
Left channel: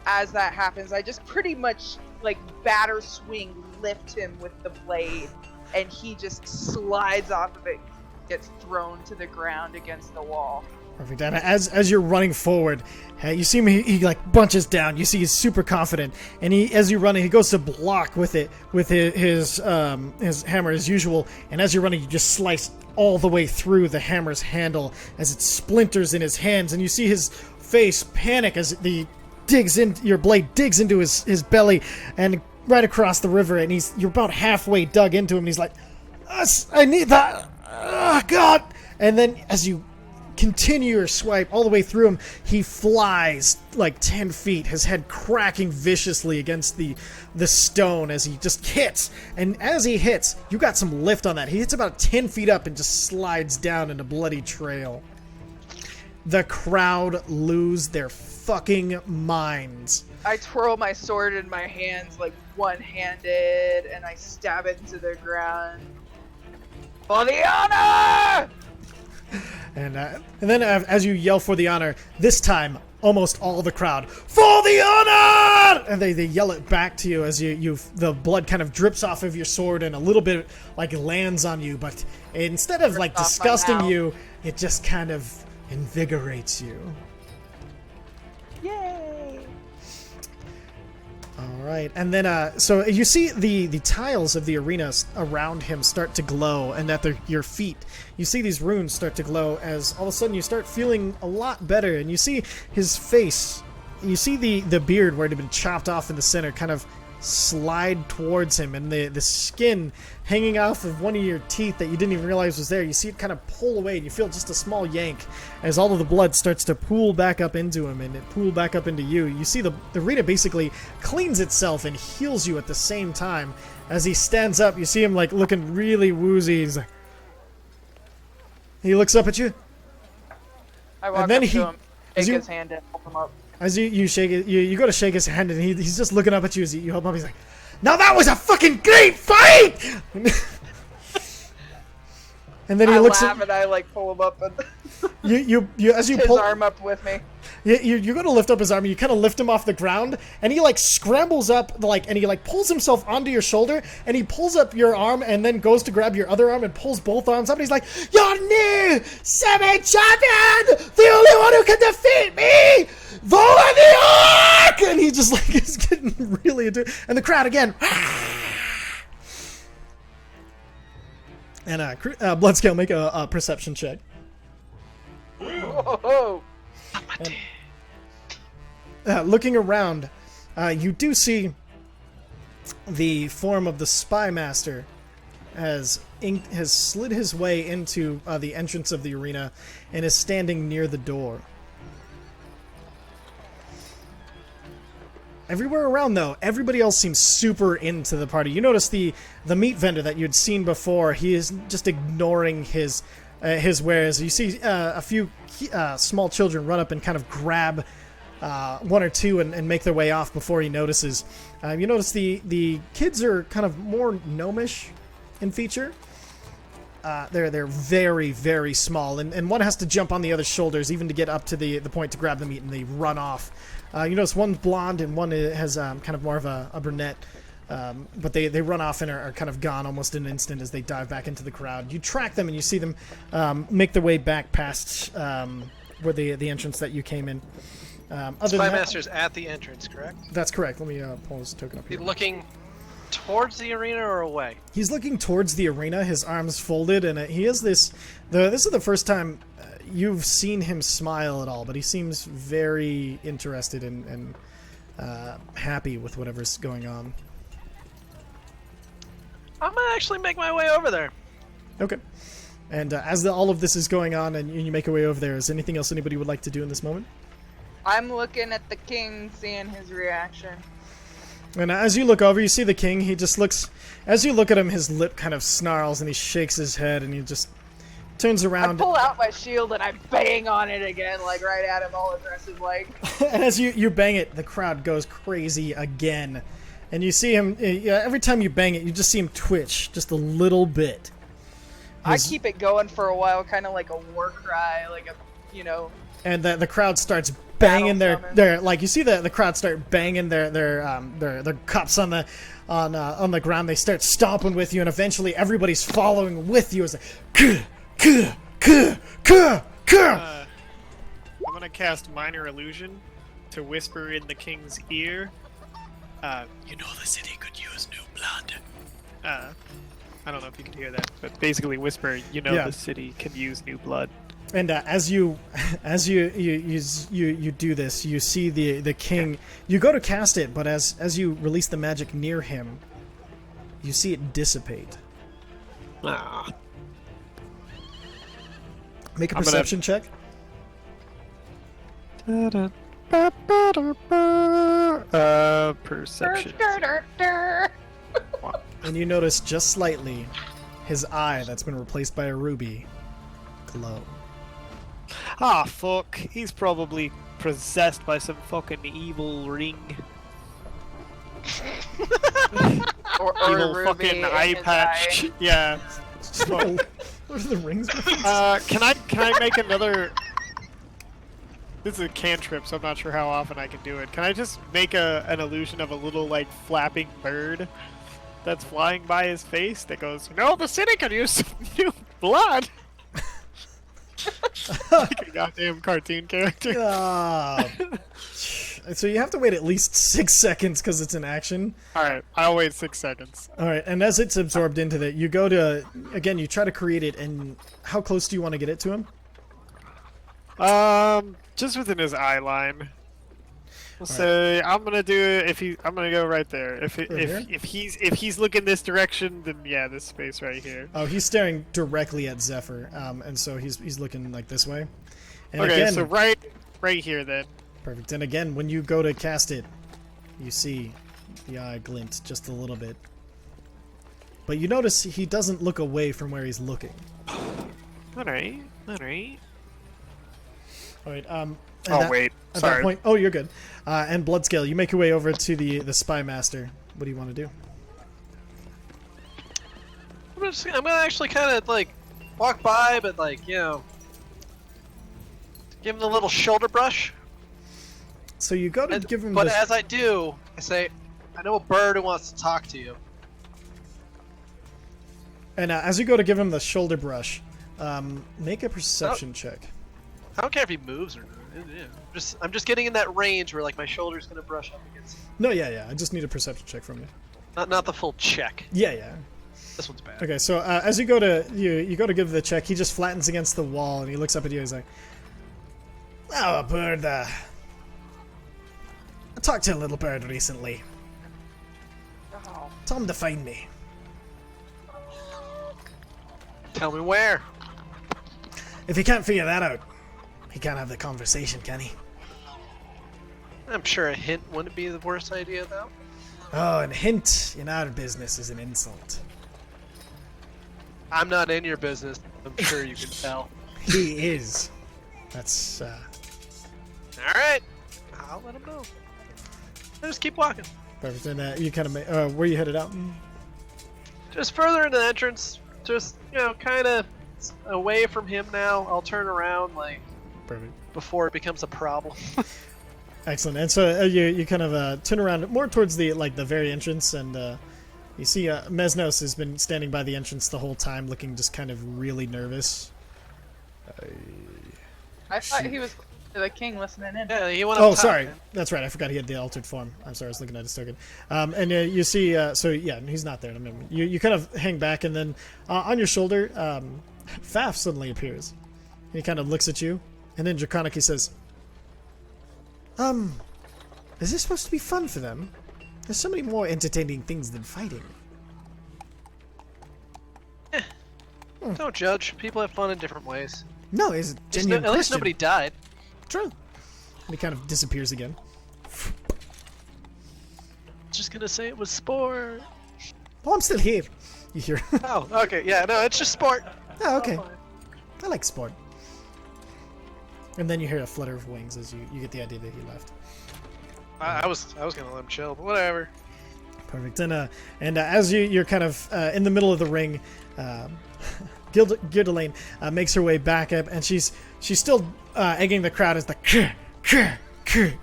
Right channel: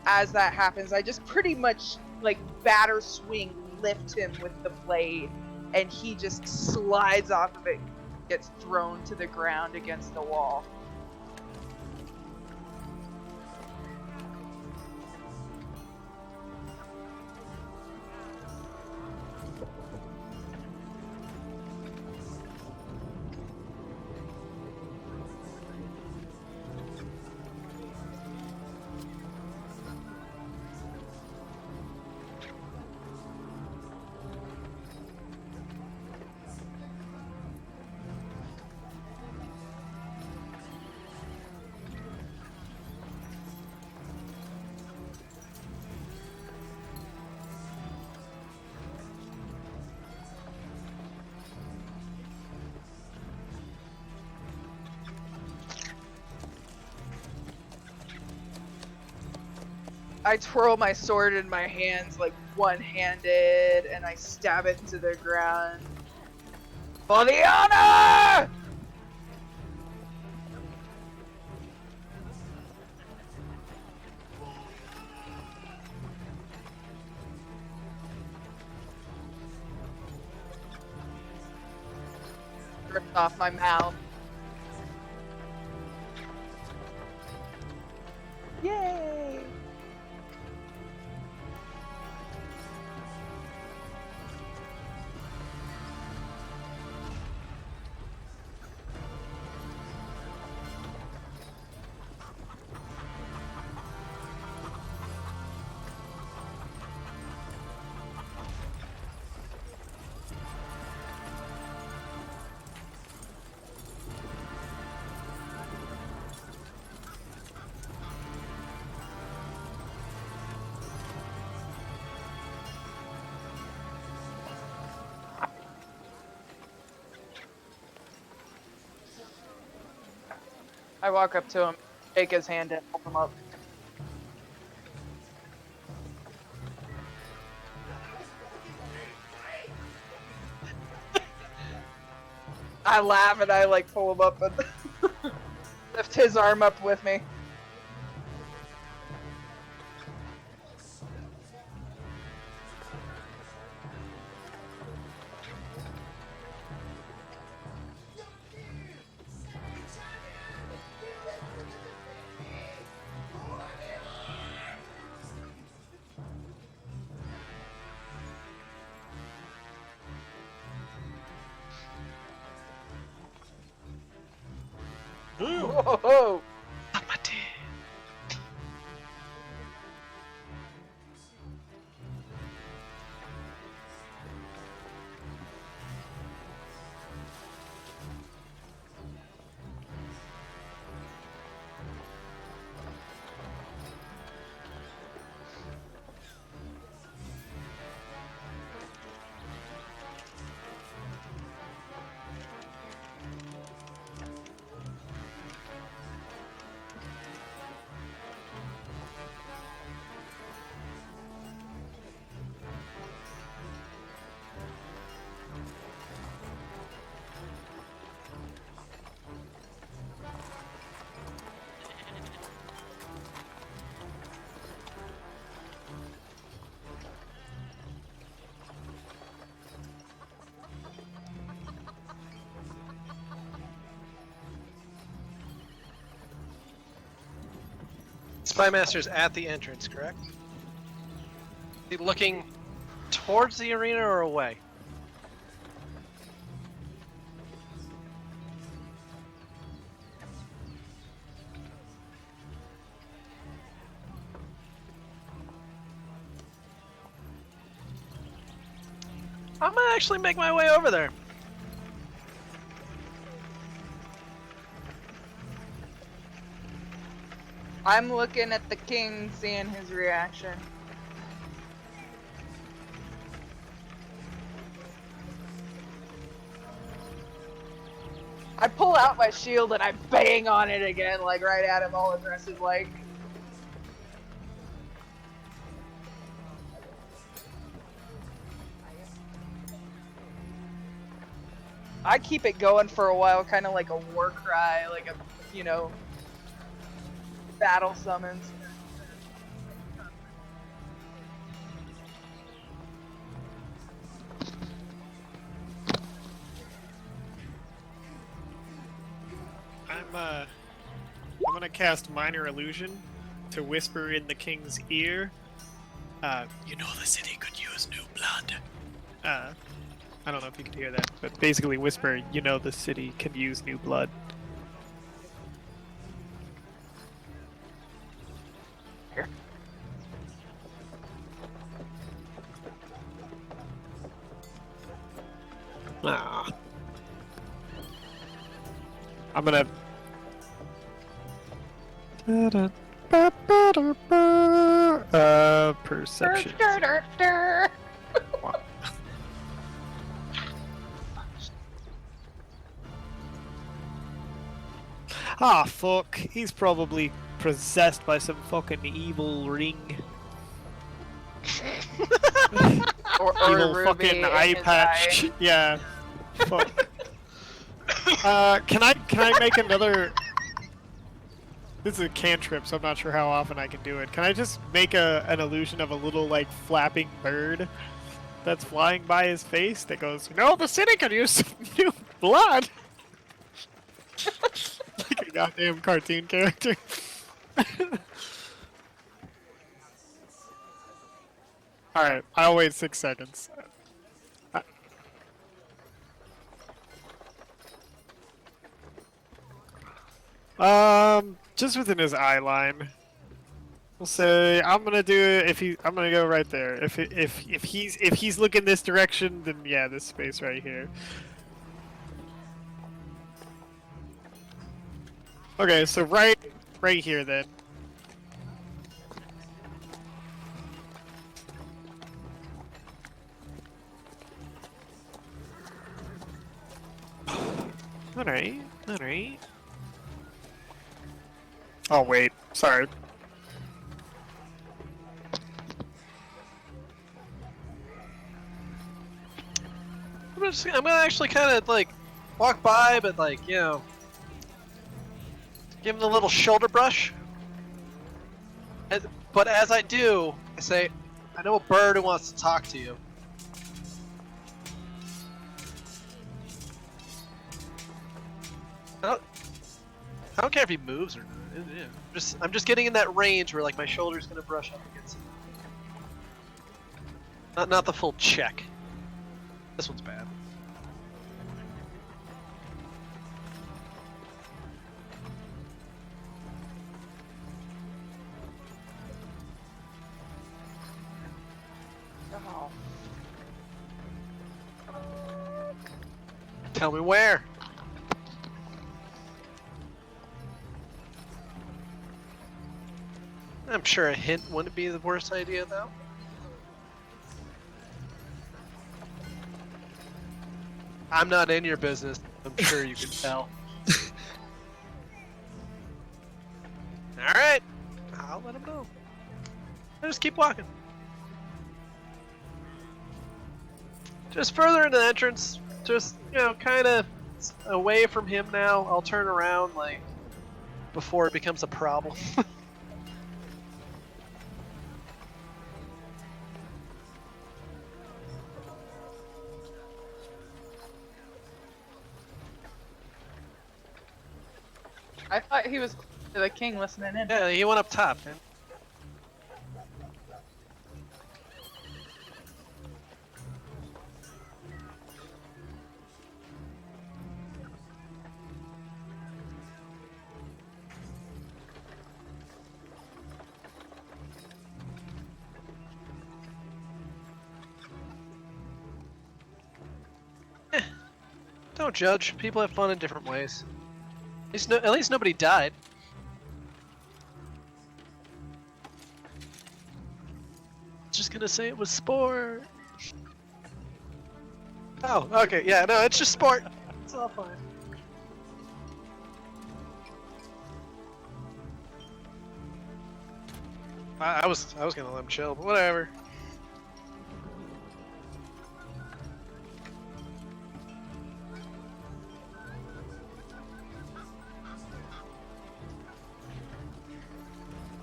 as that happens, I just pretty much like batter swing, lift him with the blade, and he just slides off of it, gets thrown to the ground against the wall. Perfect. And as you're running forward, you see him. He like bunches down. You see he's super confident, and as you're running, he goes to block with his hammer as usual. And as you're running, you just slice all the way through the hammer's handle as it splinters in his hands, and you see his face panic as your blade digs into his belly and right across the river. And you're about halfway dug into him. And he's like, "I need that. Oh God!" And then as you continue your swipe all the way through him, he flies like 10 feet, his head cracking viciously against the stone as he just hits. And as he hits, you got some lift on that. He hits about 10 feet up and just slides down in a bloody trail. The crowd lose their fucking minds. I twirl my sword in my hands like one-handed, and I stab it into the ground. For the honor! And then as you yell for the honor, this time almost all the crowd, for the honor! And they yell it back to you as the blood kind of drips off of your sword and a little bit like lands on you, but instead of like Ripped off my disgusting mouth. you, it just kind of invigorates you. Yay! All right, and then so you see the tiles of the arenas around him start to glow, and at your feet, you see these runes start to glow as all of a sudden you start feeling a lot better, and you see his face. You see the beard where it had been chopped off in the center kind of slide towards him, and the skin hanging off of one of your teeth that you didn't even realize was there. You see it kind of pull away, and you feel just a small yank as all of the blood starts to pool back up into him, and it pool back up into you. You see the arena basically cleans itself and heals you at the same time. As he stands up, you see him like looking really woozy. He looks up at you. I walk then up to him, as shake you- his hand, and help him up. As you shake it, you go to shake his hand, and he's just looking up at you as you help him up. He's like, "Now that was a fucking great fight!" And then he I looks laugh and I like pull him up and you as you lift his pull, arm up with me. you're going to lift up his arm. And you kind of lift him off the ground, and he like scrambles up, and he like pulls himself onto your shoulder, and he pulls up your arm, and then goes to grab your other arm and pulls both arms up. And he's like, "Your new semi-champion, the only one who can defeat me, Vola the Orc!" And he just like is getting really into it. And the crowd again. And Bloodscale, make a perception check. Whoa! Looking around, you do see the form of the Spy Master has slid his way into the entrance of the arena and is standing near the door. Everywhere around, though, everybody else seems super into the party. You notice the meat vendor that you'd seen before. He is just ignoring his wares. You see a few small children run up and kind of grab one or two and make their way off before he notices. You notice the kids are kind of more gnomish in feature. They're very, very small, and one has to jump on the other's shoulders even to get up to the point to grab the meat, and they run off. You notice one's blonde and one has kind of more of a brunette, but they run off and are kind of gone almost in an instant as they dive back into the crowd. You track them and you see them make their way back past where the entrance that you came in. Spy Master's at the entrance, correct? That's correct. Let me pull his token up. Is he looking towards the arena or away? He's looking towards the arena, his arms folded, and he has this... This is the first time you've seen him smile at all, but he seems very interested and happy with whatever's going on. I'm gonna actually make my way over there. Okay. And as all of this is going on and you make your way over there, is anything else anybody would like to do in this moment? I'm looking at the king, seeing his reaction. And as you look over, you see the king. He just looks... As you look at him, his lip kind of snarls and he shakes his head and he just turns I around. pull out my shield and I bang on it again, like right at him, all aggressive, like. And as you bang it, the crowd goes crazy again. And you see him... every time you bang it, you just see him twitch just a little bit. I keep it going for a while, kind of like a war cry, like a, you know. And the crowd starts Battle banging summon. their like you see the crowd start banging their cups on the ground. They start stomping with you, and eventually everybody's following with you. It's like, I'm gonna cast Minor Illusion to whisper in the king's ear. You know the city could use new blood. I don't know if you could hear that, but basically whisper, you know, Yeah. the city can use new blood. And as you do this, you see the king. You go to cast it, but as you release the magic near him, you see it dissipate. Ah. Make a I'm gonna- perception check. Perception. And you notice just slightly his eye that's been replaced by a ruby glow. Ah, fuck. He's probably possessed by some fucking evil ring. Or Evil a ruby fucking in eye his patch. eye. Yeah. Fuck. What are the rings? Can I make another... This is a cantrip, so I'm not sure how often I can do it. Can I just make an illusion of a little, like, flapping bird that's flying by his face that goes, no, the city could use some new blood? Like a goddamn cartoon character. So you have to wait at least 6 seconds because it's an action. Alright, I'll wait 6 seconds. All right, and as it's absorbed into that, you go to, again, you try to create it, and how close do you want to get it to him? Just within his eye line. We'll say I'm gonna do it I'm gonna go right there. If he's looking this direction, then yeah, this space right here. Oh, he's staring directly at Zephyr, and so he's looking like this way. And Okay, again, so right here then. perfect. And again, when you go to cast it, you see the eye glint just a little bit, but you notice he doesn't look away from where he's looking. Alright. All right. Oh wait, At that sorry. point, oh, you're good. And Bloodscale, you make your way over to the Spy Master. What do you want to do? I'm gonna actually kind of like walk by, but like, you know, give him the little shoulder brush. So you go to And- give him but the... as I do, I say, I know a bird who wants to talk to you. And as you go to give him the shoulder brush, make a perception check. I don't care if he moves or not. Yeah. I'm just getting in that range where like my shoulder's gonna brush up against. No, yeah. I just need a perception check from you. Not the full check. Yeah. This one's bad. Okay, so as you go to you go to give the check, he just flattens against the wall and he looks up at you. He's like, "Oh, a bird. I talked to a little bird recently. Oh. Told him to find me. Tell me where. If he can't figure that out, he can't have the conversation, can he?" I'm sure a hint wouldn't be the worst idea, though. Oh, and hint in our business is an insult. I'm not in your business. I'm sure you can tell. He is. That's, All right. I'll let him know. I'll just keep walking. perfect. And you kind of, where you headed out? Just further into the entrance. Just, kind of away from him now. I'll turn around, like, Perfect. before it becomes a problem. Excellent. And so you kind of turn around more towards the very entrance, and you see Mesnos has been standing by the entrance the whole time, looking just kind of really nervous. I thought he was the king listening in. Yeah, he went up Oh, top. sorry. Man. That's right. I forgot he had the altered form. I'm sorry. I was looking at his token. And you see, so yeah, he's not there. Remember, you kind of hang back, and then on your shoulder, Faf suddenly appears. He kind of looks at you, and then Draconically says, is this supposed to be fun for them? There's so many more entertaining things than fighting. Don't judge. People have fun in different ways. No, it's At least nobody died. True. And he kind of disappears again. Just gonna say it was sport. Oh, I'm still here. You hear? Oh, okay. Yeah, no, it's just sport. Oh, okay. All fine. I like sport. And then you hear a flutter of wings as you get the idea that he left. I was gonna let him chill, but whatever. Perfect. And as you're kind of in the middle of the ring, Gildelaine makes her way back up, and she's still egging the crowd as the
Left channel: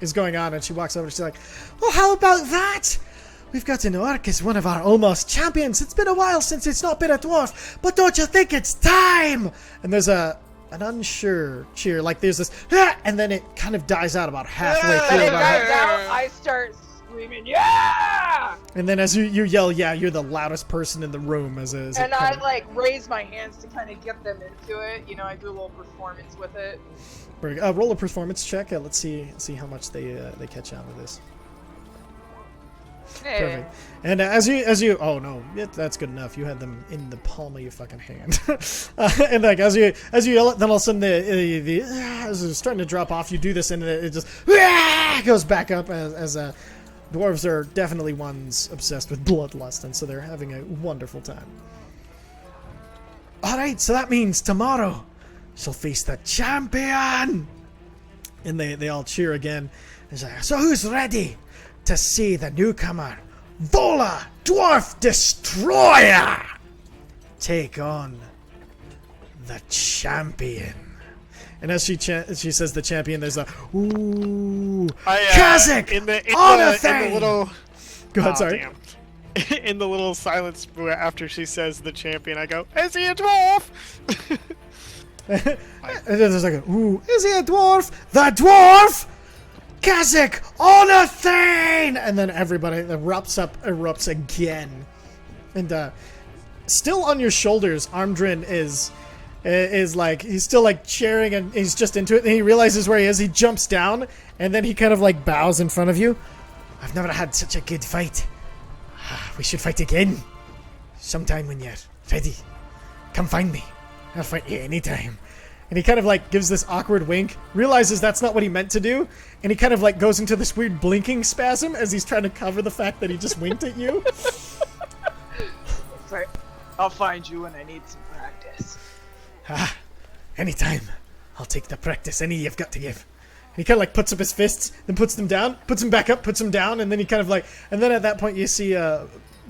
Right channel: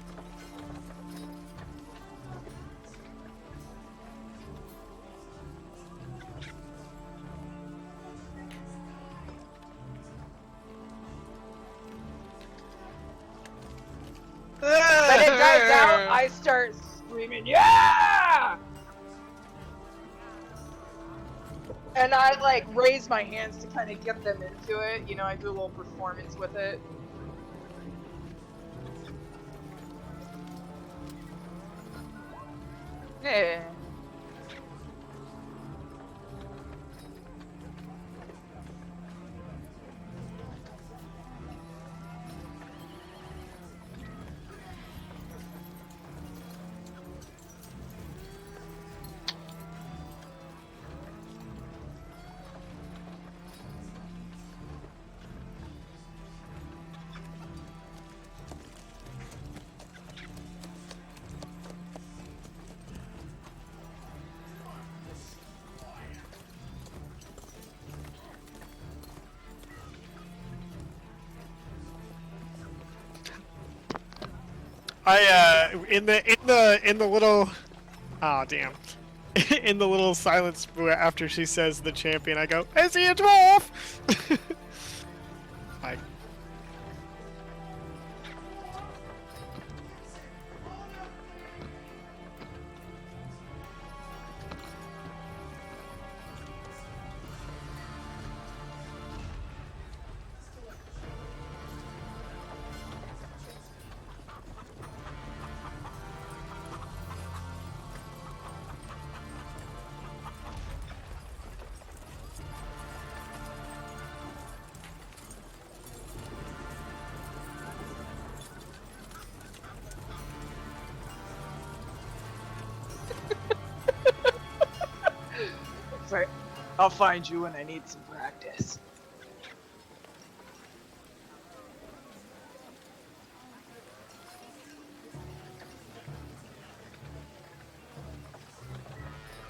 is going on, and she walks over and she's like, "Well, how about that? We've got an orc as one of our almost champions. It's been a while since it's not been a dwarf, but don't you think it's time?" And there's an unsure cheer, like there's this, and then it kind of dies out about halfway When through. it dies out, I start screaming, "Yeah!" And then as you yell, "Yeah," you're the loudest person in the room. And I like raise my hands to kind of get them into it. I do a little performance with it. Roll a performance check. Let's see how much they catch on with this. Yeah. Perfect. And as you oh no, that's good enough. You had them in the palm of your fucking hand. And like as you yell it, then all of a sudden the as it's starting to drop off, you do this and it just goes back up as dwarves are definitely ones obsessed with bloodlust, and so they're having a wonderful time. All right, so that means tomorrow she'll face the champion, and they all cheer again. It's like, so who's ready to see the newcomer, Vola, Dwarf Destroyer, take on the champion? And as she says the champion, there's a ooh, Kazakh in the little. Go ahead, Oh, sorry. damn. In the little silence after she says the champion, I go, "Is he a dwarf?" And then there's like a ooh, is he a dwarf? The dwarf, Kazakh Onathane! And then everybody erupts again. And still on your shoulders, Armdrin is like, he's still like cheering, and he's just into it, and he realizes where he is. He jumps down, and then he kind of like bows in front of you. I've never had such a good fight. We should fight again. Sometime when you're ready. Come find me. I'll fight you anytime. And he kind of like gives this awkward wink, realizes that's not what he meant to do, and he kind of like goes into this weird blinking spasm as he's trying to cover the fact that he just winked at you. It's like, I'll find you when I need some practice. Anytime. I'll take the practice any you've got to give. And he kind of like puts up his fists, then puts them down, puts them back up, puts them down, and then he kind of like, and then at that point you see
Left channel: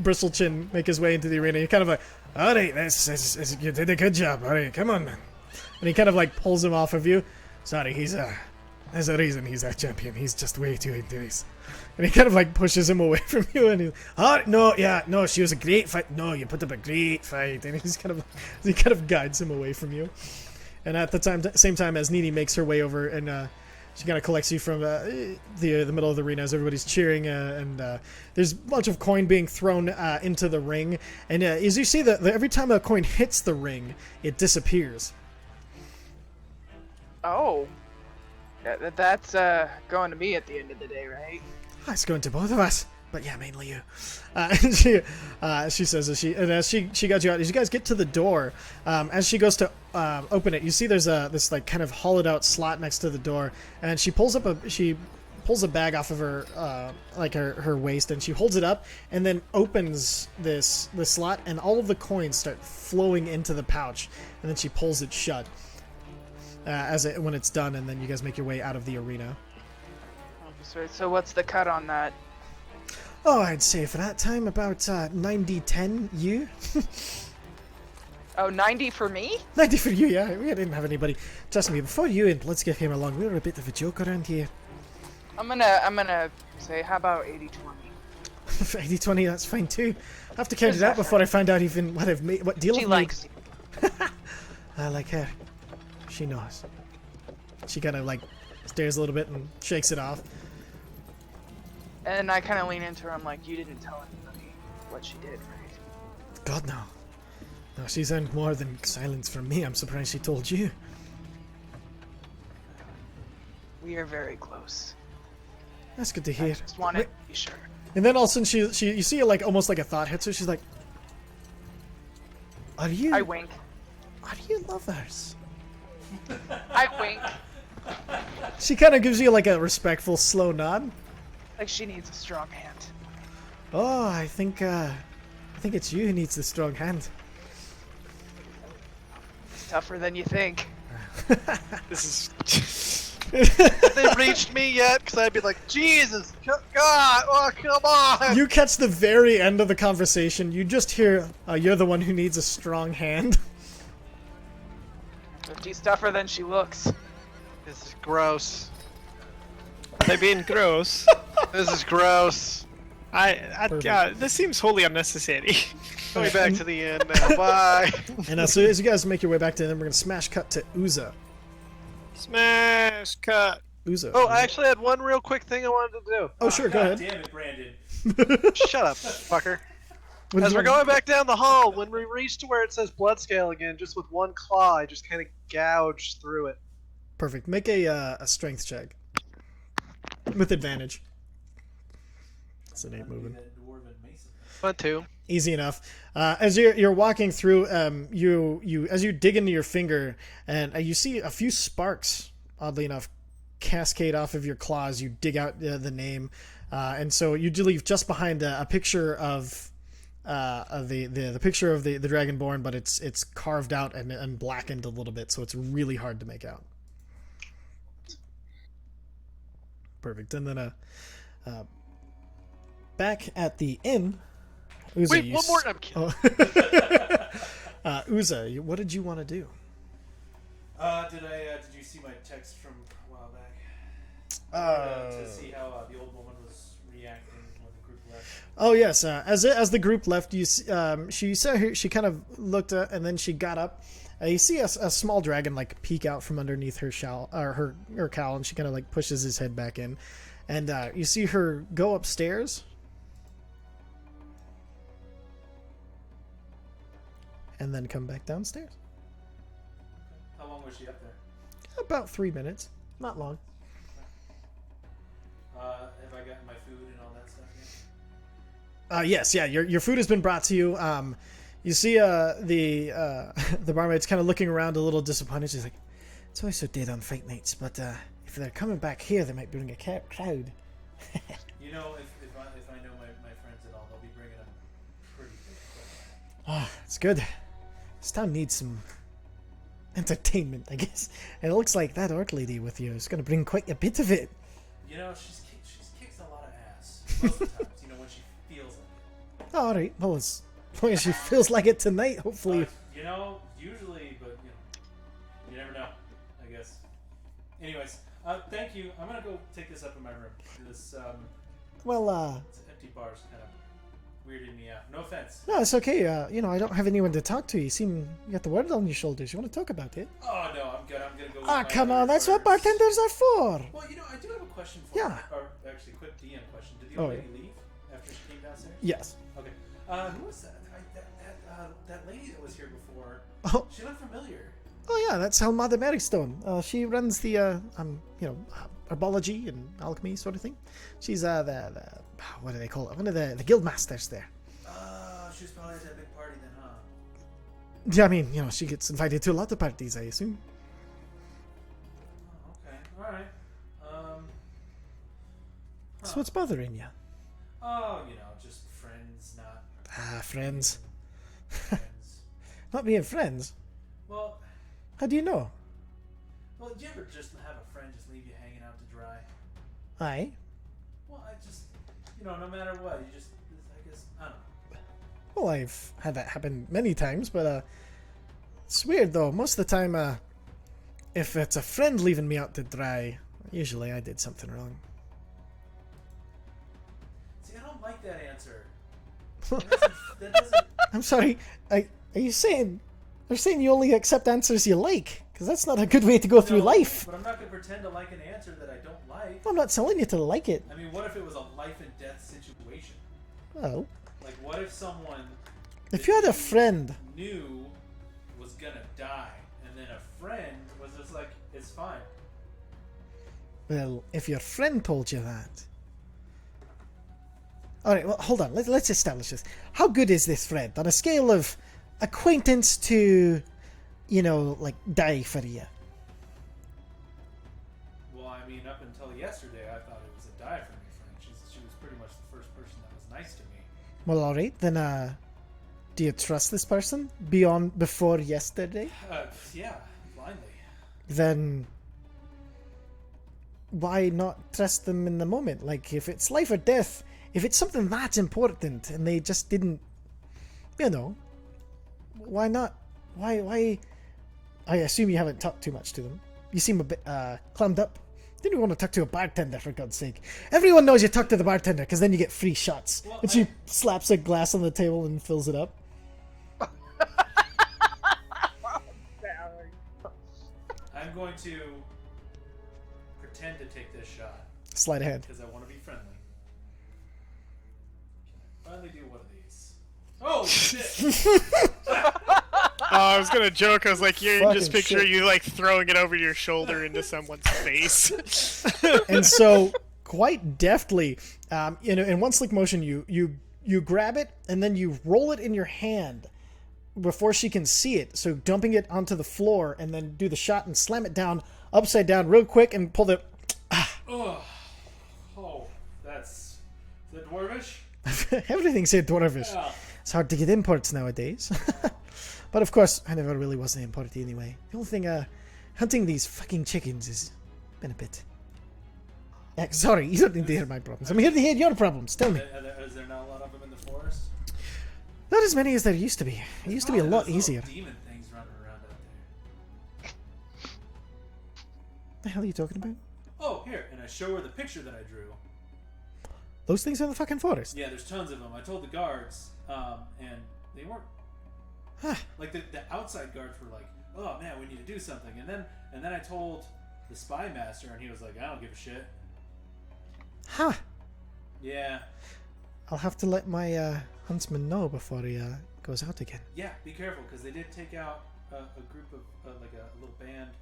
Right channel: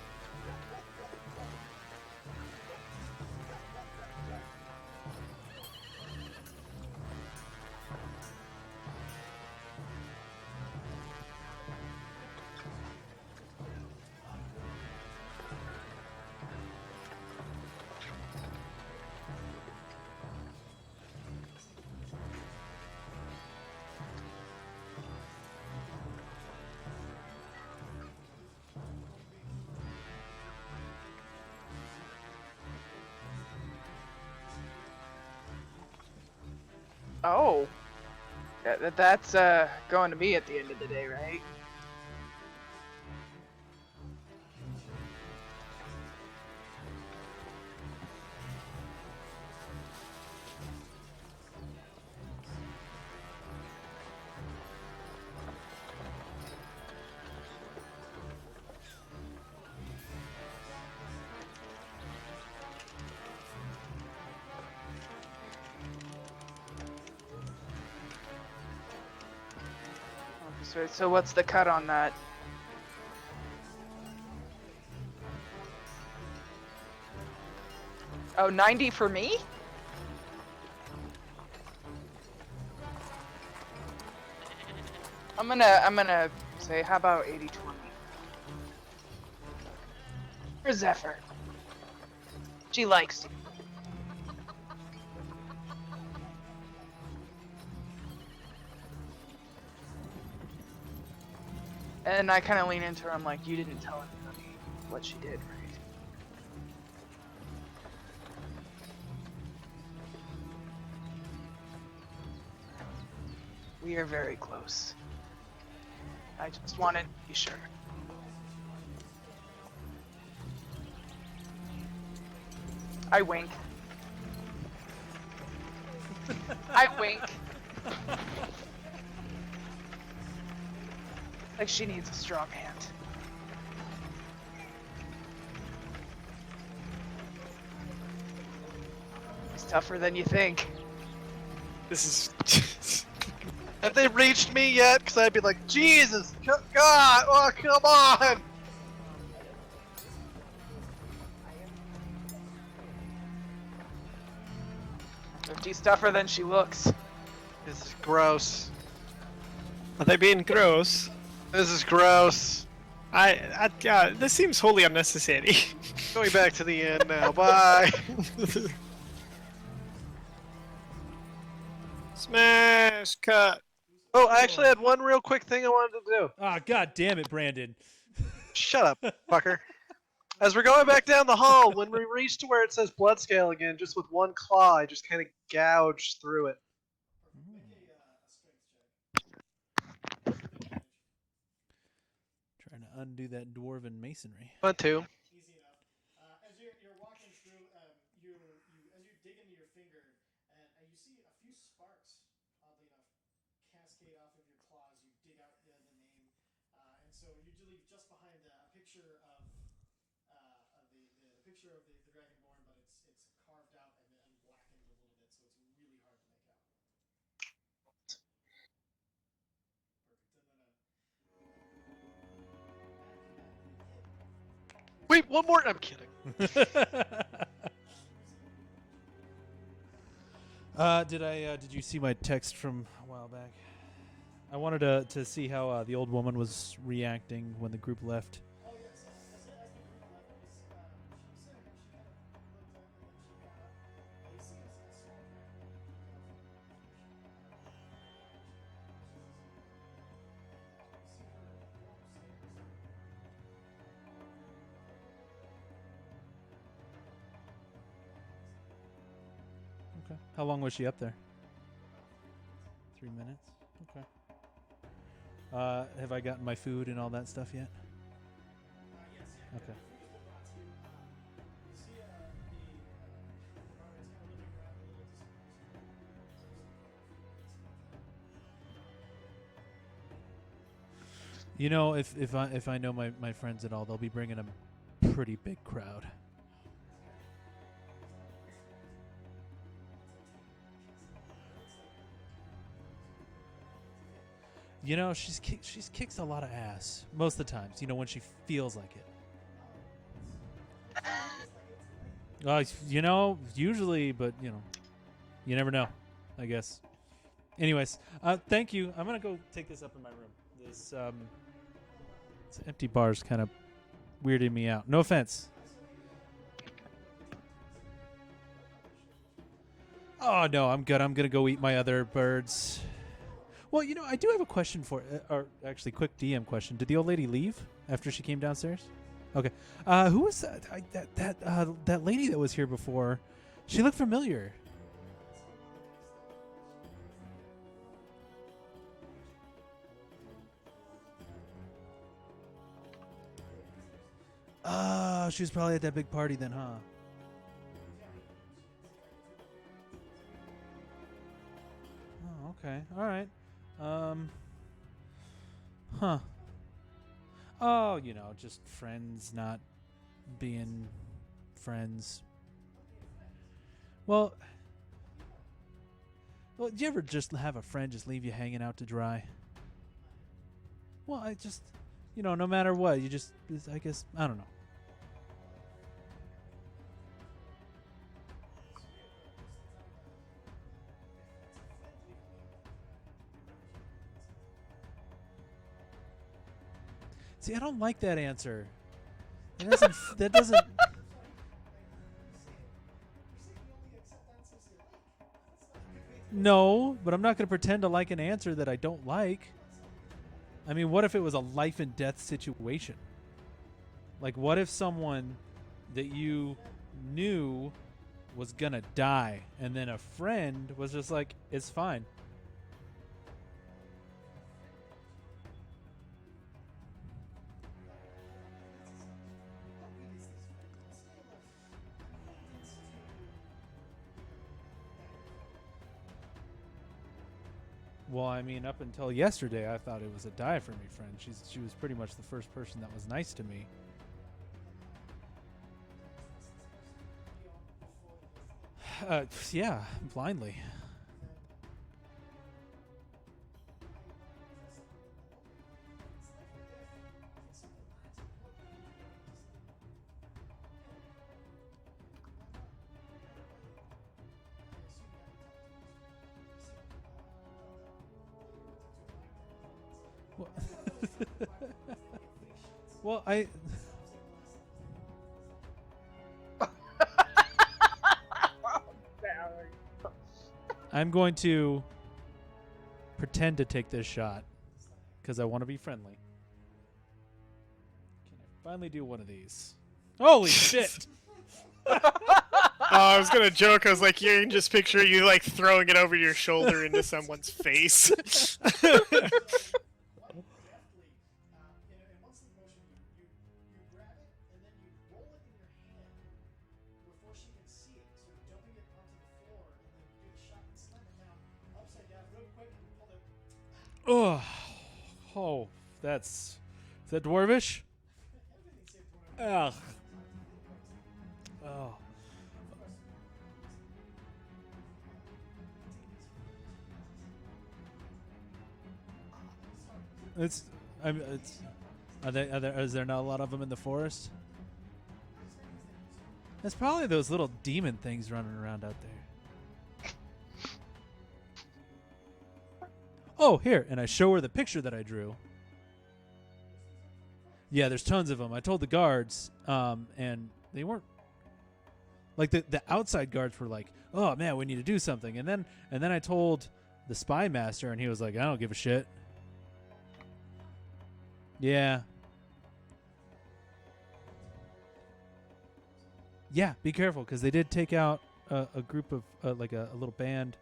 Bristlechin make his way into the arena. You're kind of like, all right, you did a good job. All right, come on, man. And he kind of like pulls him off of you. Sorry, there's a reason he's our champion. He's just way too into this. And he kind of like pushes him away from you, and he's, oh no, she was a great fight. No, you put up a great fight. And he kind of guides him away from you. And at the same time as Nini makes her way over, and she kind of collects you from the middle of the arena as everybody's cheering, and there's a bunch of coin being thrown into the ring. And as you see that every time a coin hits the ring, it disappears. Oh. That's going to me at the end of the day, right? It's going to both of us, but yeah, mainly you. And she says as she got you out, as you guys get to the door, as she goes to open it, you see there's this like kind of hollowed out slot next to the door, and she pulls up she pulls a bag off of her, like her waist, and she holds it up, and then opens the slot, and all of the coins start flowing into the pouch, and then she pulls it shut when it's done, and then you guys make your way out of the arena. So what's the cut on that? Oh, I'd say for that time about 90-10 you. Oh, 90 for me? 90 for you, yeah. We didn't have anybody. Trust me, before you and Let's Get Him Along, we were a bit of a joke around here. I'm gonna say, how about 80-20? 80-20, that's fine too. I have to count Where's it out that before I find out even what I've made, what deal She I've likes you. made. I like her. She knows. She kind of like stares a little bit and shakes it off. And I kind of lean into her. I'm like, you didn't tell anybody what she did, right? God, no. No, she's earned more than silence from me. I'm surprised she told you. We are very close. That's good to I hear. just wanted to be sure. And then all of a sudden you see like almost like a thought hits her. She's like, Are you I wink. lovers? I wink. She kind of gives you like a respectful slow nod. Like she needs a strong hand. Oh, I think it's you who needs the strong hand. It's tougher than you think. This is. Have they reached me yet? Because I'd be like, Jesus, God, oh, come on! You catch the very end of the conversation. You just hear, you're the one who needs a strong hand. She's tougher than she looks. This is gross. Are they being gross? This is gross. This seems wholly unnecessary. Going back to the end now. Bye. And as soon as you guys make your way back to them, we're going to smash cut to Uza. Smash cut. Uza. Oh, I actually had one real quick thing I wanted to do. Oh, sure, go God ahead. damn it, Brandon. Shut up, fucker. What As did we're you going back down the hall, when we reach to where it says blood scale again, just with one claw, I just kind of gouged through it. Perfect. Make a strength check. With advantage. That's the name Undo moving. that dwarven masonry. 1, 2. Easy enough. As you're walking through, as you dig into your finger, and you see a few sparks, oddly enough, cascade off of your claws. You dig out the name, and so you leave just behind a picture of the picture of the Dragonborn, but it's carved out and blackened a little bit, so it's really hard to make out. Perfect. And then back at the inn. Uza, Wait, you one more. I'm kidding. Uza, what did you want to do? Did you see my text from a while back? I wanted to see how the old woman was reacting when the group left. Oh yes, as the group left, she said she kind of looked and then she got up. You see a small dragon like peek out from underneath her shawl or her cowl, and she kind of like pushes his head back in, and you see her go upstairs, and then come back downstairs. Okay. How long was she up there? About 3 minutes, not long. Okay. Have I gotten my food and all that stuff yet? Yes, yeah. Your food has been brought to you. You see the barmaid's kind of looking around a little disappointed. She's like, "It's always so dead on fight nights, but if they're coming back here, they might bring a crowd." You know, if I know my friends at all, they'll be bringing a pretty big crowd. Ah, it's good. This town needs some entertainment, I guess. And it looks like that orc lady with you is going to bring quite a bit of it. You know, she's kicks a lot of ass most of the times. You know, when she feels like it. Oh, all right. Well, as long as she feels like it tonight, hopefully. You know, usually, but you know, you never know. I guess. Anyways, thank you. I'm gonna go take this up in my room. This this empty bar's kind of weirding me out. No offense. No, it's okay. I don't have anyone to talk to. You got the world on your shoulders. You want to talk about it? Oh no, I'm good. I'm gonna go eat my come other on. That's what birds. bartenders are for. Well, you know, I do have a question for you. Yeah. Or actually, quick DM question. Did the old lady leave after she came downstairs? Yes. Okay. Who was that? That lady that was here before. Oh. She looked familiar. Oh yeah, that's Helmada Merrickstone. She runs the herbology and alchemy sort of thing. She's the what do they call it? One of the guild masters there. Oh, she was probably at that big party then, huh? Yeah, I mean, she gets invited to a lot of parties, I assume. Oh, okay. All right. So what's bothering you? Oh, just friends not Friends. being friends. Not being friends? Well, How do you know? do you ever just have a friend just leave you hanging out to dry? Aye. Well, I just, no matter what, you just, I guess, I don't know. Well, I've had that happen many times, but it's weird though. Most of the time, if it's a friend leaving me out to dry, usually I did something wrong. See, I don't like that answer. That doesn't. I'm sorry. Are you saying? They're saying you only accept answers you like, because that's not a good way to go through life. But I'm not going to pretend to like an answer that I don't like. I'm not telling you to like it. I mean, what if it was a life and death situation? Oh. Like, what if someone If that you had a friend. knew was gonna die, and then a friend was just like, "It's fine." Well, if your friend told you that. Alright, well, hold on. Let's establish this. How good is this friend? On a scale of acquaintance to, like, die for you. Well, I mean, up until yesterday, I thought it was a die for me friend. She was pretty much the first person that was nice to me. Well, alright, then, do you trust this person before yesterday? Yeah, blindly. Then why not trust them in the moment? Like, if it's life or death, if it's something that's important and they just didn't, why not? Why? I assume you haven't talked too much to them. You seem a bit clammed up. Didn't want to talk to a bartender, for God's sake. Everyone knows you talk to the bartender because then you get free shots. Well, and she slaps a glass on the table and fills it up. I'm going to pretend to take this shot Slide ahead. because I want to be friendly. Can I finally do one of these? Holy shit! I was gonna joke. I was like, you Fucking just picture shit. you like throwing it over your shoulder into someone's face. And so, quite deftly, in one slick motion, you grab it and then you roll it in your hand before she can see it. So dumping it onto the floor and then do the shot and slam it down upside down real quick and pull the. Is that dwarvish? Everything's here dwarvish. Yeah. It's hard to get imports nowadays. But of course, I never really was an import anyway. The only thing, hunting these fucking chickens has been a bit. Sorry, you don't need to hear my problems. I'm here to hear your problems. Tell me. Is there not a lot of them in the forest? Not as many as there used to be. It There's used to be a probably lot those little easier. demon things running around out there. The hell are you talking about? Oh, here, and I show her the picture that I drew. Those things are in the fucking forest. Yeah, there's tons of them. I told the guards, and they weren't. Like the outside guards were like, "Oh man, we need to do something." And then I told the spy master, and he was like, "I don't give a shit." Huh. Yeah, I'll have to let my huntsman know before he goes out again. yeah. Be careful, because they did take out a group of like a little band,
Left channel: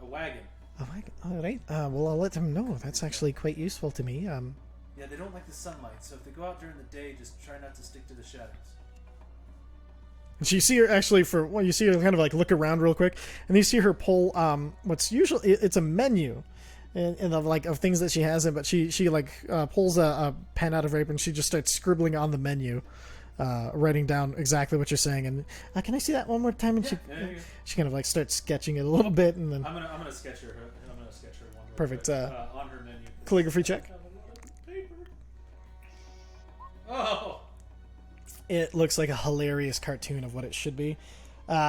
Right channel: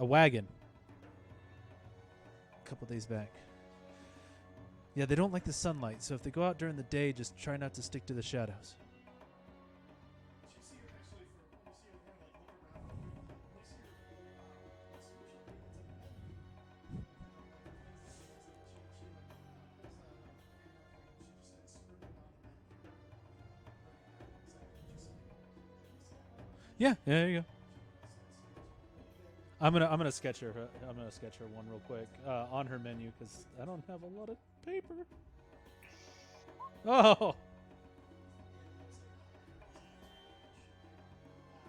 a wagon. Oh, all right. Well, I'll let him know. That's These actually quite useful to me. Yeah, they don't like the sunlight, so if they go out during the day, just try not to stick to the shadows. So you see her actually you see her kind of like look around real quick, and you see her pull what's usually it's a menu, and of things that she has in, but she pulls a pen out of her apron. She just starts scribbling on the menu, writing down exactly what you're saying. And can I see that one more time? And Yeah, there you go. she kind of like starts sketching it a little bit, and then I'm gonna sketch her. I'm gonna sketch her one real Perfect, quick, on her menu. 'Cause calligraphy I check. don't have a lot of paper. Oh. it looks like a hilarious cartoon of what it should be.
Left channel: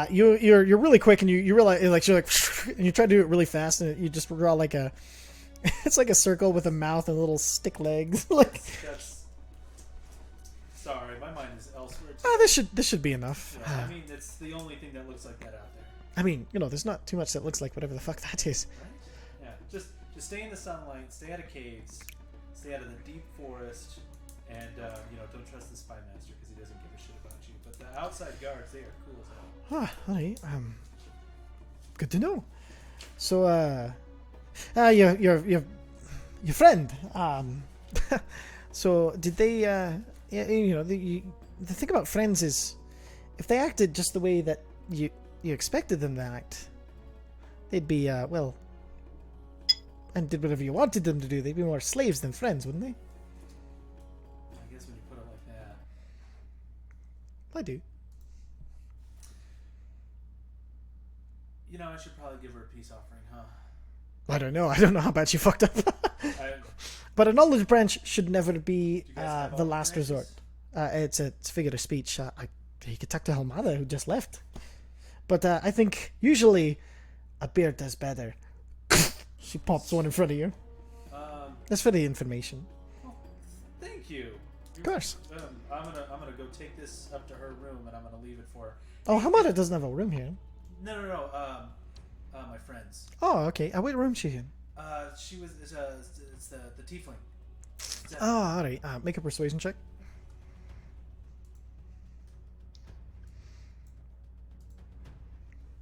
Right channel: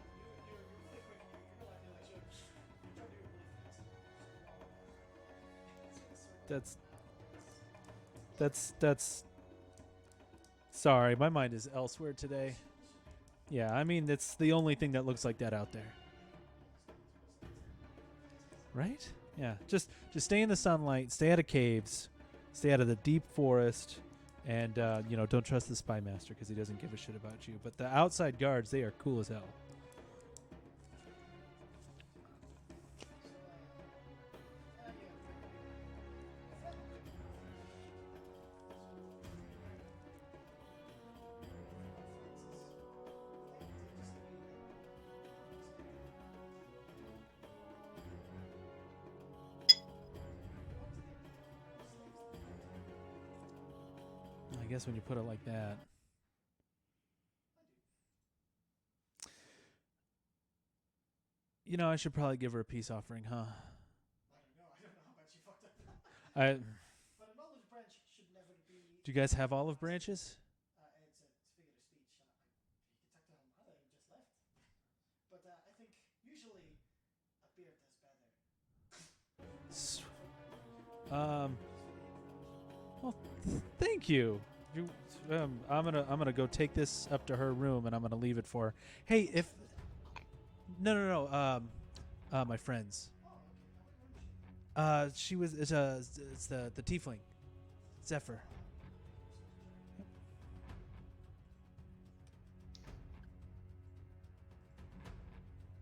You're really quick, and you realize like you're like, and you try to do it really fast, and you just draw like a, it's like a circle with a mouth and little stick legs. Like, That's. Sorry, my mind is elsewhere today. this should be enough. Yeah, I mean, it's the only thing that looks like that out there, I mean, there's not too much that looks like whatever the fuck that is. right? Yeah, just stay in the sunlight, stay out of caves, stay out of the deep forest, and don't trust the spy master because he doesn't give a shit about you. But the outside guards, they are cool as hell. All right. Good to know. So, your friend. So did they? The thing about friends is, if they acted just the way that you expected them to act, they'd be and did whatever you wanted them to do, they'd be more slaves than friends, wouldn't they? Well, I guess when you put it like that. I do. You know, I should probably give her a peace offering, huh? I don't know. I don't know how bad you fucked up. I, But a knowledge branch should never be do you guys have the olive last branches? resort. It's a figure of speech. You could talk to Helmada, who just left. But I think usually a beard does better. She pops one in front of you. That's for the information. Well, thank you. Of course. I'm gonna go take this up to her room and I'm gonna leave it for her. Oh, Hey, Helmada doesn't have a room here. No. My friends. Oh, okay. What room is she in? She was. It's the tiefling. Oh, all right. Make a persuasion check.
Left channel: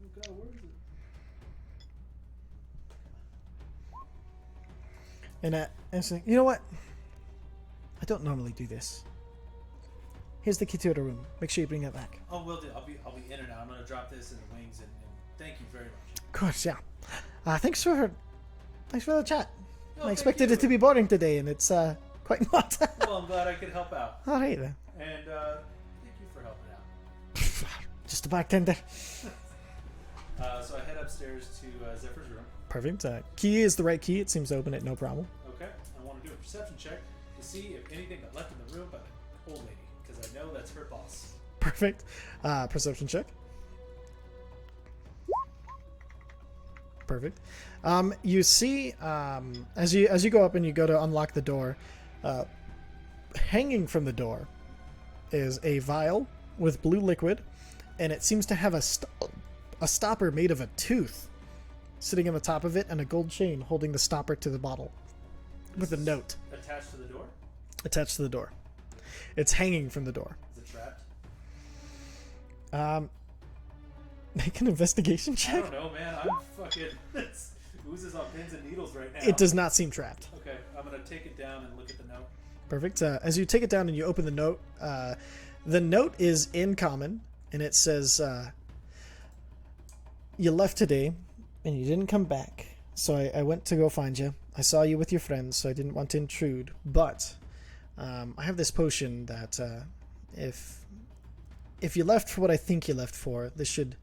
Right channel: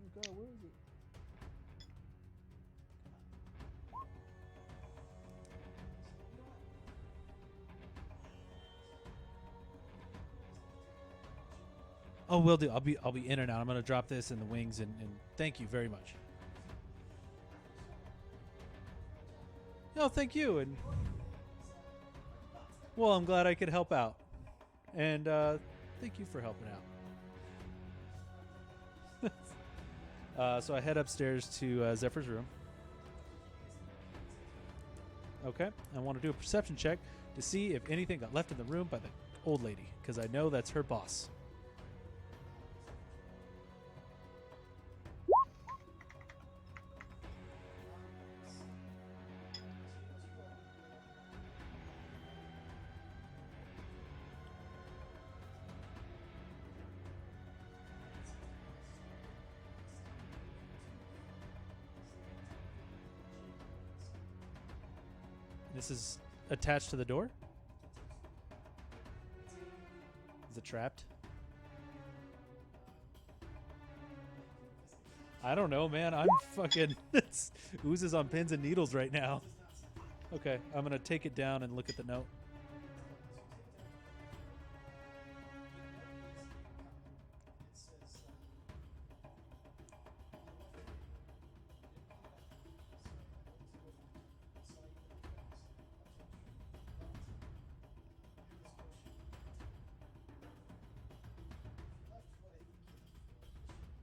Oh God, where is it? And say, you know what? I don't normally do this. Here's the key to the room. Make sure you bring it back. Oh, will do. I'll be in and out. I'm gonna drop this in the wings and thank you very much. Of course, yeah. Thanks for the chat. No, I thank expected you. it to be boring today, and it's quite not. Well, I'm glad I could help out, All right then. and thank you for helping out. Just a bartender. So I head upstairs to Zephyr's room. Perfect. Key is the right key. It seems to open it, no problem. Okay, I want to do a perception check to see if anything got left in the room by the old lady, because I know that's her boss. Perfect. Perception check. Perfect. You see, as you go up and you go to unlock the door, hanging from the door is a vial with blue liquid, and it seems to have a stopper made of a tooth sitting on the top of it, and a gold chain holding the stopper to the bottle with a Is note attached to the door. attached to the door. It's hanging from the door. Is it trapped? Make an investigation check. I don't know, man. I'm fucking. This oozes on pins and needles right now. It does not seem trapped. Okay, I'm gonna take it down and look at the note. Perfect. As you take it down and you open the note is in common, and it says, "You left today, and you didn't come back. So I went to go find you. I saw you with your friends, so I didn't want to intrude. But I have this potion that if you left for what I think you left for, this should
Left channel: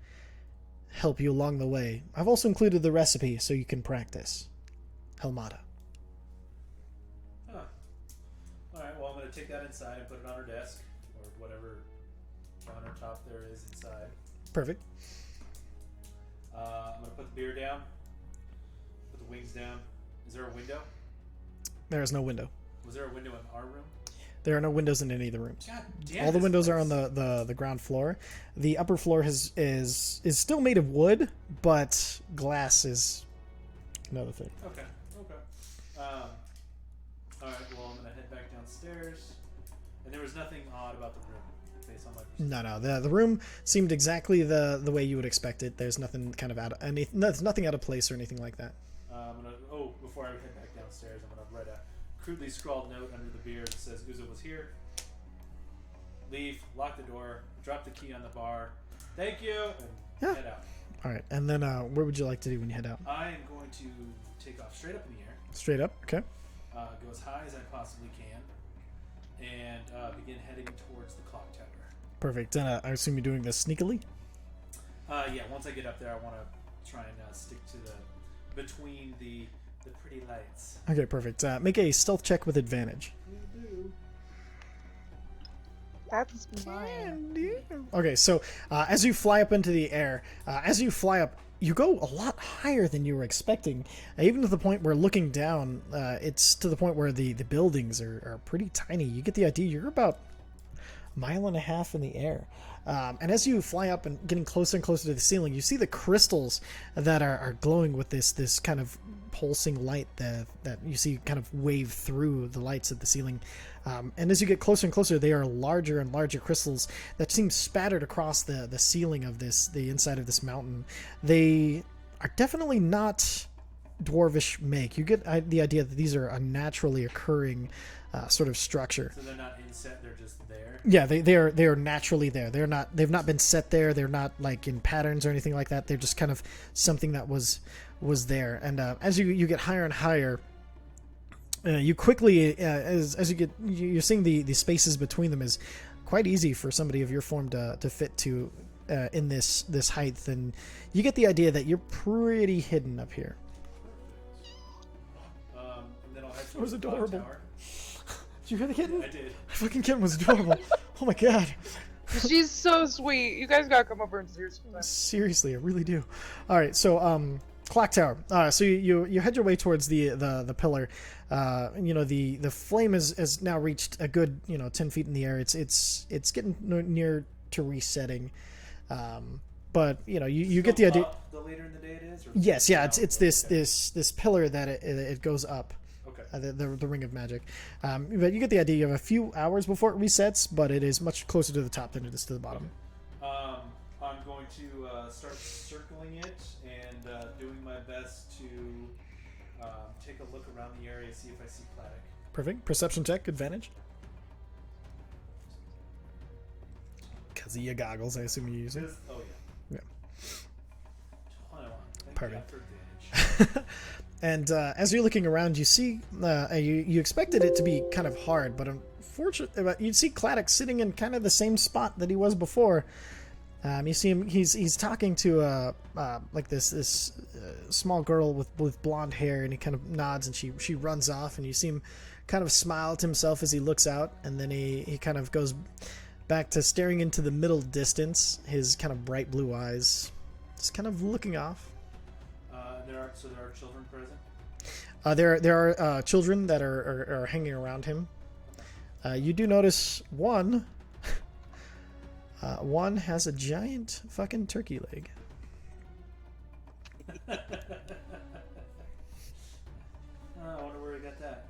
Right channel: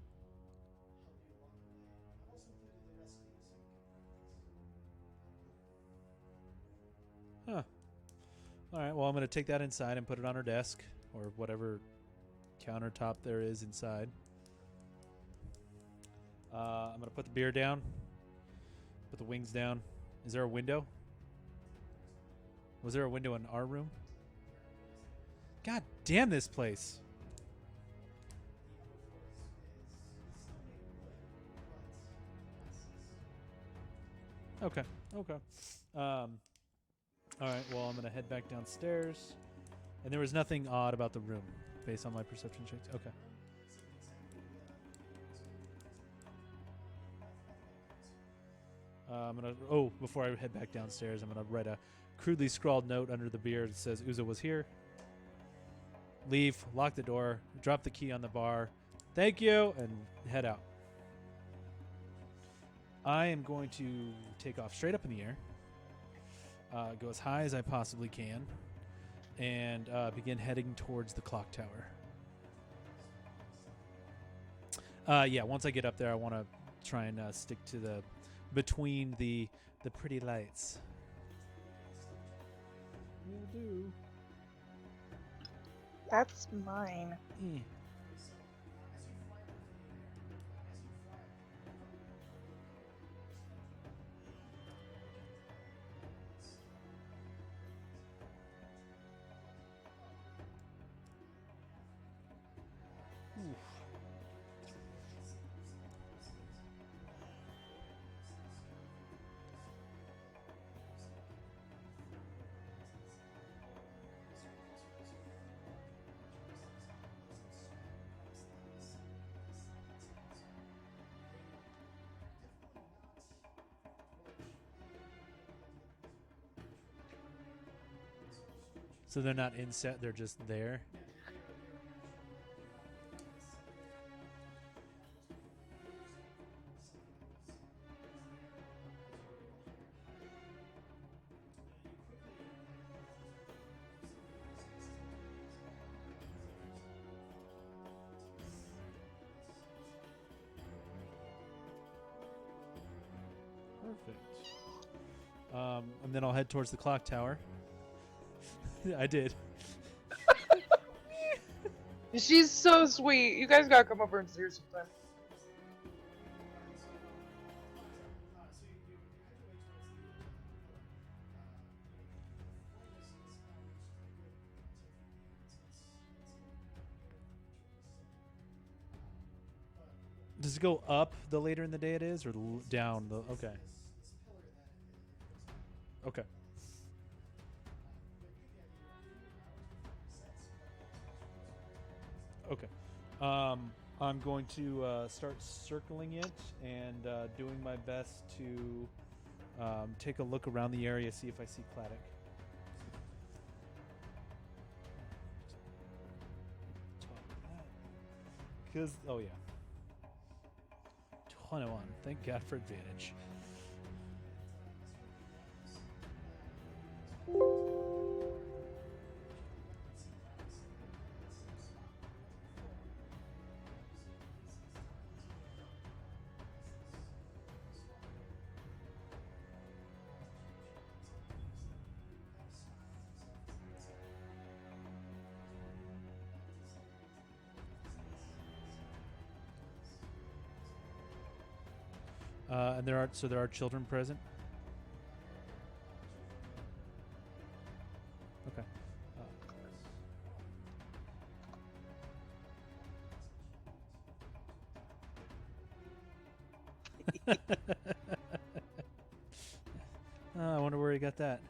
help you along the way. I've also included the recipe so you can practice. Helmada." Huh. All right. Well, I'm gonna take that inside and put it on her desk or whatever countertop there is inside. Perfect. I'm gonna put the beer down. Put the wings down. Is there a window? There is no window. Was there a window in our room? There are no windows in any of the rooms. God damn! All the this windows are place. on the ground floor. The upper floor is still made of wood, but glass is another thing. Okay. All right. Well, I'm gonna head back downstairs. And there was nothing odd about the room, based on my perception. No. The room seemed exactly the way you would expect it. There's nothing kind of there's nothing out of place or anything like that. Before I head back downstairs, I'm gonna write a crudely scrawled note under the beer that says Uzo was here. Leave, lock the door, drop the key on the bar. Thank you, and head out. All right, and then where would you like to do when you head out? I am going to take off straight up in the air, Straight up, okay. go as high as I possibly can, and begin heading towards the clock tower. Perfect. And I assume you're doing this sneakily. Yeah, once I get up there, I want to try and stick to between the pretty lights. Okay, perfect. Make a stealth check with advantage. That's mine. Okay, so as you fly up into the air, you go a lot higher than you were expecting. Even to the point where looking down, it's to the point where the buildings are pretty tiny. You get the idea. You're about a mile and a half in the air. And as you fly up and getting closer and closer to the ceiling, you see the crystals that are glowing with this kind of pulsing light that you see kind of wave through the lights at the ceiling. And as you get closer and closer, they are larger and larger crystals that seem spattered across the ceiling of the inside of this mountain. They are definitely not dwarvish make. You get the idea that these are a naturally occurring sort of structure. So they're not inset; they're just there. Yeah, they are naturally there. They've not been set there. They're not like in patterns or anything like that. They're just kind of something that was was there. And as you get higher and higher, you quickly as you get you're seeing the spaces between them is quite easy for somebody of your form to fit to in this height, and you get the idea that you're pretty hidden up here. Perfect. And then I'll head towards the clock tower. Did you hear the kitten? Yeah, I did. Fucking kitten was adorable. Oh my god. She's so sweet. You guys gotta come over and see her sometime. Seriously, I really do. All right, so clock tower. So you head your way towards the pillar. The flame has now reached a good 10 feet in the air. It's getting near to resetting. But you get the idea. Up the later in the day it is, or Yes, yeah, down? it's this pillar that it goes up. Okay. The ring of magic. But you get the idea. You have a few hours before it resets, but it is much closer to the top than it is to the bottom. Okay. I'm going to start circling it and doing my best to take a look around the area, see if I see Claddock. Perfect. Perception check, advantage. Because of your goggles, I assume you use it. Oh yeah. 21. Thank God Perfect. for advantage. And as you're looking around, you see you expected it to be kind of hard, but unfortunately, you see Claddock sitting in kind of the same spot that he was before. You see him; he's talking to like this small girl with blonde hair, and he kind of nods, and she runs off, and you see him kind of smile to himself as he looks out, and then he kind of goes back to staring into the middle distance, his kind of bright blue eyes just kind of looking off. And there are children present. There are children that are hanging around him. Okay. You do notice one. One has a giant fucking turkey leg. I wonder where he got that.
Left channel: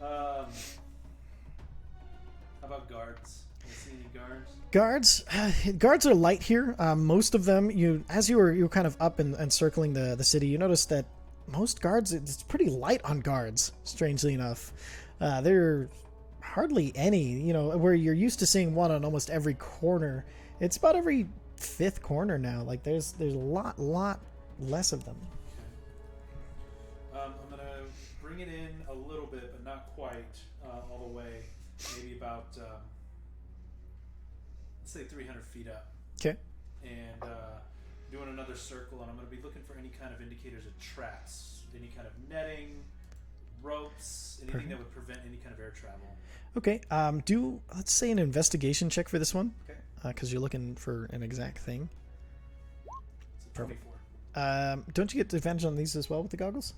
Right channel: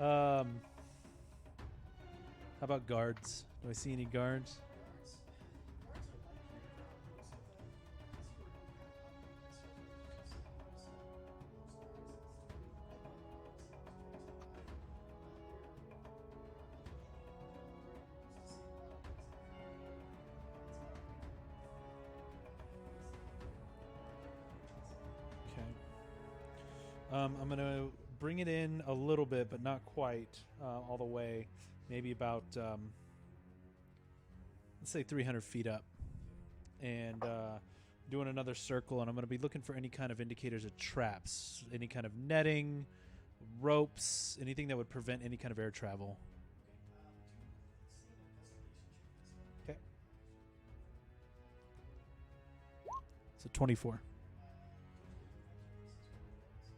How about guards? Do I see any guards? Guards are light here. Most of them, you were kind of up and circling the city, you noticed that most guards, it's pretty light on guards, strangely enough. There are hardly any, where you're used to seeing one on almost every corner. It's about every fifth corner now. Like there's a lot less of them. Okay. I'm gonna bring it in a little bit, but not quite all the way. Maybe about let's say 300 feet up. Okay. And doing another circle, and I'm going to be looking for any kind of indicators of traps, any kind of netting, ropes, anything that would prevent any kind of air travel. Okay. Do let's say an investigation check for this one. Okay. Because you're looking for an exact thing. It's a 24. Don't you get advantage on these as well with the goggles?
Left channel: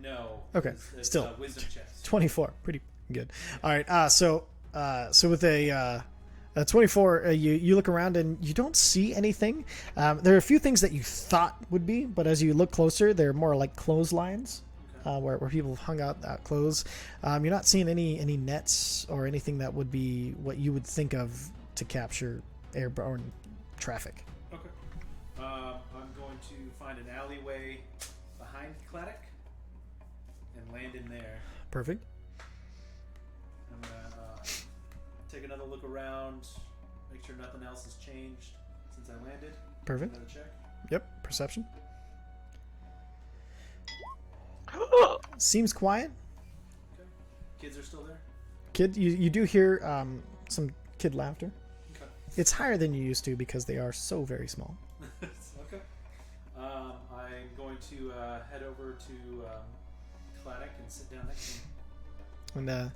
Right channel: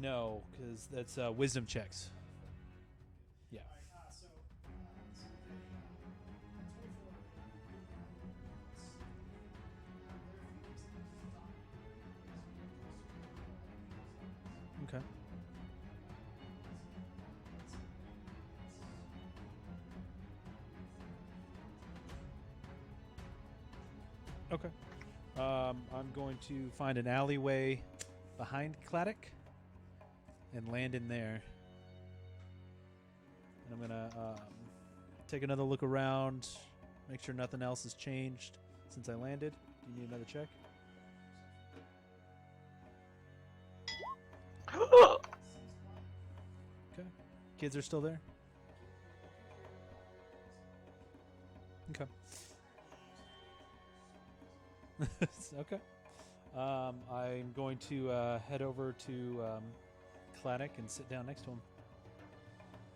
No. Okay. It's Still, wisdom checks. 24. Pretty good. All right. So with a 24, you look around and you don't see anything. There are a few things that you thought would be, but as you look closer, they're more like clotheslines. Okay. Where people have hung out clothes. You're not seeing any nets or anything that would be what you would think of to capture airborne traffic. Okay. I'm going to find an alleyway behind Claddock and land in there. Perfect. I'm going to take another look around, make sure nothing else has changed since I landed. Perfect. Another check. Yep. Perception. Seems quiet. Okay. Kids are still there? Kid, you do hear some kid laughter. Okay. It's higher than you used to because they are so very small. Okay. I'm going to head over to Claddock and sit down next to him. And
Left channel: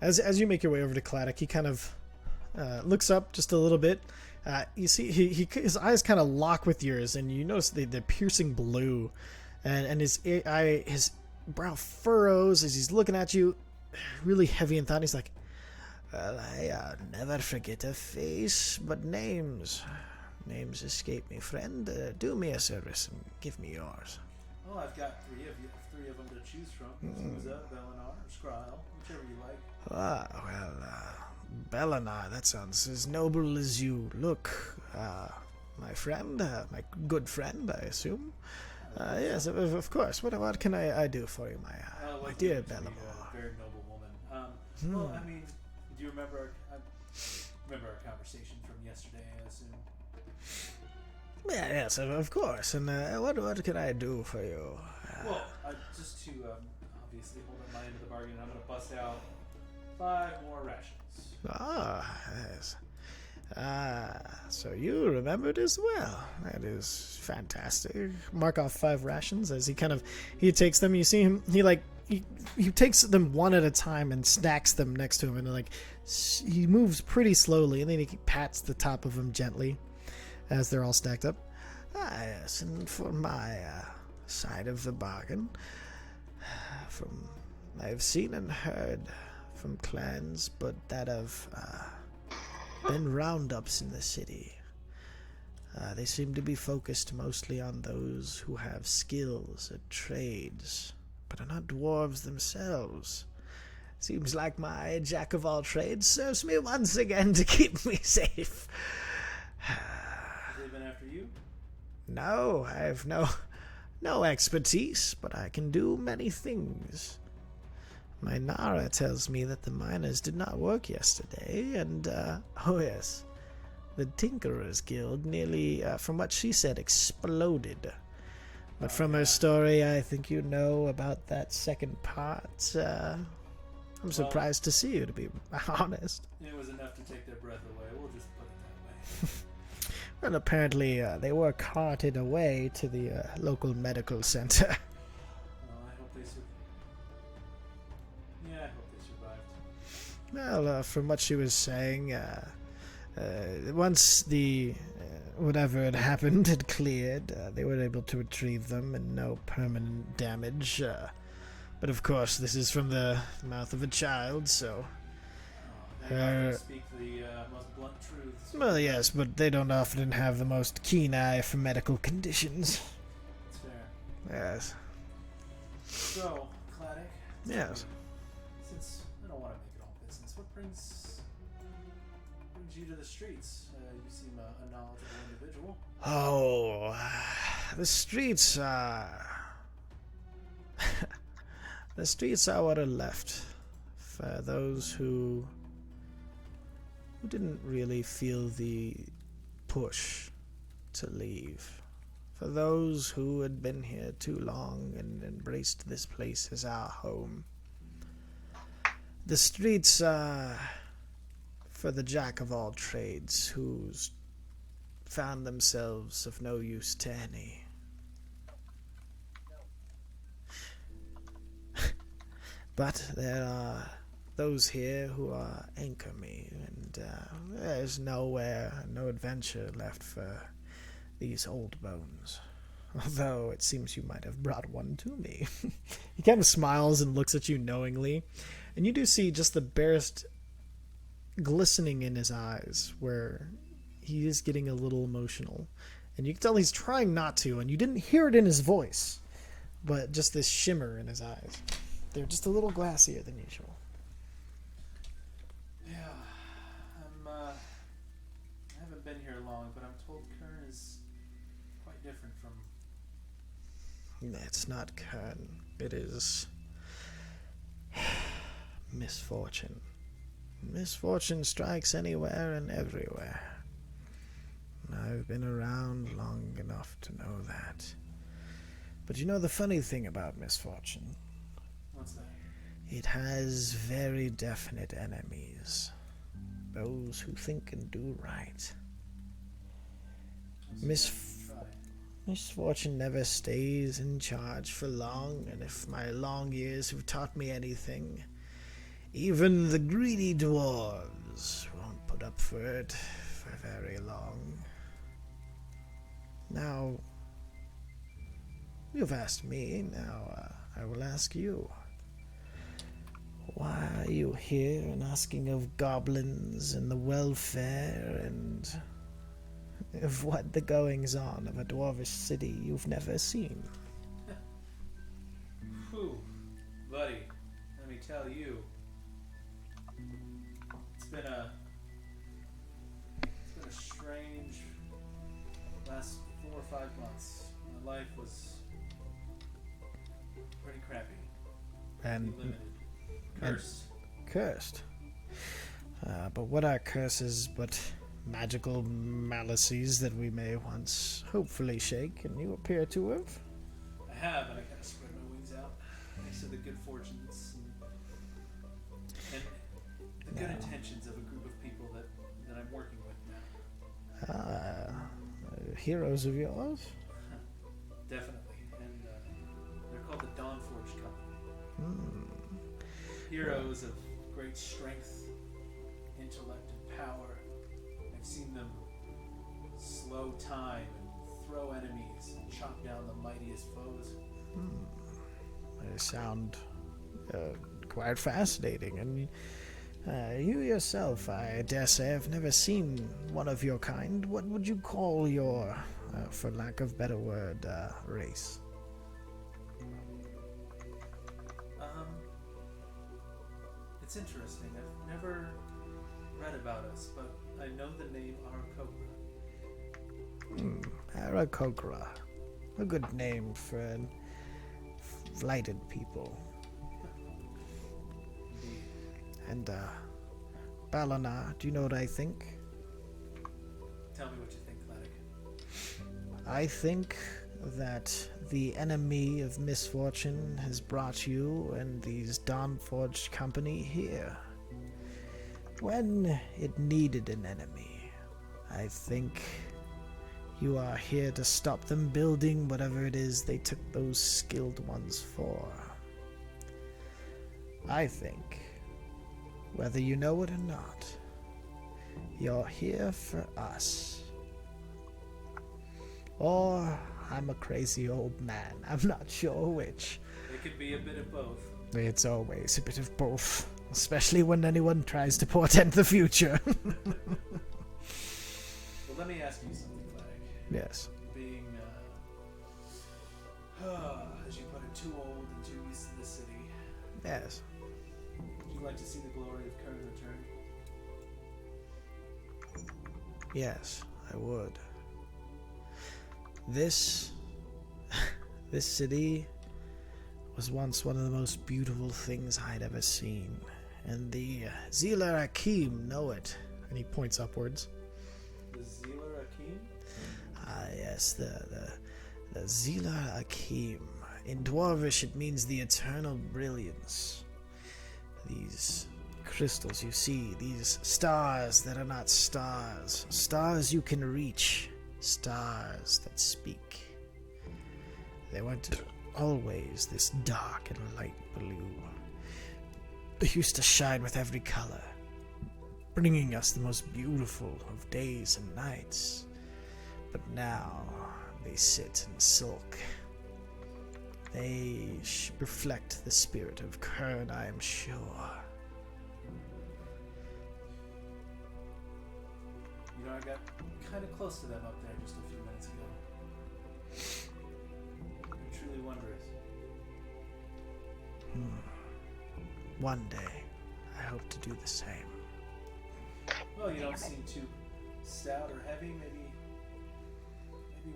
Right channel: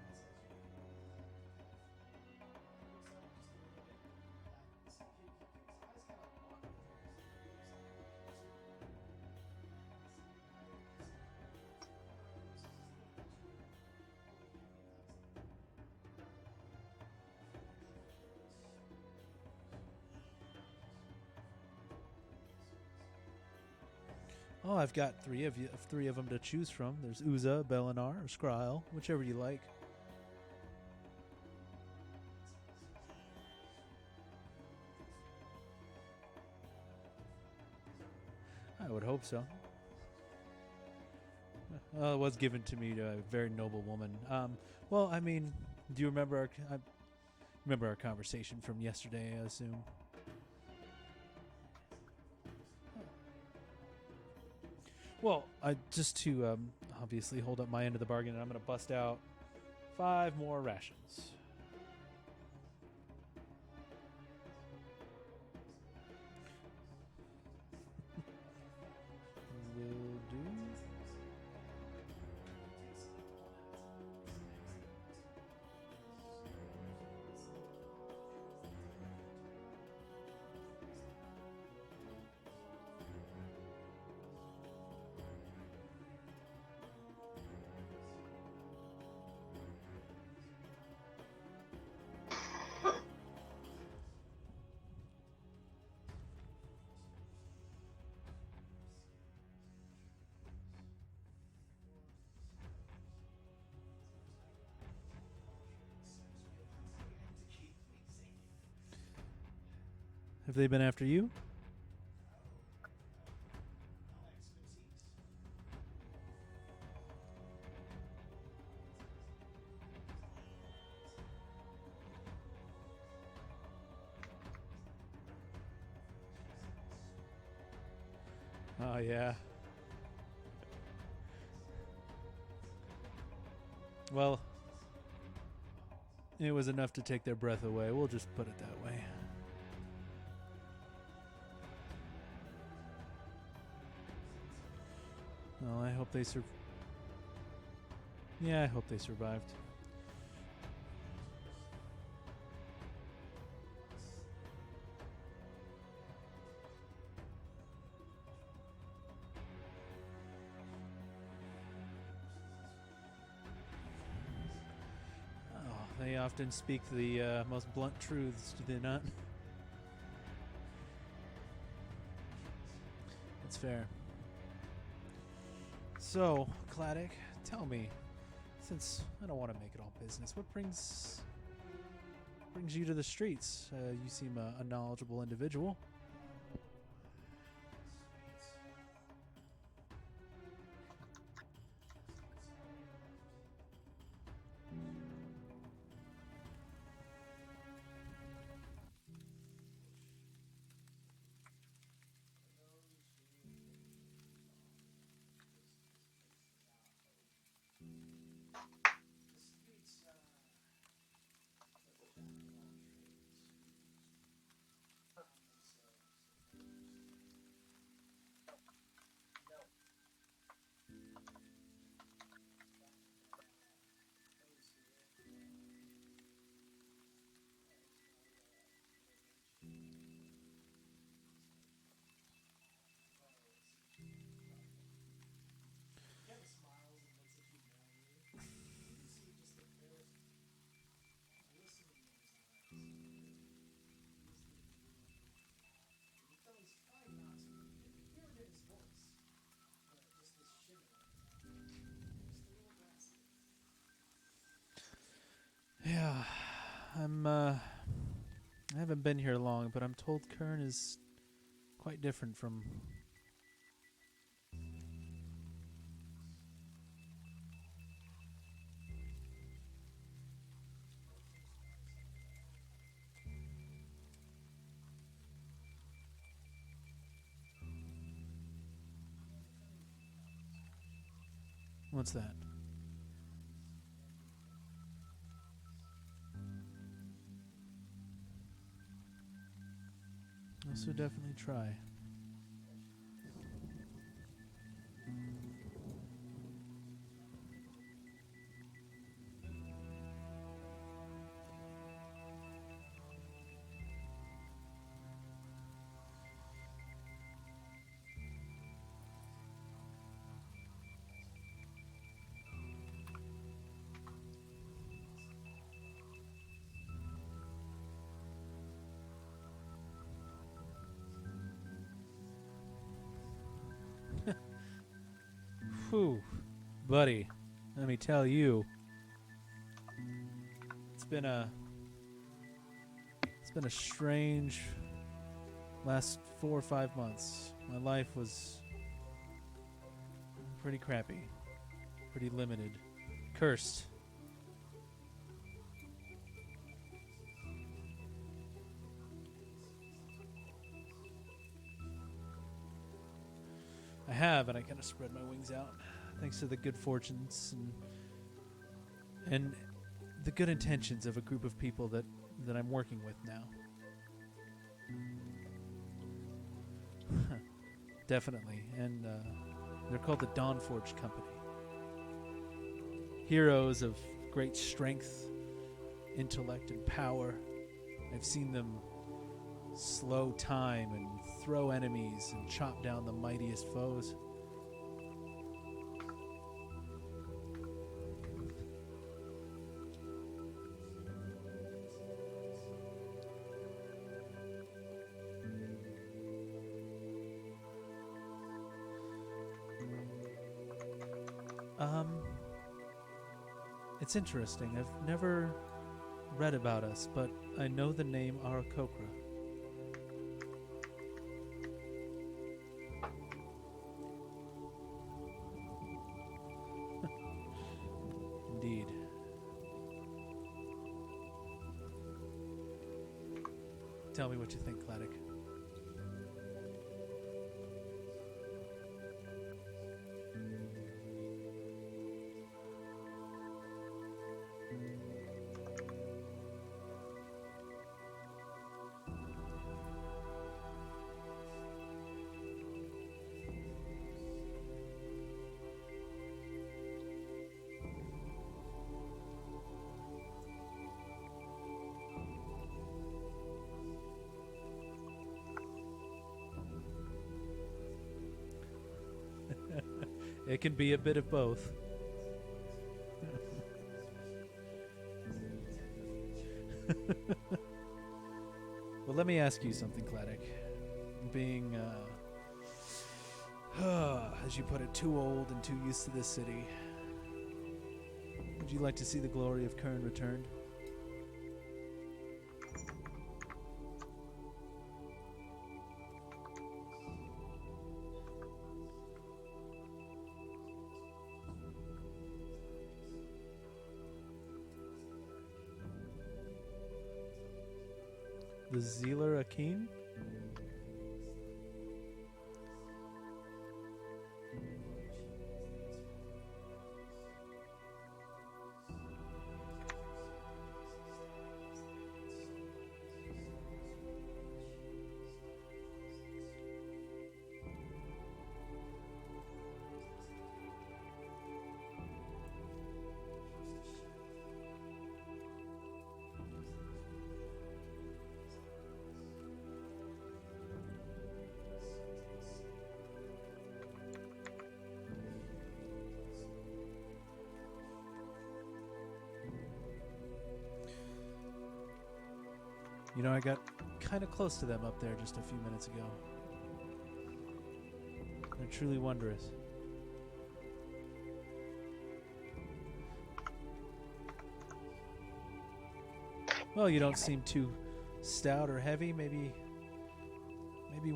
as you make your way over to Claddock, he kind of looks up just a little bit. You see, his eyes kind of lock with yours, and you notice the piercing blue, and his brow furrows as he's looking at you, really heavy in thought. He's like, "Well, I never forget a face, but names escape me. Friend, do me a service and give me yours." Oh, I've got three of them to choose from. There's Uza, Belinar, or Skryl, whichever you like. Ah, well, Belinar, that sounds as noble as you look. My friend, my good friend, I assume. Yes, of course. What can I do for you, my It was dear given to me to a very noble woman. Well, I mean, do you remember our conversation from yesterday, I assume? Yeah, yes, of course. And what can I do for you? Well, just to obviously hold up my end of the bargain, I'm going to bust out 5 more rations. Ah, yes. So you remembered as well. That is fantastic. Mark off 5 rations as he takes them. You see him, he takes them one at a time and stacks them next to him, and he moves pretty slowly, and then he pats the top of them gently as they're all stacked up. Ah, yes, and for my side of the bargain, I've seen and heard from clans, but that have been roundups in the city. They seem to be focused mostly on those who have skills at trades, but are not dwarves themselves. Seems like my jack of all trades serves me once again to keep me safe. Have they been after you? No, I have no expertise, but I can do many things. My Nara tells me that the miners did not work yesterday, and, oh yes, the Tinkerers Guild nearly, from what she said, exploded. But from her story, I think you know about that second part. I'm surprised to see you, to be honest. It was enough to take their breath away. We'll just put it that way. Well, apparently they were carted away to the local medical center. Well, I hope they I hope they survived. Well, from what she was saying, once the whatever had happened had cleared, they were able to retrieve them and no permanent damage. But of course, this is from the mouth of a child, so... They often speak the most blunt truths. Well, yes, but they don't often have the most keen eye for medical conditions. That's fair. Yes. So, Claddock, tell me, Yes. since I don't want to make it all business, what brings you to the streets? You seem a knowledgeable individual. Oh, the streets are... the streets are what are left for those who didn't really feel the push to leave. For those who had been here too long and embraced this place as our home. The streets are for the jack of all trades who's found themselves of no use to any. But there are those here who are anchor me, and there's no adventure left for these old bones. Although it seems you might have brought one to me. He kind of smiles and looks at you knowingly, and you do see just the barest glistening in his eyes, where he is getting a little emotional. And you can tell he's trying not to, and you didn't hear it in his voice, but just this shimmer in his eyes. They're just a little glassier than usual. Yeah, I haven't been here long, but I'm told Khirn is quite different from... It's not Khirn. It is... misfortune. Misfortune strikes anywhere and everywhere. I've been around long enough to know that. But you know the funny thing about misfortune? What's that? It has very definite enemies. Those who think and do right. Definitely try. Misfortune never stays in charge for long, and if my long years have taught me anything, even the greedy dwarves won't put up for it for very long. Now, you've asked me, now I will ask you. Why are you here and asking of goblins and the welfare and of what the goings on of a dwarvish city you've never seen? Whew, buddy, let me tell you, it's been a strange last 4 or 5 months. My life was pretty crappy, pretty limited. Cursed. Cursed. But what are curses but magical malices that we may once hopefully shake, and you appear to have. I have, and I kind of spread my wings out, thanks to the good fortunes and the good intentions of a group of people that I'm working with now. Heroes of yours? Definitely, and they're called the Dawnforged Company. Heroes of great strength, intellect, and power. I've seen them slow time and throw enemies and chop down the mightiest foes. They sound quite fascinating, and you yourself, I dare say, have never seen one of your kind. What would you call your, for lack of better word, race? It's interesting. I've never read about us, but I know the name Arakokra. Arakokra. A good name for flighted people. Indeed. And, Balana, do you know what I think? Tell me what you think, Claddock. I think that the enemy of misfortune has brought you and these Dawnforged company here. When it needed an enemy, I think you are here to stop them building whatever it is they took those skilled ones for. I think, whether you know it or not, you're here for us. Or I'm a crazy old man. I'm not sure which. It can be a bit of both. It's always a bit of both, especially when anyone tries to portend the future. Well, let me ask you something, Claddock. Yes. Being, as you put it, too old and too used to this city, Yes. would you like to see the glory of Khirn returned? Yes, I would. This city was once one of the most beautiful things I'd ever seen, and the Zila Akim know it. And he points upwards. The Zealer Akim? Ah, yes, the Zila Akim. In Dwarvish, it means the eternal brilliance. These crystals you see, these stars that are not stars, stars you can reach, stars that speak. They weren't always this dark and light blue. They used to shine with every color, bringing us the most beautiful of days and nights. But now they sit and sulk. They reflect the spirit of Khirn, I am sure. You know, I got kind of close to them up there just a few minutes ago. They're truly wondrous. One day, I hope to do the same. Well, you don't seem too stout or heavy. Maybe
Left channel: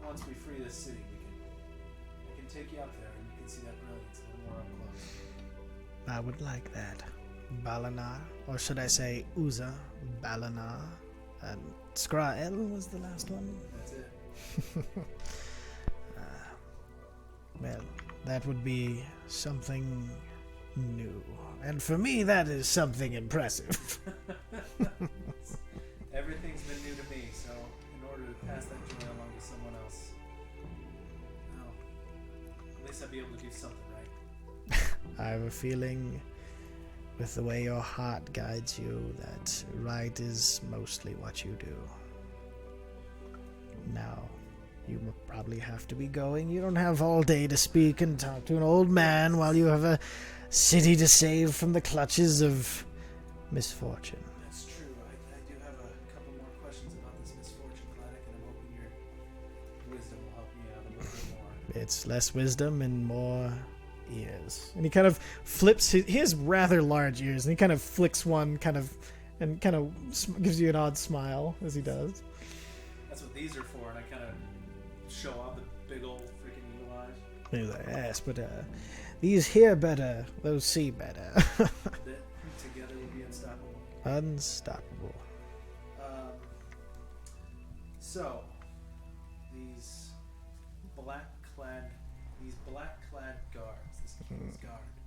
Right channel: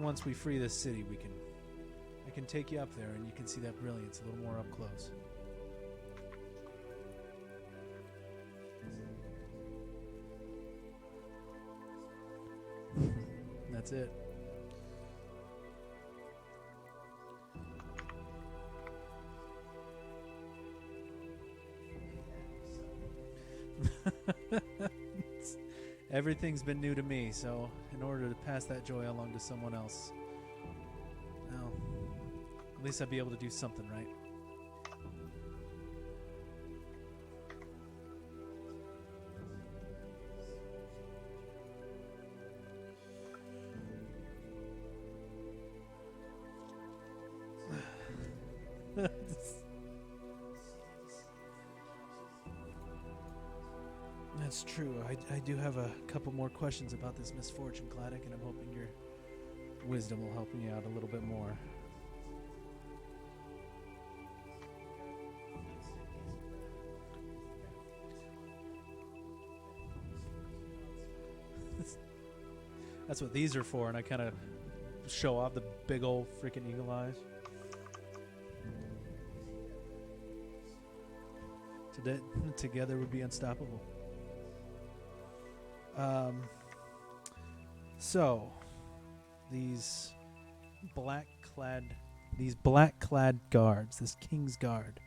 once we free this city, I can take you up there and you can see that brilliance a little more up close. I would like that. Balana, or should I say Uza, Balana, and Skrael was the last one? That's it. Well, that would be something new. And for me, that is something impressive. Everything's been new to me, so in order to pass that joy along to someone else, well, at least I'd be able to do something right. I have a feeling, with the way your heart guides you, that right is mostly what you do. Now, you will probably have to be going. You don't have all day to speak and talk to an old man while you have a city to save from the clutches of misfortune. That's true. I do have a couple more questions about this misfortune, Claddock, and I'm hoping your wisdom will help me out a little bit more. It's less wisdom and more ears. And he kind of flips he has rather large ears, and he kind of flicks one and gives you an odd smile as he does. That's what these are for, and I kind of show off the big old freaking eagle eyes. He's like, yes, but these hear better, those see better. That together would be unstoppable. Unstoppable. So, these black-clad guards, this King's Guard.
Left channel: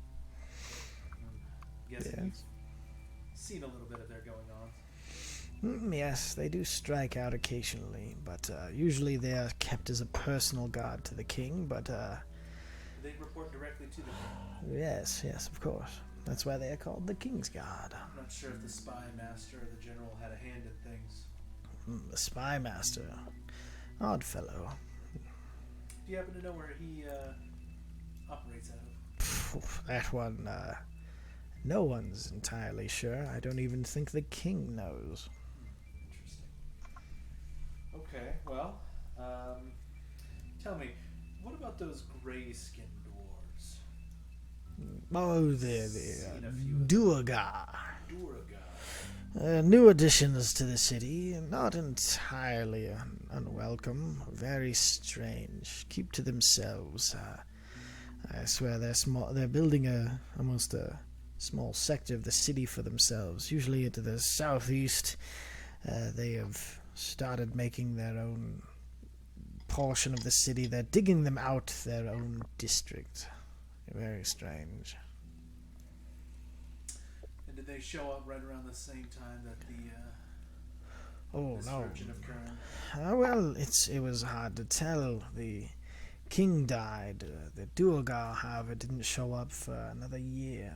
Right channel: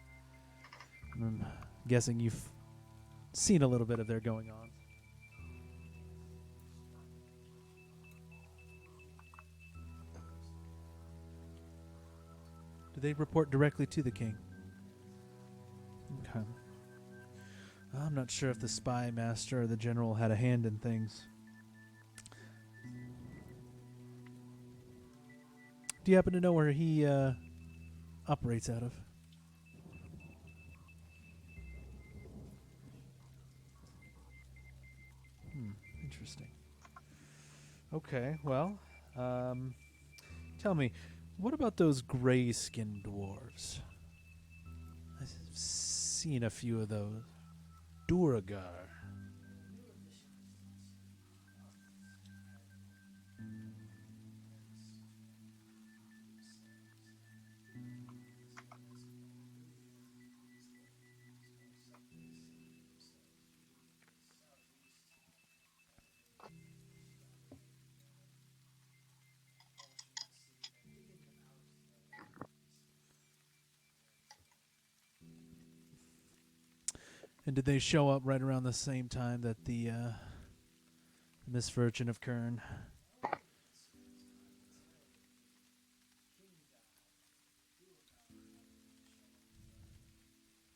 I'm guessing Yes. you've seen a little bit of their going on. Yes, they do strike out occasionally, but usually they are kept as a personal guard to the king. But Do they report directly to the king? yes, of course. That's why they are called the King's Guard. I'm not sure if the spy master or the general had a hand in things. The spy master, odd fellow. Do you happen to know where he operates out of? That one, no one's entirely sure. I don't even think the king knows. Interesting. Okay, well, tell me, what about those gray-skinned dwarves? Oh, Seen a few of them. Duergar. New additions to the city, not entirely unwelcome, very strange. Keep to themselves. I swear they're small. They're building almost a small sector of the city for themselves. Usually to the southeast, they have started making their own portion of the city. They're digging them out their own district. Very strange. And did they show up right around the same time that the Oh, misfortune of Khirn? Well, it was hard to tell. The king died. The Duergar, however, didn't show up for another year.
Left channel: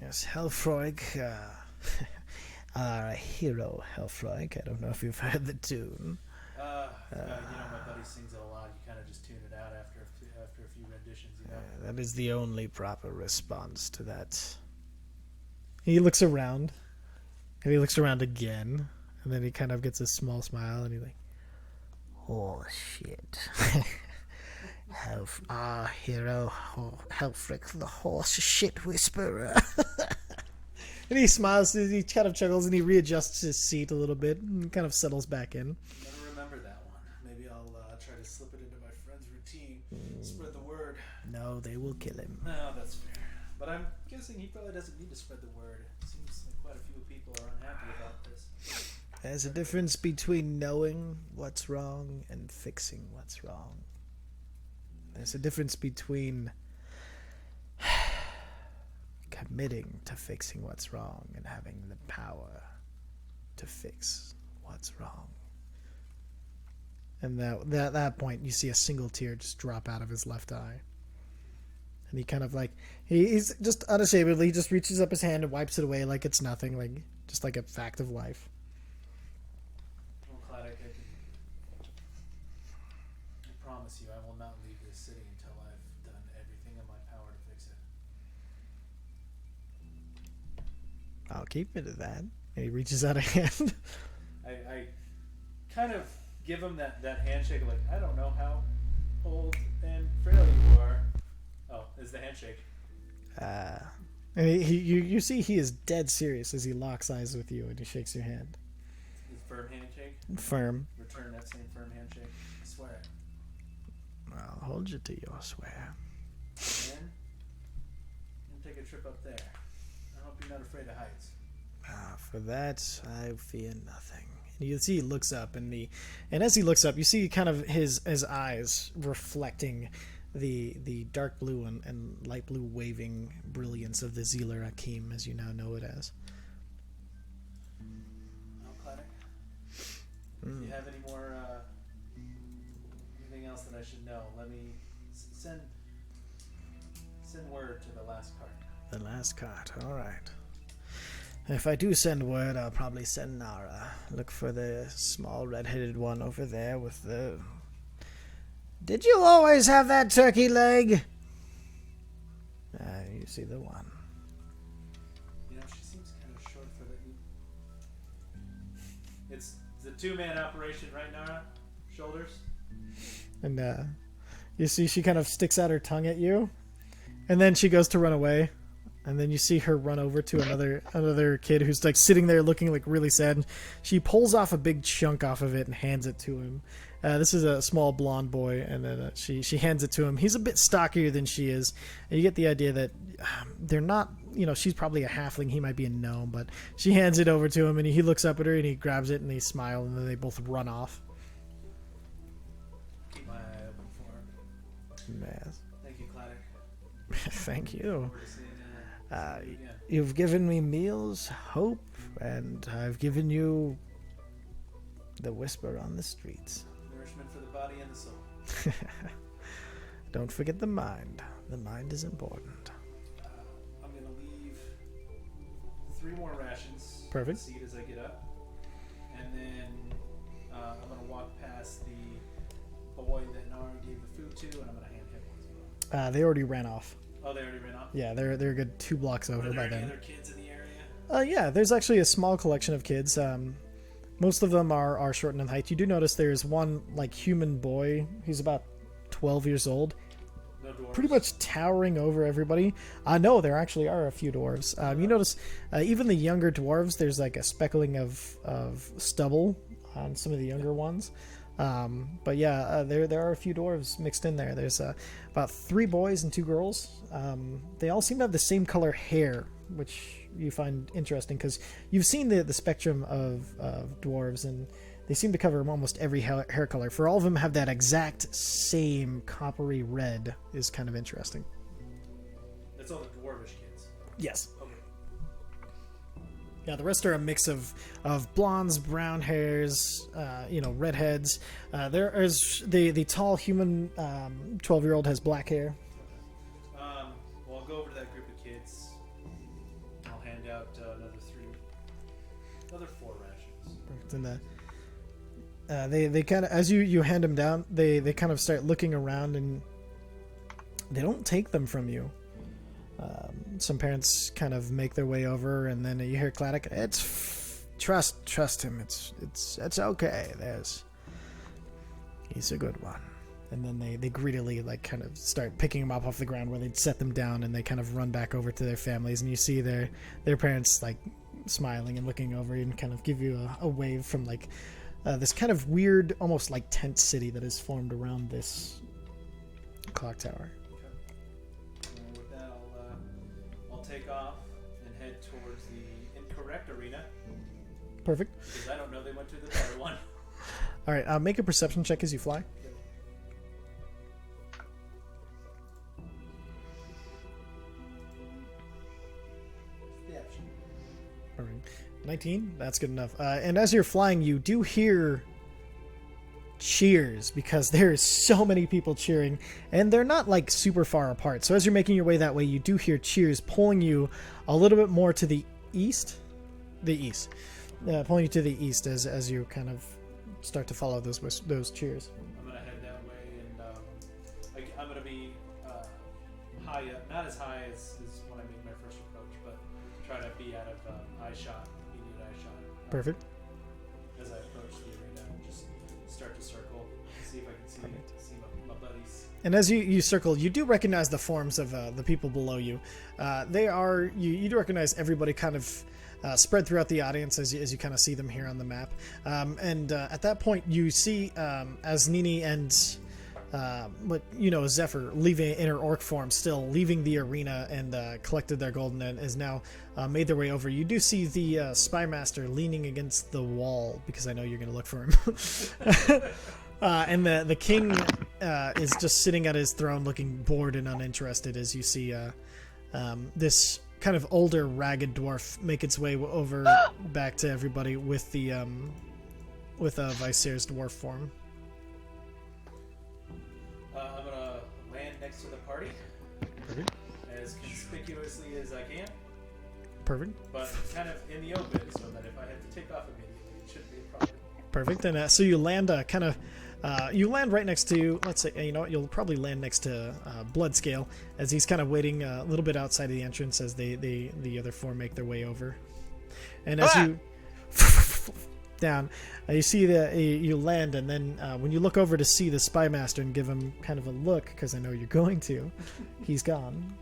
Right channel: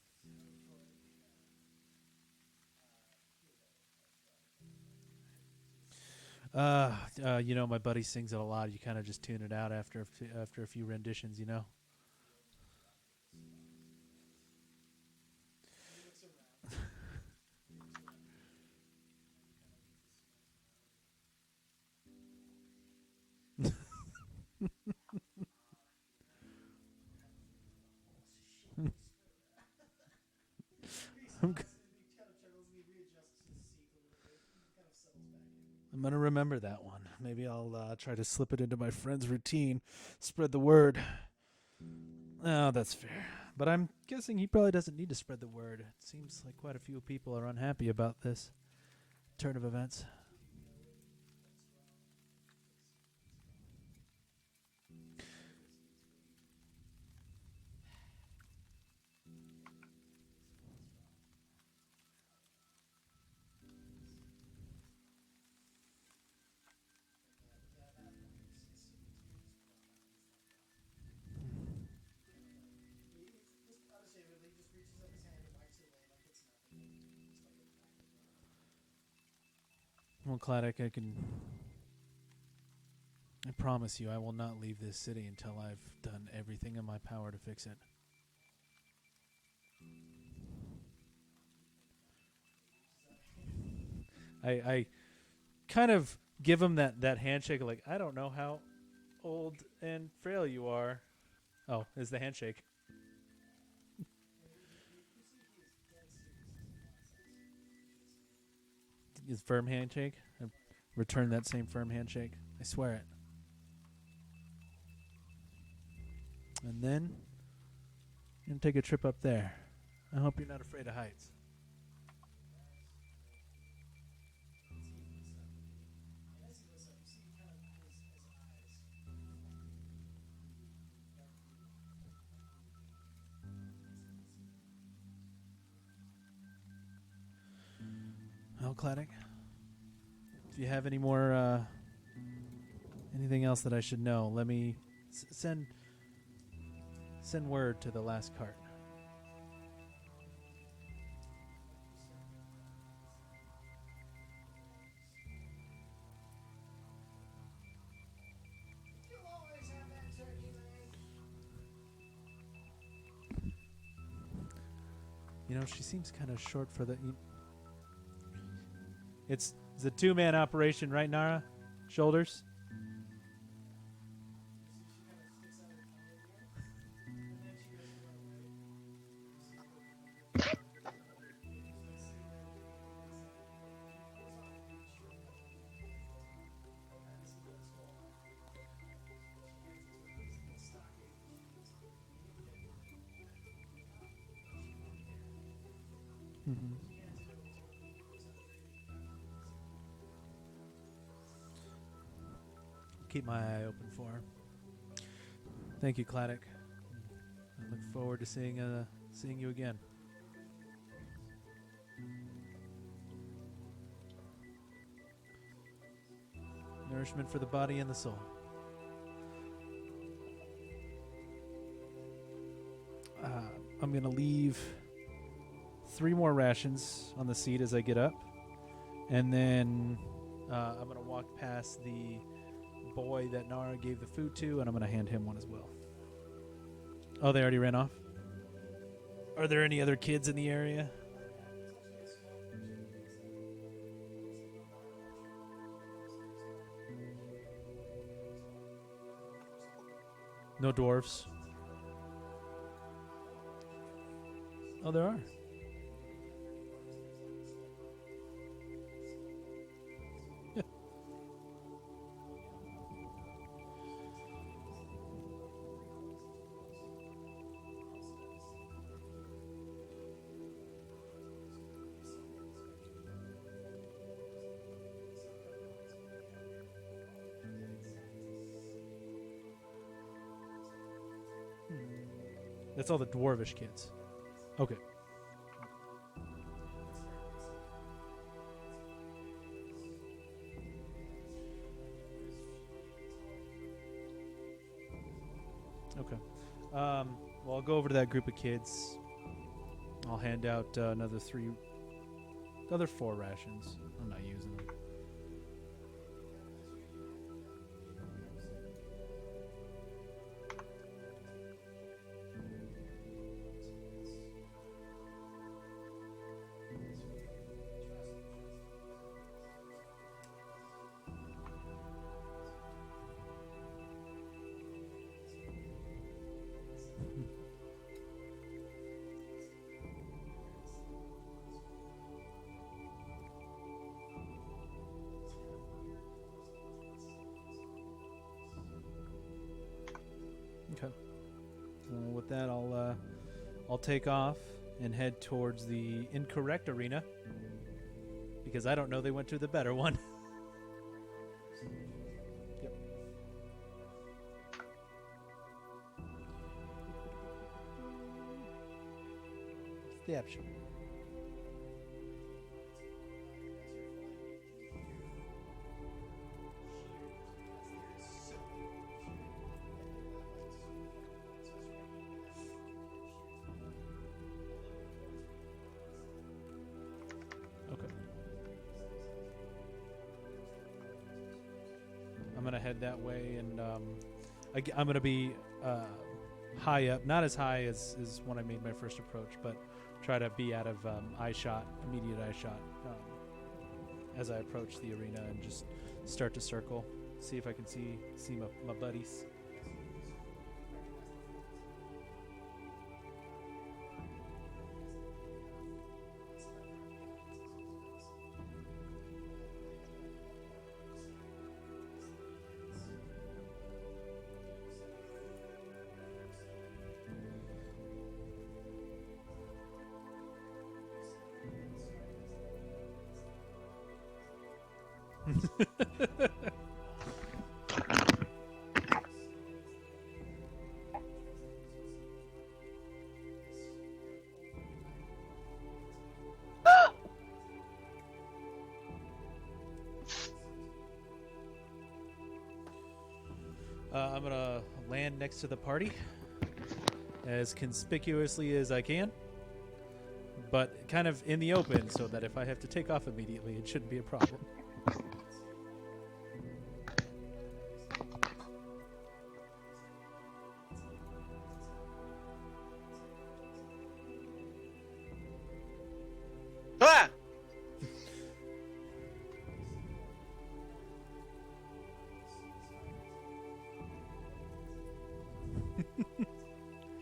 Yes, Helfroig, our hero Helfroig. I don't know if you've heard the tune. You know, my buddy sings it a lot. You kind of just tune it out after a few renditions, you know? That is the only proper response to that. He looks around, and he looks around again, and then he kind of gets a small smile, and he's like, "Oh shit." Our hero, Helfric, the horse shit whisperer. And he smiles, he kind of chuckles, and he readjusts his seat a little bit and kind of settles back in. I'm going to remember that one. Maybe I'll try to slip it into my friend's routine. Spread the word. No, they will kill him. No, that's fair. But I'm guessing he probably doesn't need to spread the word. It seems like quite a few people are unhappy about this. There's Turn a of difference events. between knowing what's wrong and fixing what's wrong. There's a difference between committing to fixing what's wrong and having the power to fix what's wrong. And at that point, you see a single tear just drop out of his left eye. And he kind of like, he's just unashamedly, he just reaches up his hand and wipes it away like it's nothing, like just like a fact of life. Well, Claddock, I promise you I will not leave this city until I've done everything in my power to fix it. I'll keep it at that. And he reaches out a hand. I kind of give him that handshake, like, I don't know how old and frail you are. Oh, it's the handshake. And you see he is dead serious as he locks eyes with you and he shakes your hand. His firm handshake. Firm. Return that same firm handshake. I swear it. I'll hold you to your swear. And then I'm gonna take a trip up there. I hope you're not afraid of heights. For that, I fear nothing. And you see he looks up, and as he looks up, you see kind of his eyes reflecting the dark blue and light blue waving brilliance of the Zealer Akim, as you now know it as. Well, Claddock, if you have any more, anything else that I should know, let me send word to the last cart. The last cart, alright. If I do send word, I'll probably send Nara. Look for the small red-headed one over there with the... Did you always have that turkey leg? You see the one. You know, she seems kind of short for the... It's a two-man operation, right, Nara? Shoulders? And you see she kind of sticks out her tongue at you. And then she goes to run away. And then you see her run over to another kid who's like sitting there looking like really sad. She pulls off a big chunk off of it and hands it to him. This is a small blonde boy, and then she hands it to him. He's a bit stockier than she is, and you get the idea that they're not she's probably a halfling. He might be a gnome, but she hands it over to him, and he looks up at her, and he grabs it, and they smile, and then they both run off. Keep my eye open for him. Yes. Thank you, Claddock. Thank Look you. forward to seeing you again. You've given me meals, hope, and I've given you the whisper on the streets. Nourishment for the body and the soul. Don't forget the mind. The mind is important. I'm going to leave 3 more rations on the Perfect. seat as I get up. And then I'm going to walk past the boy that Nara gave the food to, and I'm going to hand him one as well. They already ran off. Oh, they already ran off? Yeah, they're a good 2 blocks over. Are there by any now. other kids in the area? Yeah, there's actually a small collection of kids. Most of them are shortened in height. You do notice there's one human boy. He's about 12 years old. No dwarves? Pretty much towering over everybody. No, there actually are a few dwarves. You notice even the younger dwarves, there's a speckling of stubble on some of the younger ones. But yeah, there are a few dwarves mixed in there. There's about 3 boys and 2 girls. They all seem to have the same color hair, which you find interesting because you've seen the spectrum of dwarves, and they seem to cover almost every hair color. For all of them have that exact same coppery red is kind of interesting. That's all the dwarvish kids. Yes. Okay. Yeah, the rest are a mix of blondes, brown hairs, redheads. There is the tall human 12-year-old has black hair. Okay. Well, I'll go over to that group of kids. I'll hand out another 4 rations. And they kind of, as you hand them down, they kind of start looking around, and they don't take them from you. Some parents kind of make their way over, and then you hear Claddock. Trust him. It's okay. He's a good one. And then they greedily kind of start picking them up off the ground where they'd set them down, and they kind of run back over to their families, and you see their parents smiling and looking over and kind of give you a wave from this kind of weird, almost tent city that is formed around this clock tower. Okay. With that, I'll take off and head towards the incorrect arena. Perfect. Because I don't know they went to the better one. All right, make a perception check as you fly. Yep. Perception. All right. 19? That's good enough. And as you're flying, you do hear cheers because there's so many people cheering, and they're not super far apart. So as you're making your way that way, you do hear cheers pulling you a little bit more to the east. Pulling you to the east as you kind of start to follow those cheers. I'm gonna head that way, and I'm gonna be high up, not as high as when I made my first approach, but try to be out of immediate eye shot. Perfect. As I approach the arena and just start to circle, see if I can see my buddies. And as you circle, you do recognize the forms of the people below you. You do recognize everybody kind of spread throughout the audience as you kind of see them here on the map. And at that point, you see as Nini and Zephyr leaving in her orc form, still leaving the arena and collected their gold and is now made their way over. You do see the spy master leaning against the wall because I know you're going to look for him. And the king is just sitting at his throne looking bored and uninterested as you see this kind of older, ragged dwarf make its way over back to everybody with Viser's dwarf form. I'm gonna land next to the party as conspicuously as I can. Perfect. But kind of in the open, so that if I have to take off immediately, it shouldn't be a problem. Perfect. And so you land you land right next to, let's say, you'll probably land next to Bloodscale as he's kind of waiting a little bit outside of the entrance as the other 4 make their way over. And as you down, you see you land, and then when you look over to see the spy master and give him kind of a look, because I know you're going to, he's gone.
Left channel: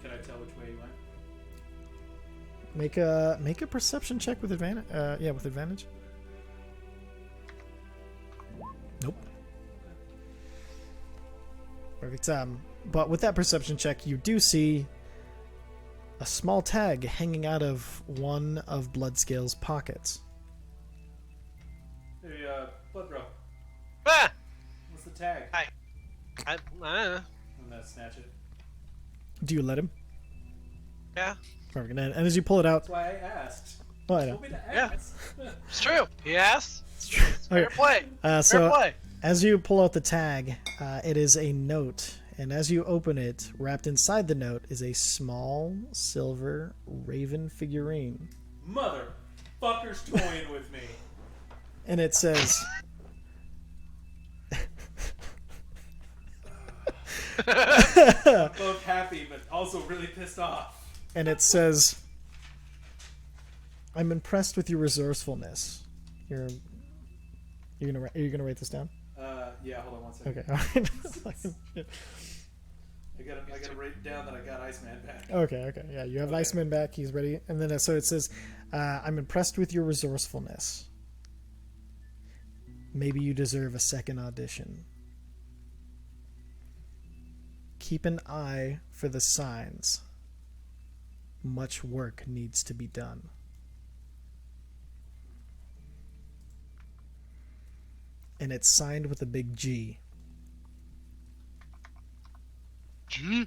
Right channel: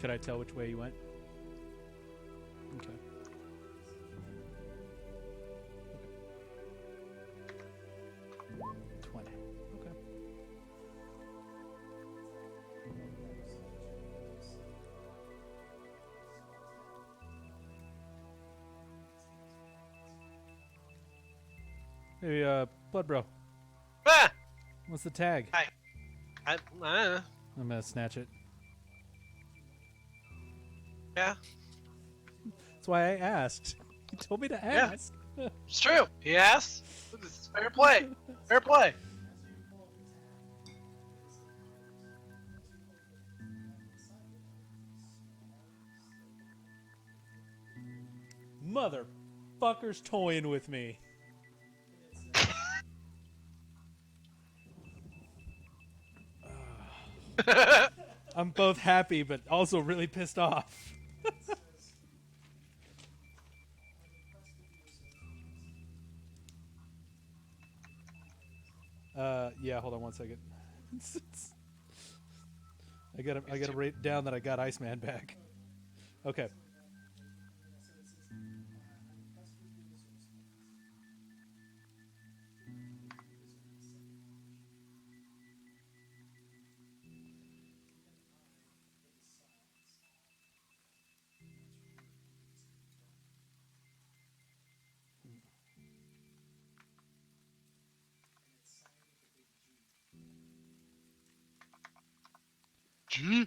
Could I tell which way he went? Make a perception check with advantage. With advantage. Nope. Okay. Perfect. But with that perception check, you do see a small tag hanging out of one of Bloodscale's pockets. Hey, Blood Bro, Ah! what's the tag? I'm gonna snatch it. Do you let him? Yeah, Perfect. And as you pull it out, That's why I asked. oh, I You know. told me to Yeah. ask. it's true. Yes. Fair Okay. play. So Fair play. as you pull out the tag, it is a note, and as you open it, wrapped inside the note is a small silver raven figurine, Motherfucker's toying with me. and it says. I'm both happy, but also really pissed off. And it says, "I'm impressed with your resourcefulness. Are you gonna write this down?" Yeah. Hold on one second. Okay. All right. I gotta write down that I got Iceman back. Okay. Yeah, you have Okay. Iceman back. He's ready. And then so it says, "I'm impressed with your resourcefulness. Maybe you deserve a second audition. Keep an eye for the signs. Much work needs to be done." And it's signed with a big G. G.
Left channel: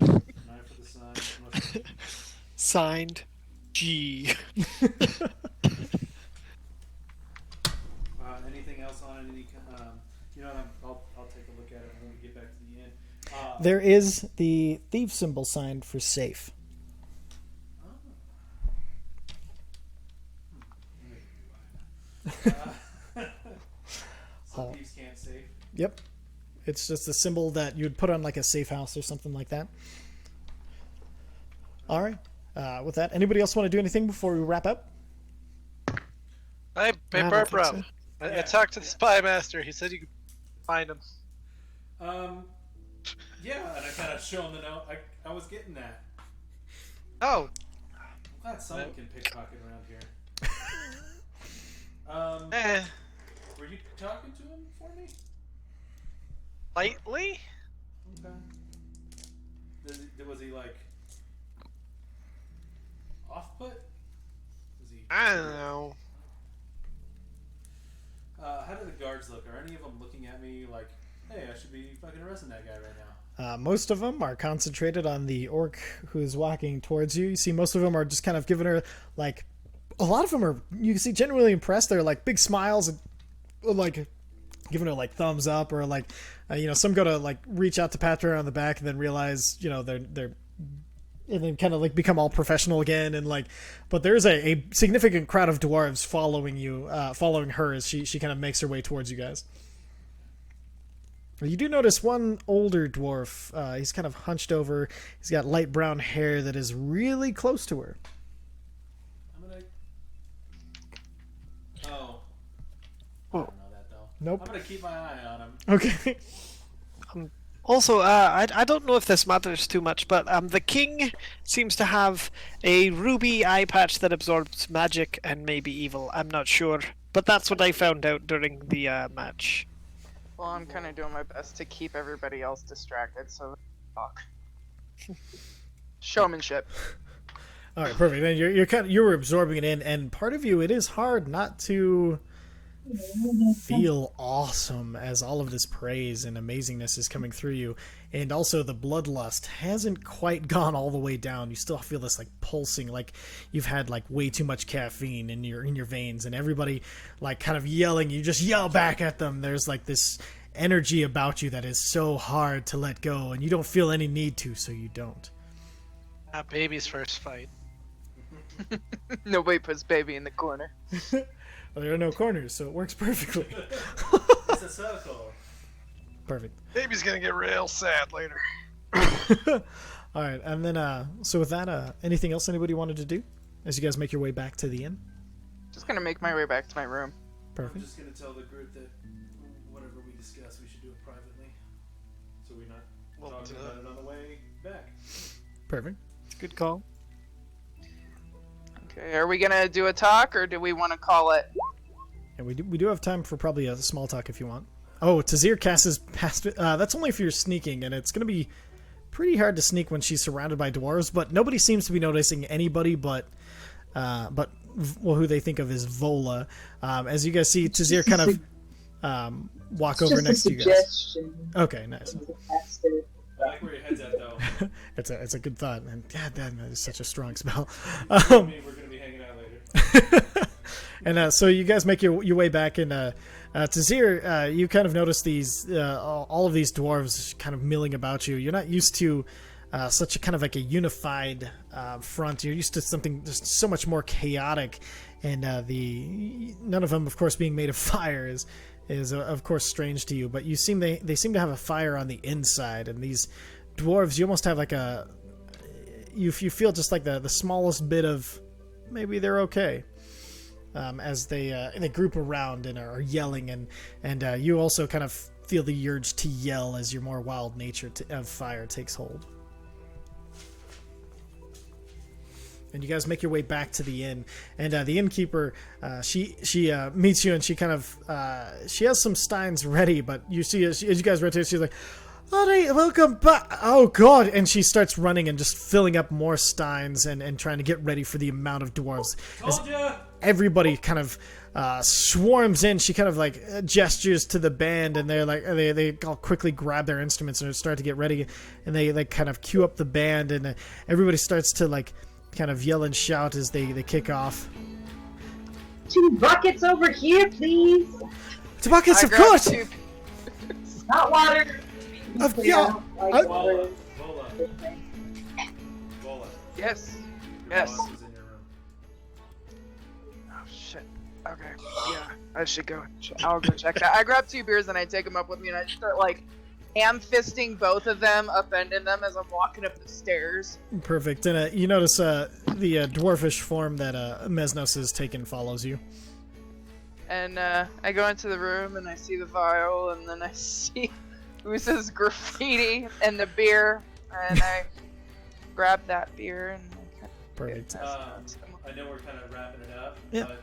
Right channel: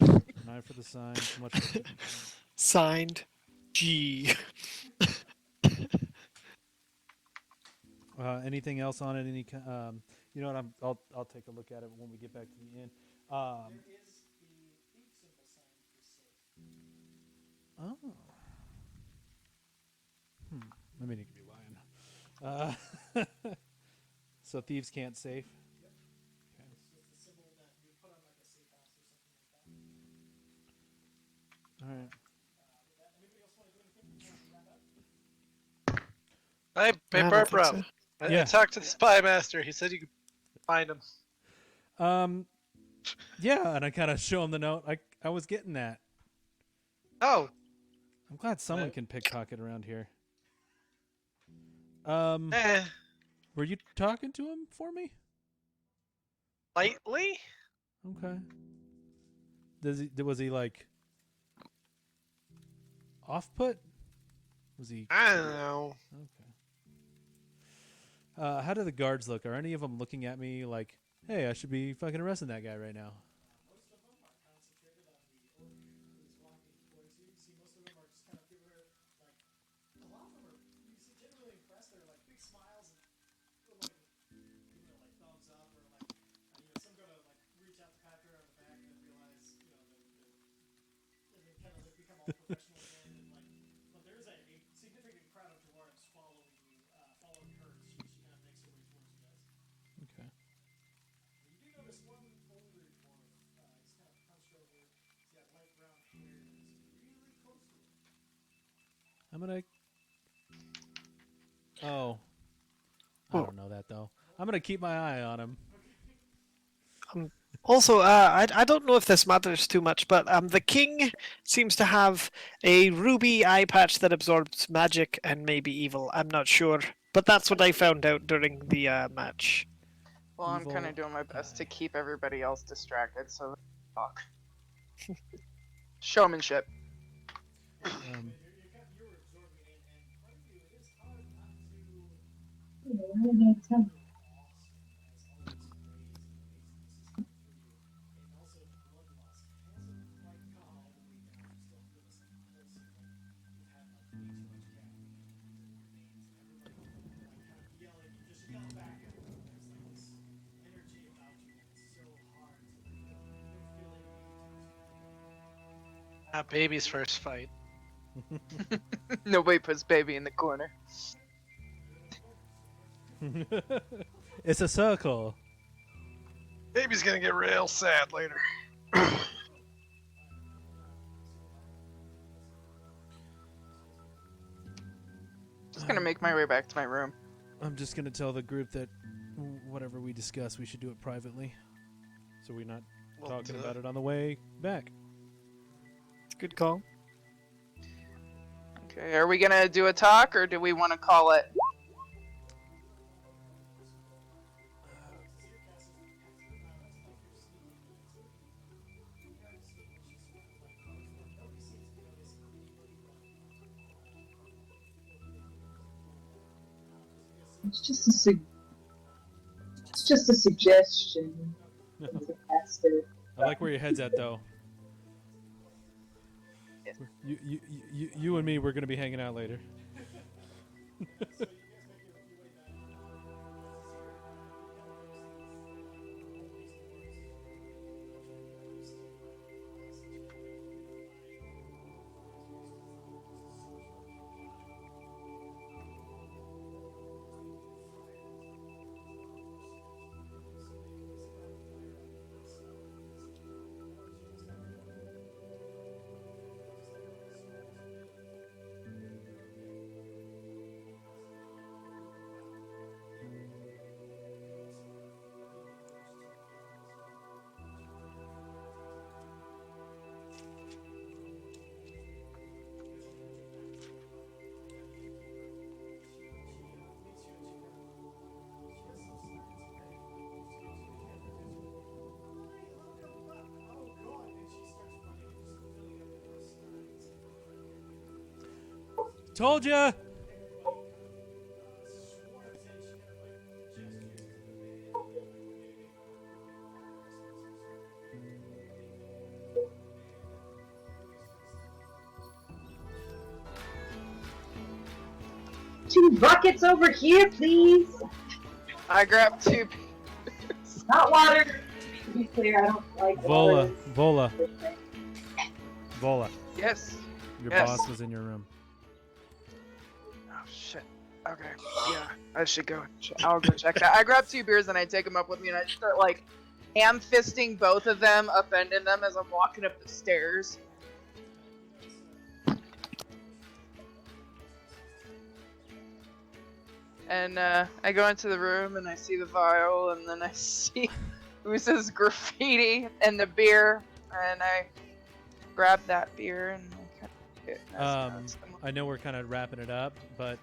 An eye for the sign. Much... Signed, G. Anything else on it? You know what? I'll take a look at it when we get back to the end. There is the thief symbol signed for safe. Oh. Let me be lying. So thieves can't save. Yep. It's just a symbol that you would put on like a safe house or something like that. All right. With that, anybody else want to do anything before we wrap up? Hey, I don't Paper think Bro. so. I Yeah. talked to the spy master. He said you could find him. Yeah, and I kind of show him the note. I was getting that. Oh, I'm glad someone can pickpocket around here. eh. Were you talking to him for me? Lightly? Okay. Was he like off put? Was he? I don't know. How do the guards look? Are any of them looking at me like, "Hey, I should be fucking arresting that guy right now"? Most of them are concentrated on the orc who's walking towards you. You see, most of them are just kind of giving her like. A lot of them are. You can see genuinely impressed. They're like big smiles and like giving her like thumbs up or like, some go to like reach out to pat her on the back and then realize they're and then kind of like become all professional again and like. But there's a significant crowd of dwarves following you, following her as she kind of makes her way towards you guys. You do notice one older dwarf. He's kind of hunched over. He's got light brown hair that is really close to her. I'm gonna. Oh. I Oh. don't know that though. Nope. I'm gonna keep my eye on him. Okay. Also, I don't know if this matters too much, but the king seems to have a ruby eye patch that absorbs magic and maybe evil. I'm not sure, but that's what I found out during the match. Well, I'm kind of doing my best to keep everybody else distracted, so they talk. Showmanship. All right, perfect. Then you were absorbing it in, and part of you, it is hard not to feel awesome as all of this praise and amazingness is coming through you, and also the bloodlust hasn't quite gone all the way down. You still feel this like pulsing, like you've had like way too much caffeine in your veins, and everybody like kind of yelling. You just yell back at them. There's like this energy about you that is so hard to let go, and you don't feel any need to, so you don't. Baby's first fight. Nobody puts baby in the corner. Well, there are no corners, so it works perfectly. It's a circle. Perfect. Baby's gonna get real sad later. All right, and then so with that, anything else anybody wanted to do as you guys make your way back to the inn? Just gonna make my way back to my room. Perfect. I'm just gonna tell the group that whatever we discuss, we should do it privately, so we're not talking about it on the way back. Perfect. It's a good call. Okay, are we gonna do a talk or do we want to call it? And we do have time for probably a small talk if you want. Oh, Tazir casts his past. That's only if you're sneaking, and it's gonna be pretty hard to sneak when she's surrounded by dwarves, but nobody seems to be noticing anybody but who they think of as Vola. As you guys see, Tazir kind of walk It's over just a next to you guys. suggestion. Okay, nice. I like where your head's at, though. It's a good thought, man. God damn, that is such a strong spell. You and me, we're gonna be hanging out later. And so you guys make your way back, and Tazir, you kind of notice these all of these dwarves kind of milling about you. You're not used to such a kind of like a unified front. You're used to something just so much more chaotic, and none of them, of course, being made of fire is of course strange to you. But they seem to have a fire on the inside, and these dwarves, you almost have like you feel just like the smallest bit of maybe they're okay. As they group around and are yelling, and you also kind of feel the urge to yell as your more wild nature of fire takes hold. And you guys make your way back to the inn, and the innkeeper, she meets you, and she kind of she has some steins ready, but you see as you guys rotate, she's like, "All right, welcome back." Oh god! And she starts running and just filling up more steins and trying to get ready for the amount of dwarves. Told ya. Everybody kind of swarms in. She kind of like gestures to the band, and they're like they all quickly grab their instruments and start to get ready, and they like kind of cue up the band, and everybody starts to like kind of yell and shout as they kick off. 2 buckets over here, please. 2 buckets, I of grabbed course. 2. Hot water. Yeah. Vola. Yes. Your Yes. boss is in your room. Oh shit. Okay. Yeah, I should go. I'll go check that. I grab 2 beers and I take them up with me, and I start like ham-fisting both of them, upending them as I'm walking up the stairs. Perfect. And you notice the dwarfish form that Mesnos has taken follows you. And I go into the room and I see the vial, and then I see Usa's graffiti and the beer, and I grab that beer and Perfect. I know we're kind of wrapping it up, Yep. but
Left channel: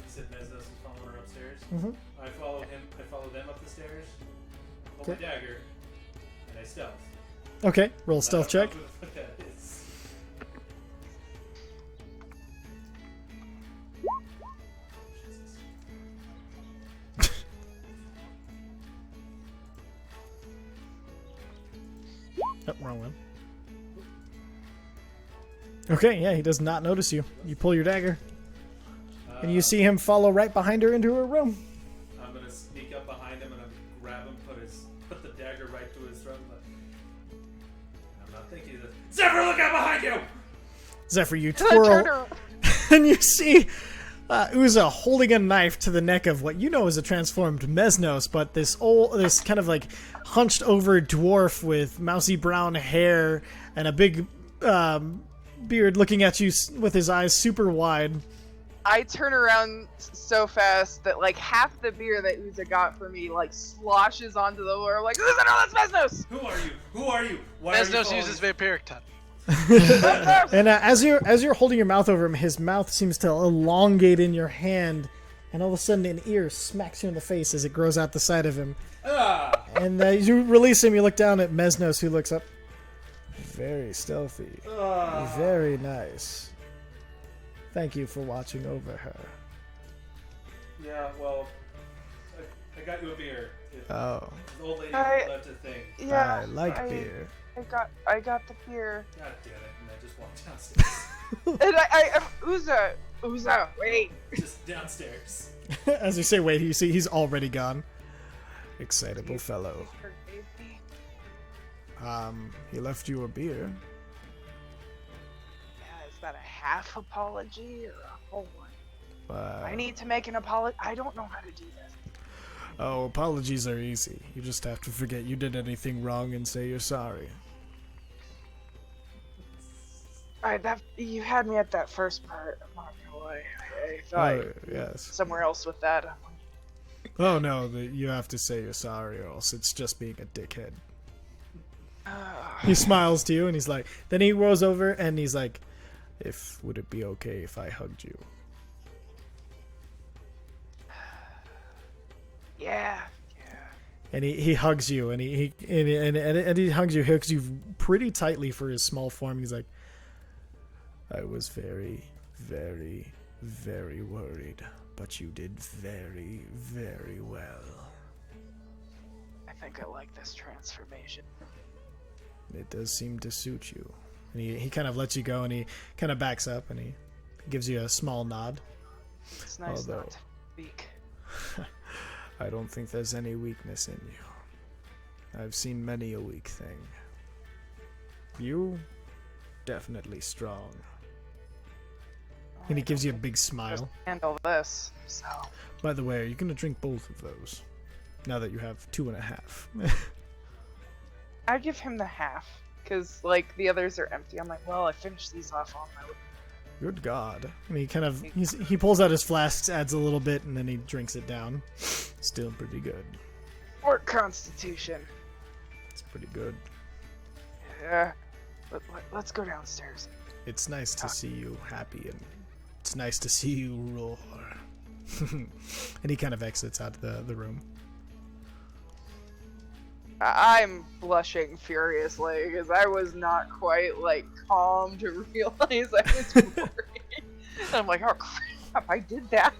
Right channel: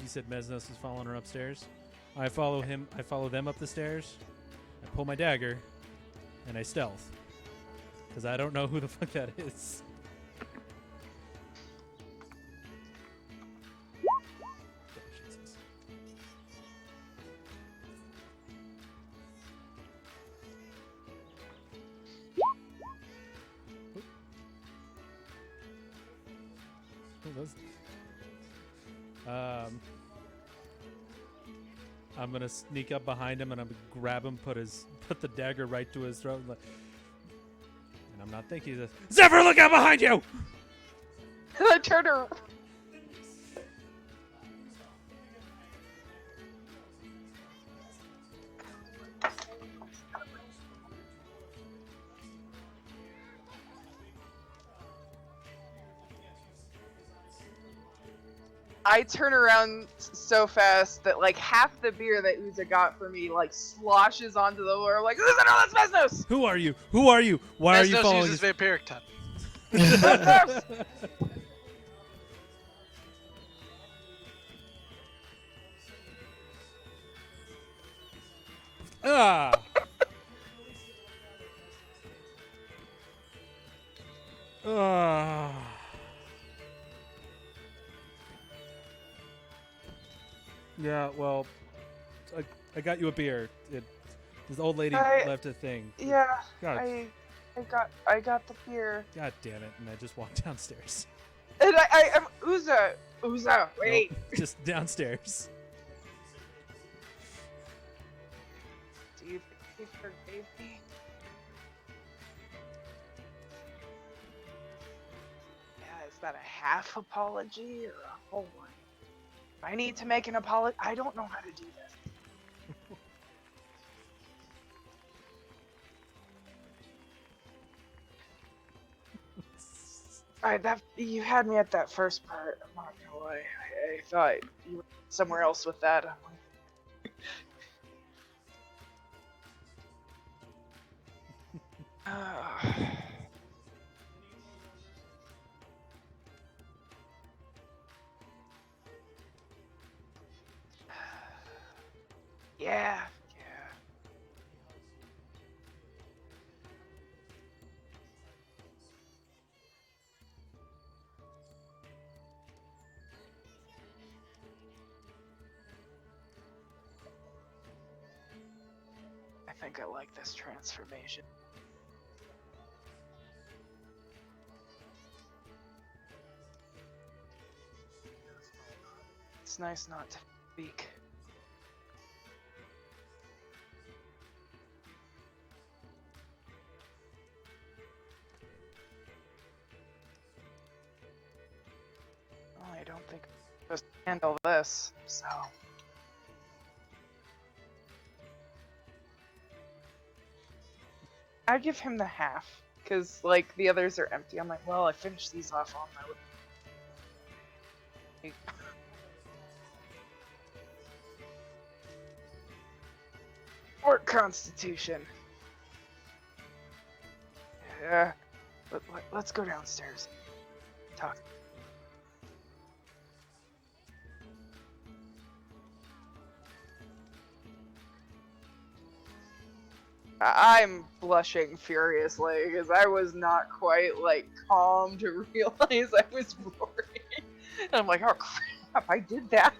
you said Mesnos is following her upstairs. Mhm. I follow him. I follow them up the stairs. I pull my dagger, and I stealth. Okay, roll 'Cause stealth I check. don't know who the fuck that is. Oh, wrong one. Okay, yeah, he does not notice you. You pull your dagger, and you see him follow right behind her into her room. I'm gonna sneak up behind him and I'm gonna grab him, put the dagger right to his throat. And I'm not thinking this. Zephyr, look out behind you! Zephyr, you And I turn twirl, her. and you see Uza holding a knife to the neck of what you know is a transformed Mesnos, but this kind of like hunched over dwarf with mousy brown hair and a big beard looking at you with his eyes super wide. I turn around so fast that like half the beer that Uza got for me like sloshes onto the floor. I'm like, Uza, no, that's Mesnos! Who are you? Who are you? Why are you Mesnos following uses me? vampiric touch. And as you're holding your mouth over him, his mouth seems to elongate in your hand, and all of a sudden an ear smacks you in the face as it grows out the side of him. Ah! And you release him. You look down at Mesnos, who looks up. Very stealthy. Ah. Very nice. Thank you for watching over her. Yeah, well, I got you a beer. Oh, This old lady I- left a thing. Yeah, I like beer. I got the beer. God damn it! And I just walked downstairs. And Uza, wait. Just downstairs. As you say, wait, you see he's already gone. Excitable You fellow. forgave me. He left you a beer. Yeah, is that a half apology or a whole one? Uh, I need to make an apology. I don't know how to do this. Oh, apologies are easy. You just have to forget you did anything wrong and say you're sorry. You had me at that first part. I'm not gonna lie. I thought Oh, yes. somewhere else with that. I'm like, Oh no, you have to say you're sorry, or else it's just being a dickhead. He smiles to you, and he's like. Then he rolls over, and he's like, would it be okay if I hugged you? Yeah. And he hugs you, and he hugs you pretty tightly for his small form. He's like, I was very, very, very worried, but you did very, very well. I think I like this transformation. It does seem to suit you. And he kind of lets you go, and he kind of backs up, and he gives you a small nod. It's nice not to speak. I don't think there's any weakness in you. I've seen many a weak thing. You, definitely strong. And he gives you a big smile. Just handle this, so. By the way, are you going to drink both of those? Now that you have 2.5. I give him the half, because, like, the others are empty. I'm like, well, I finished these off on my way. Good God. And he kind of, he pulls out his flasks, adds a little bit, and then he drinks it down. Still pretty good. Or Constitution. It's pretty good. Yeah. Let's go downstairs. It's nice to see you happy, and it's nice to see you roar. And he kind of exits out of the room. I'm blushing furiously because I was not quite like calm to realize I was worried. I'm like, oh crap, I did that.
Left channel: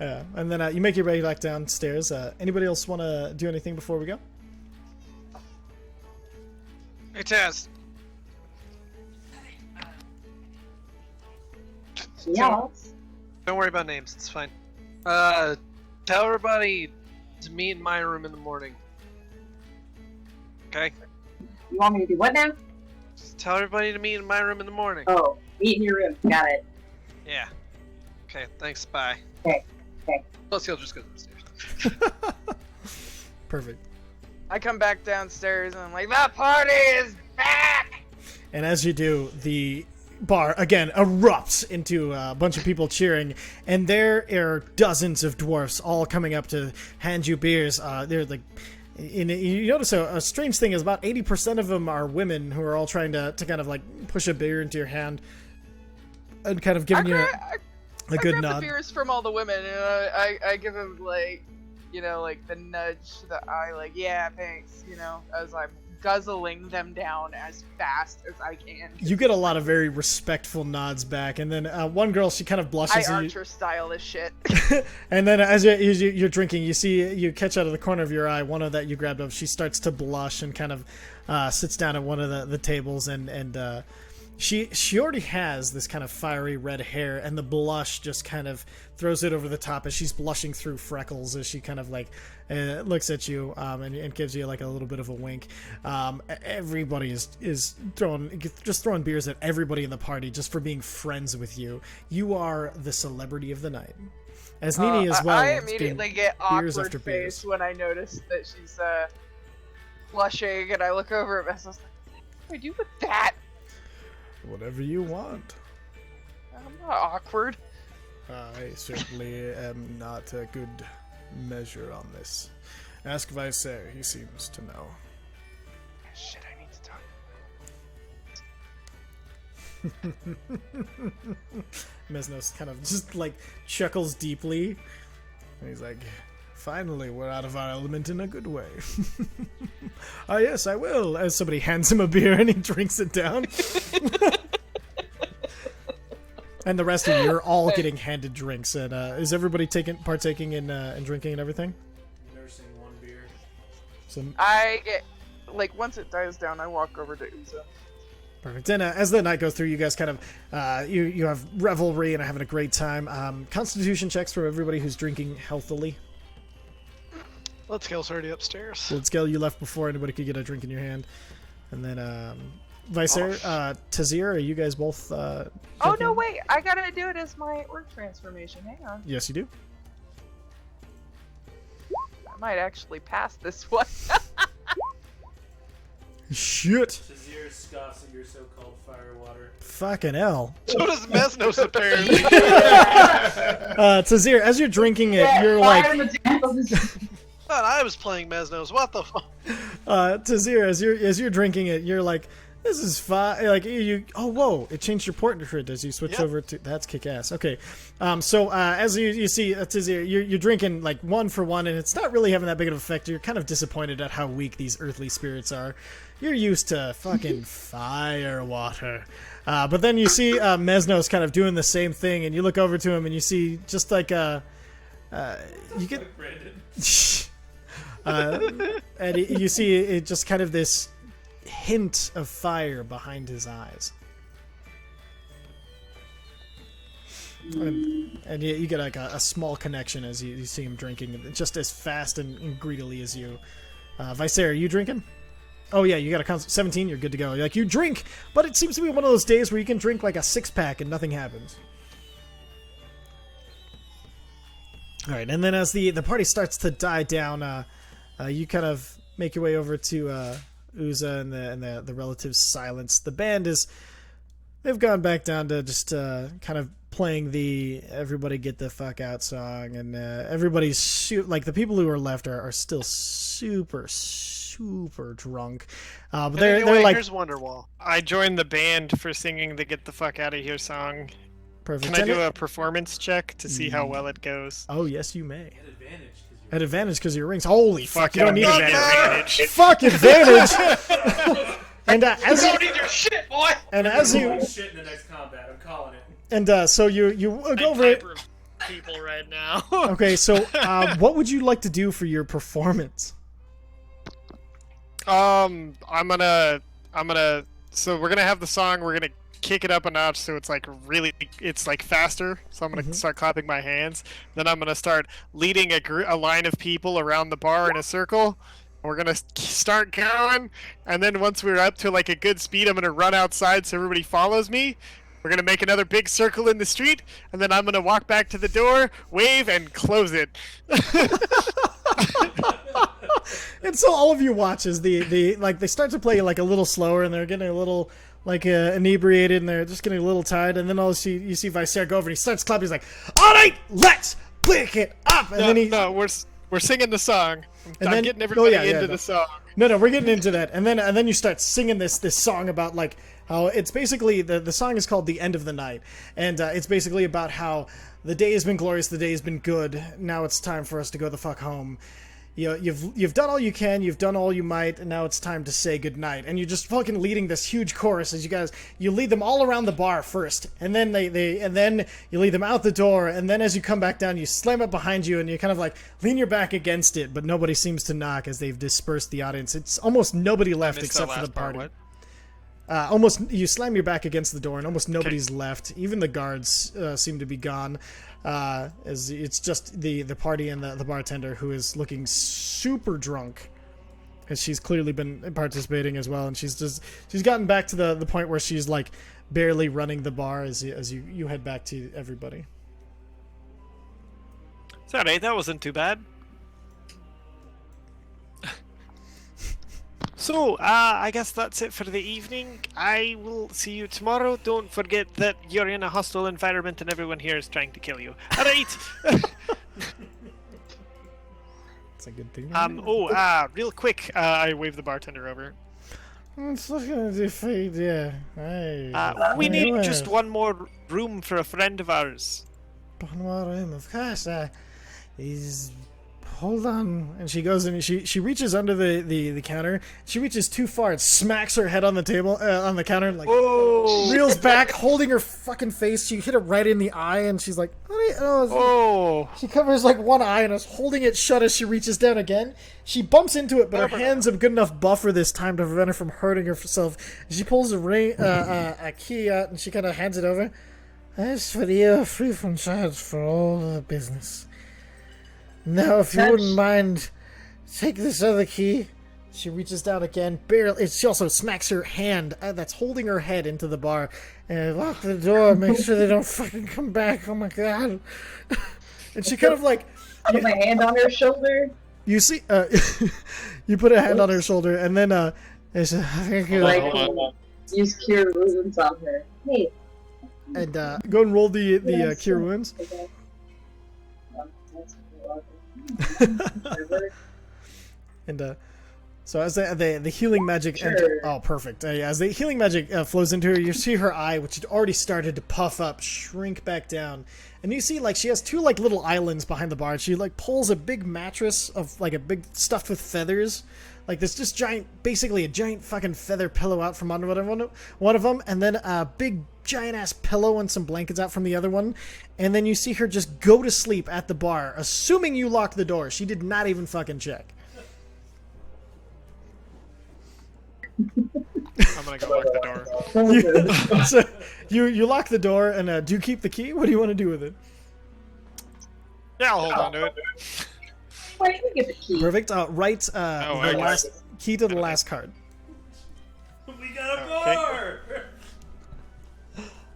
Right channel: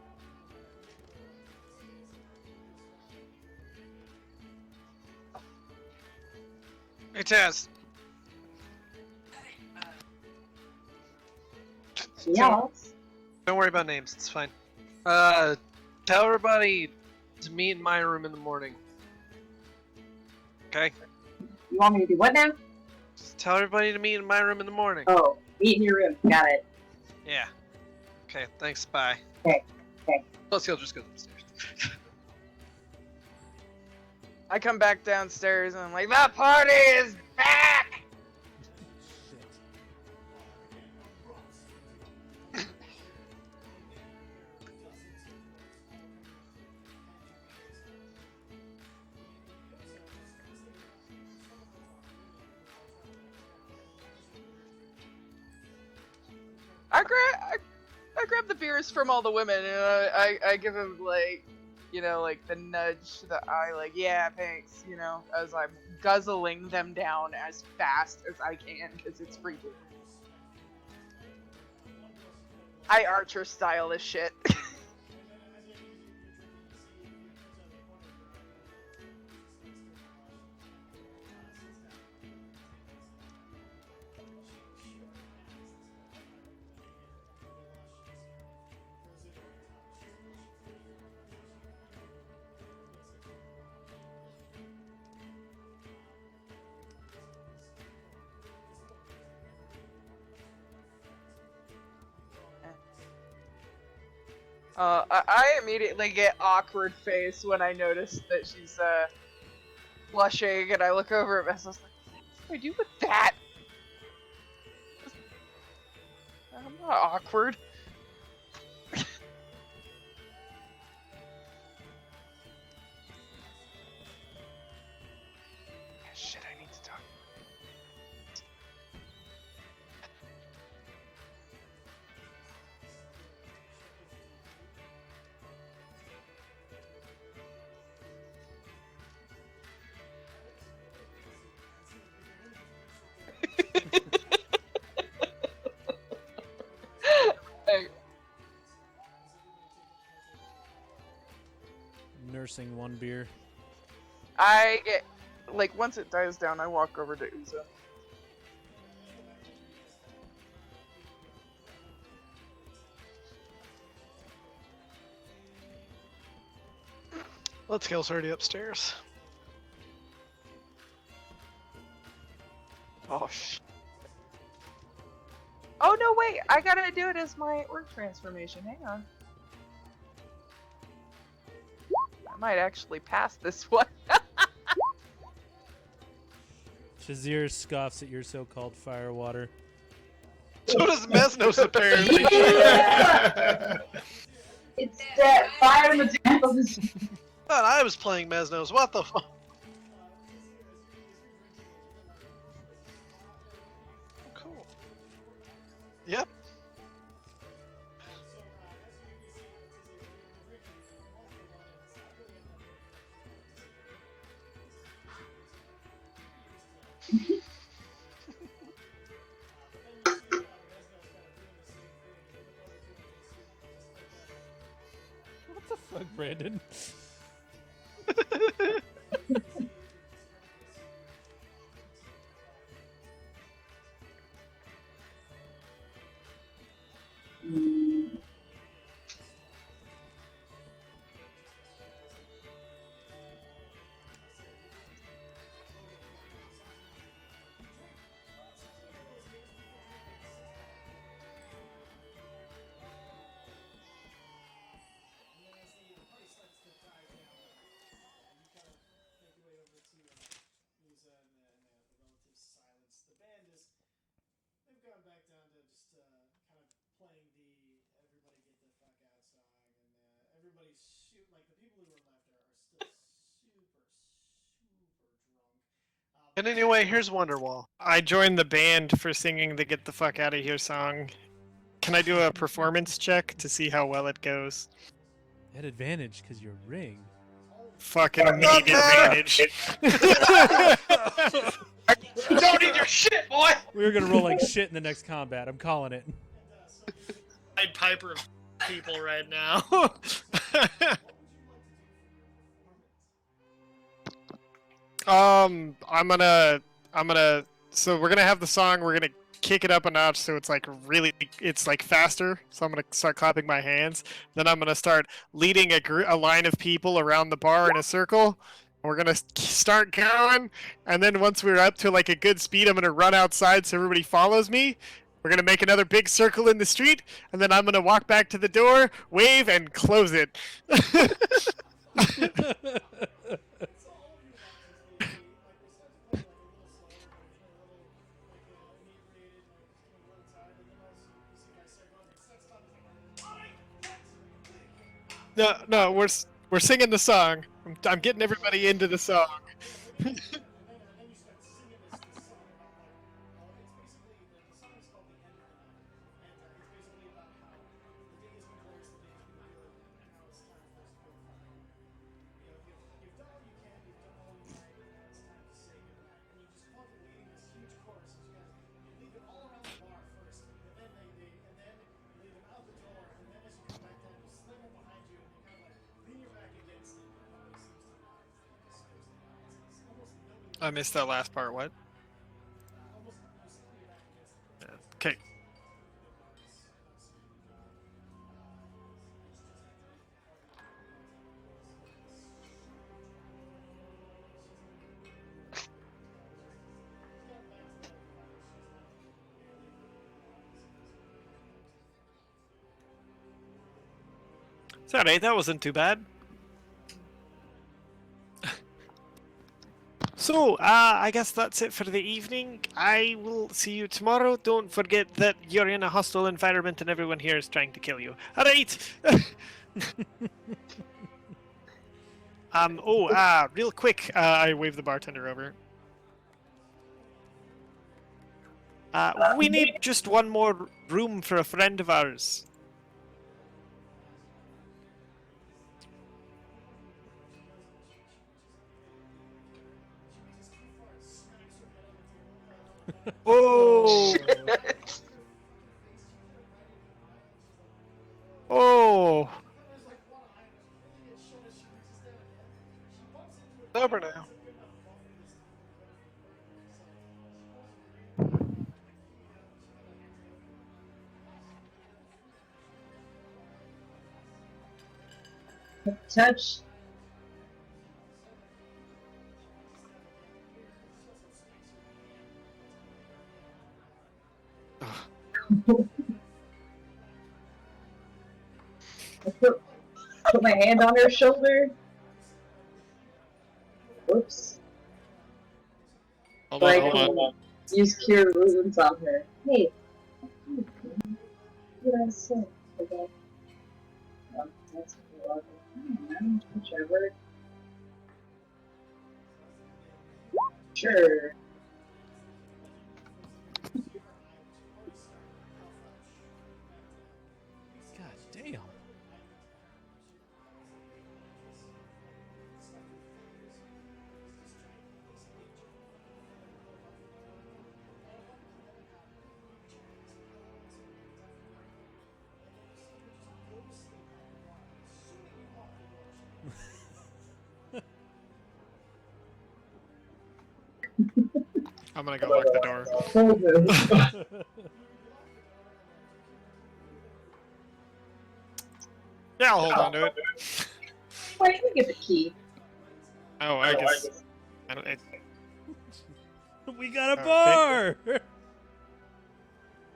Yeah, and then you make your way back downstairs. Anybody else want to do anything before we go? Hey, Taz. Yes. Don't worry about names. It's fine. Tell everybody to meet in my room in the morning. Okay? You want me to do what now? Just tell everybody to meet in my room in the morning. Oh, meet in your room. Got it. Yeah. Okay, thanks, bye. Okay. Plus, he'll just go upstairs. Perfect. I come back downstairs and I'm like, that party is back! And as you do, the bar again erupts into a bunch of people cheering, and there are dozens of dwarfs all coming up to hand you beers. They're like, you notice a strange thing is about 80% of them are women who are all trying to kind of like push a beer into your hand and kind of giving you a good grab nod. the beers from all the women and I give him like, you know, like the nudge to the eye, like, yeah, thanks, you know, as I'm guzzling them down as fast as I can. You get a lot of very respectful nods back, and then one girl, she kind of blushes. I Archer style this shit. And then as you're drinking, you catch out of the corner of your eye one of that you grabbed up. She starts to blush and kind of sits down at one of the tables, and she already has this kind of fiery red hair, and the blush just kind of throws it over the top as she's blushing through freckles as she kind of like looks at you and gives you like a little bit of a wink. Everybody is throwing beers at everybody in the party just for being friends with you. You are the celebrity of the night. As Nini as well. I immediately get awkward face when I notice that she's blushing, and I look over at Mess. Like, what do I do with that? Whatever you want. I'm not awkward. I certainly am not a good measure on this. Ask Vicer, he seems to know. Shit, I need to talk. Mesnos kind of just like chuckles deeply. And he's like, finally, we're out of our element in a good way. Ah, yes, I will. As somebody hands him a beer and he drinks it down. And the rest of you are all getting handed drinks. And is everybody partaking in drinking and everything? Nursing one beer. So, I get, like, once it dies down, I walk over to Uzo. perfect. And as the night goes through, you guys kind of you have revelry and are having a great time. Constitution checks for everybody who's drinking healthily. Let's go already upstairs. Good skill. You left before anybody could get a drink in your hand. And then Vicer, Tazir, are you guys both? Oh no, wait! I gotta do it as my orc transformation. Hang on. Yes, you do. I might actually pass this one. Shit. Shazir scoffs at your so-called firewater. Fucking hell. So does Mesnos, apparently. Tazir, as you're drinking it, Yeah, you're fire like... materials. Thought I was playing Mesnos. What the fuck? Tazir, as you're drinking it, you're like, This is fine. Like you. Oh, whoa! It changed your portrait as you switch Yep. over to. That's kick-ass. Okay. So as you see, you're drinking like one for one, and it's not really having that big of an effect. You're kind of disappointed at how weak these earthly spirits are. You're used to fucking fire water. But then you see Mesnos kind of doing the same thing, and you look over to him, and you see just like you get. Brandon. And you see it just kind of this hint of fire behind his eyes. And you get like a small connection as you see him drinking just as fast and greedily as you. Visair, are you drinking? Oh yeah, you got a 17, you're good to go. Like you drink, but it seems to be one of those days where you can drink like a 6-pack and nothing happens. Alright, and then as the party starts to die down, you kind of make your way over to Uza and the relative silence. The band they've gone back down to just kind of playing the everybody get the fuck out song, and everybody's like the people who are left are still super drunk. But they're Anyway, like, here's Wonderwall. I joined the band for singing the "Get the Fuck Out of Here" song. perfect. Can I do a performance check to see how well it goes? Oh yes, you may. At advantage because you're. At advantage because of your rings. Holy Fucking fuck! need You an need advantage. fuck advantage. And as Don't need your shit, boy! and You're as rolling you shit in the next combat. I'm calling it. and so you go I'm over it. Piper of people right now. Okay, so what would you like to do for your performance? I'm gonna. So we're gonna have the song. We're gonna kick it up a notch so it's like really, it's like faster. So I'm gonna start clapping my hands. Then I'm gonna start leading a line of people around the bar in a circle. We're gonna start going, and then once we're up to like a good speed, I'm gonna run outside so everybody follows me. We're gonna make another big circle in the street, and then I'm gonna walk back to the door, wave, and close it. And so all of you watch as the like they start to play like a little slower, and they're getting a little like inebriated, and they're just getting a little tired. And then you see Visair go over, and he starts clapping. He's like, "All right, let's pick it up." And then We're singing the song. I'm getting everybody into the song. No, we're getting into that. And then you start singing this song about like how it's basically the song is called "The End of the Night," and it's basically about how the day has been glorious, the day has been good. Now it's time for us to go the fuck home. You've done all you can, you've done all you might, and now it's time to say goodnight. And you're just fucking leading this huge chorus as you lead them all around the bar first, and then then you lead them out the door, and then as you come back down, you slam it behind you, and you kind of like lean your back against it, but nobody seems to knock as they've dispersed the audience. It's almost nobody left except for the party. What? Almost you slam your back against the door, and almost nobody's left. Even the guards seem to be gone. As it's just the party and the bartender who is looking super drunk, as she's clearly been participating as well, and she's gotten back to the point where she's like barely running the bar as you head back to everybody. It's alright, that wasn't too bad. So, I guess that's it for the evening. I will see you tomorrow. Don't forget that you're in a hostile environment and everyone here is trying to kill you. Alright! It's a good thing. Real quick, I wave the bartender over. It's looking at the fade, yeah. We need just one more room for a friend of ours. One more room, of course. He's... Hold on. And she goes and she reaches under the counter. She reaches too far and smacks her head on the table, on the counter, and like reels back, holding her fucking face. She hit it right in the eye, and she's like, She covers like one eye and is holding it shut as she reaches down again. She bumps into it, but her hands have good enough buffer this time to prevent her from hurting herself. She pulls a key out, and she kind of hands it over. As for you, free from charge for all the business. Now, if you wouldn't mind, take this other key. She reaches down again, barely. She also smacks her hand that's holding her head into the bar. And lock the door, make sure they don't fucking come back. Oh my god. And she kind of like... Put my hand on her shoulder. You see... you put a hand on her shoulder, and then... use cure wounds on her. Hey. And go and roll the cure wounds. Okay. And So as the healing magic, oh perfect. Yeah, as the healing magic flows into her, you see her eye, which had already started to puff up, shrink back down, and you see like she has two like little islands behind the bar. And she like pulls a big mattress of like a big stuffed with feathers, like this just giant, basically a giant fucking feather pillow out from under one of them, and then a big giant ass pillow and some blankets out from the other one, and then you see her just go to sleep at the bar, assuming you locked the door. She did not even fucking check. I'm gonna go lock the door. So you lock the door, and do you keep the key? What do you want to do with it? Yeah, I'll hold on to it. Why do you get the key? Perfect. Write I the guess. key to the last card. We got a bar.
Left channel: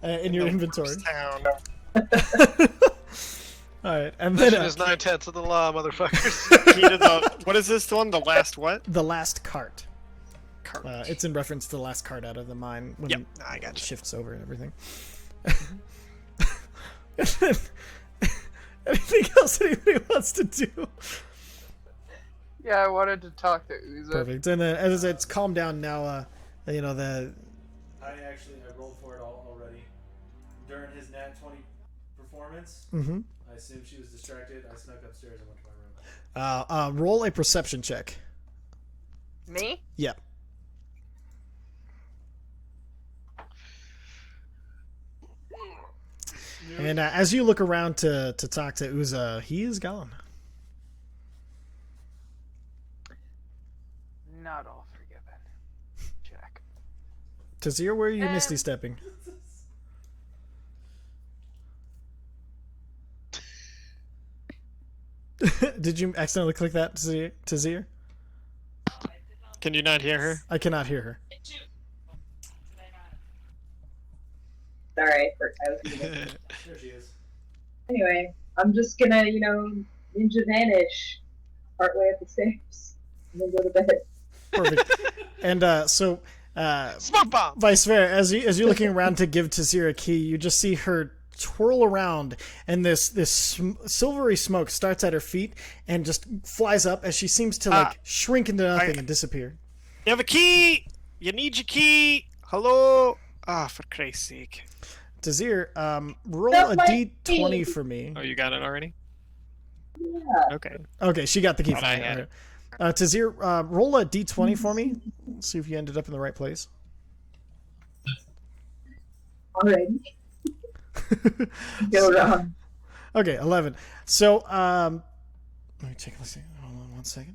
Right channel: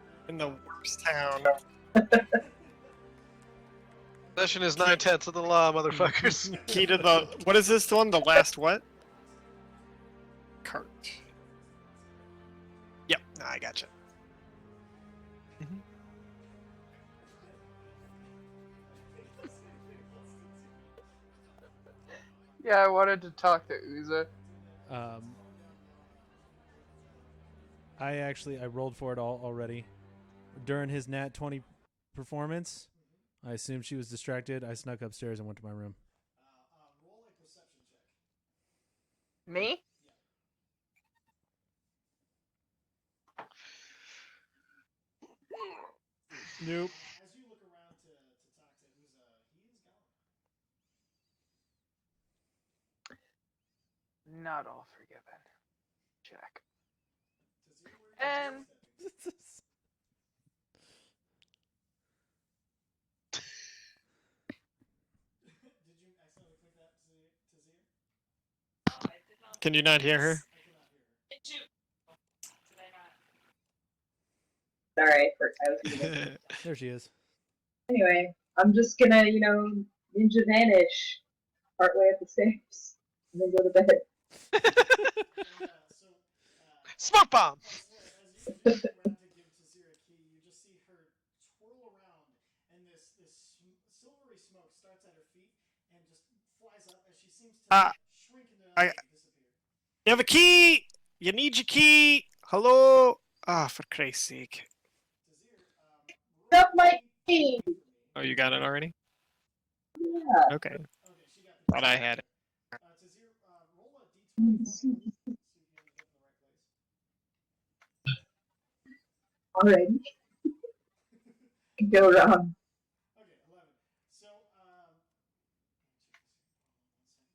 In your inventory. Town. Alright, and Mission then is 9/10 of the law, motherfuckers. Key to the. What is this one? The last what? the last cart. Cart. It's in reference to the last card out of the mine when Yep, it I gotcha. shifts over and everything. Anything else anybody wants to do? Yeah, I wanted to talk to Uza. Perfect. And then as it's calmed down now, you know I rolled for it already. During his Nat 20 performance, I assumed she was distracted. I snuck upstairs and went to my room. roll a perception check. Me? Yeah. And as you look around to talk to Uza, he is gone. Not all forgiven. Check. Tazir, where are you misty stepping? Did you accidentally click that, Tazir? Can you not hear her? I cannot hear her. Sorry, I was muted. There she is. Anyway, I'm just gonna, ninja vanish partway up the stairs and then go to bed. Perfect. And so, Smoke bomb! Vice versa, as you're looking around to give Tazir a key, you just see her twirl around, and this silvery smoke starts at her feet and just flies up as she seems to shrink into nothing and disappear. You have a key. You need your key. Hello. For Christ's sake. Tazir, roll Not a my d20 key. for me. Oh, you got it already? Yeah. Okay. Okay, she got the key. Thought I had it. Tazir, roll a d20 for me. See if you ended up in the right place. Already. Go wrong. Okay, 11. So, let me check. Let's see. Hold on 1 second.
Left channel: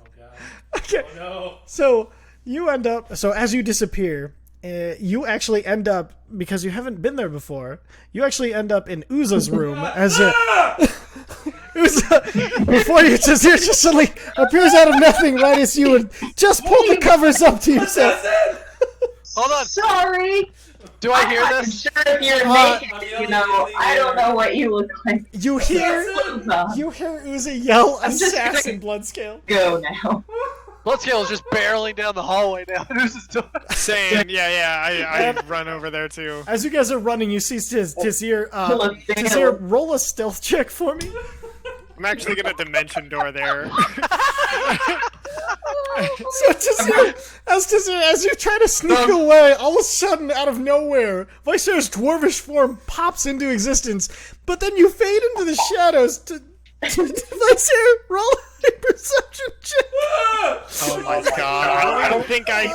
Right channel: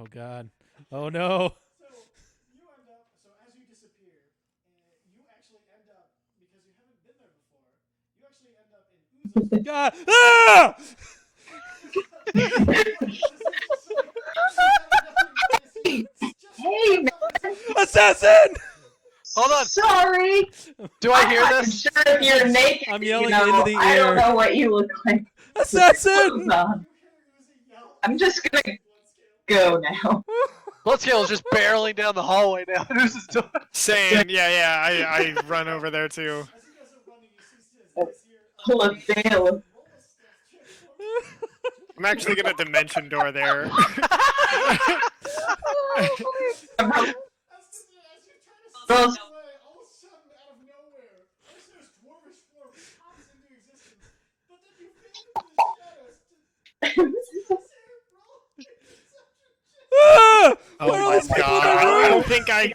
Oh god. Okay. Oh no. So you end up. So as you disappear, you actually end up, because you haven't been there before. You actually end up in Uza's room as Uza, before you, Tazir just suddenly appears out of nothing right as you and just pull the covers up to yourself. Hold on. Sorry. Do I hear I'm this? sure if you're I'm naked, yelling into the I don't air. know what you look like. You Assassin! hear Uza yell, I'm just gonna- "Assassin Bloodscale!" Go now. Bloodscale is just barreling down the hallway now. Who's his door? Same. Yeah. I run over there too. As you guys are running, you see Tazir. Full of Tazir, sales. roll a stealth check for me. I'm actually gonna dimension door there. So Tazir, as you try to sneak away, all of a sudden, out of nowhere, Vicer's dwarvish form pops into existence, but then you fade into the shadows. Vicer, roll a perception check. Oh my god. I don't think I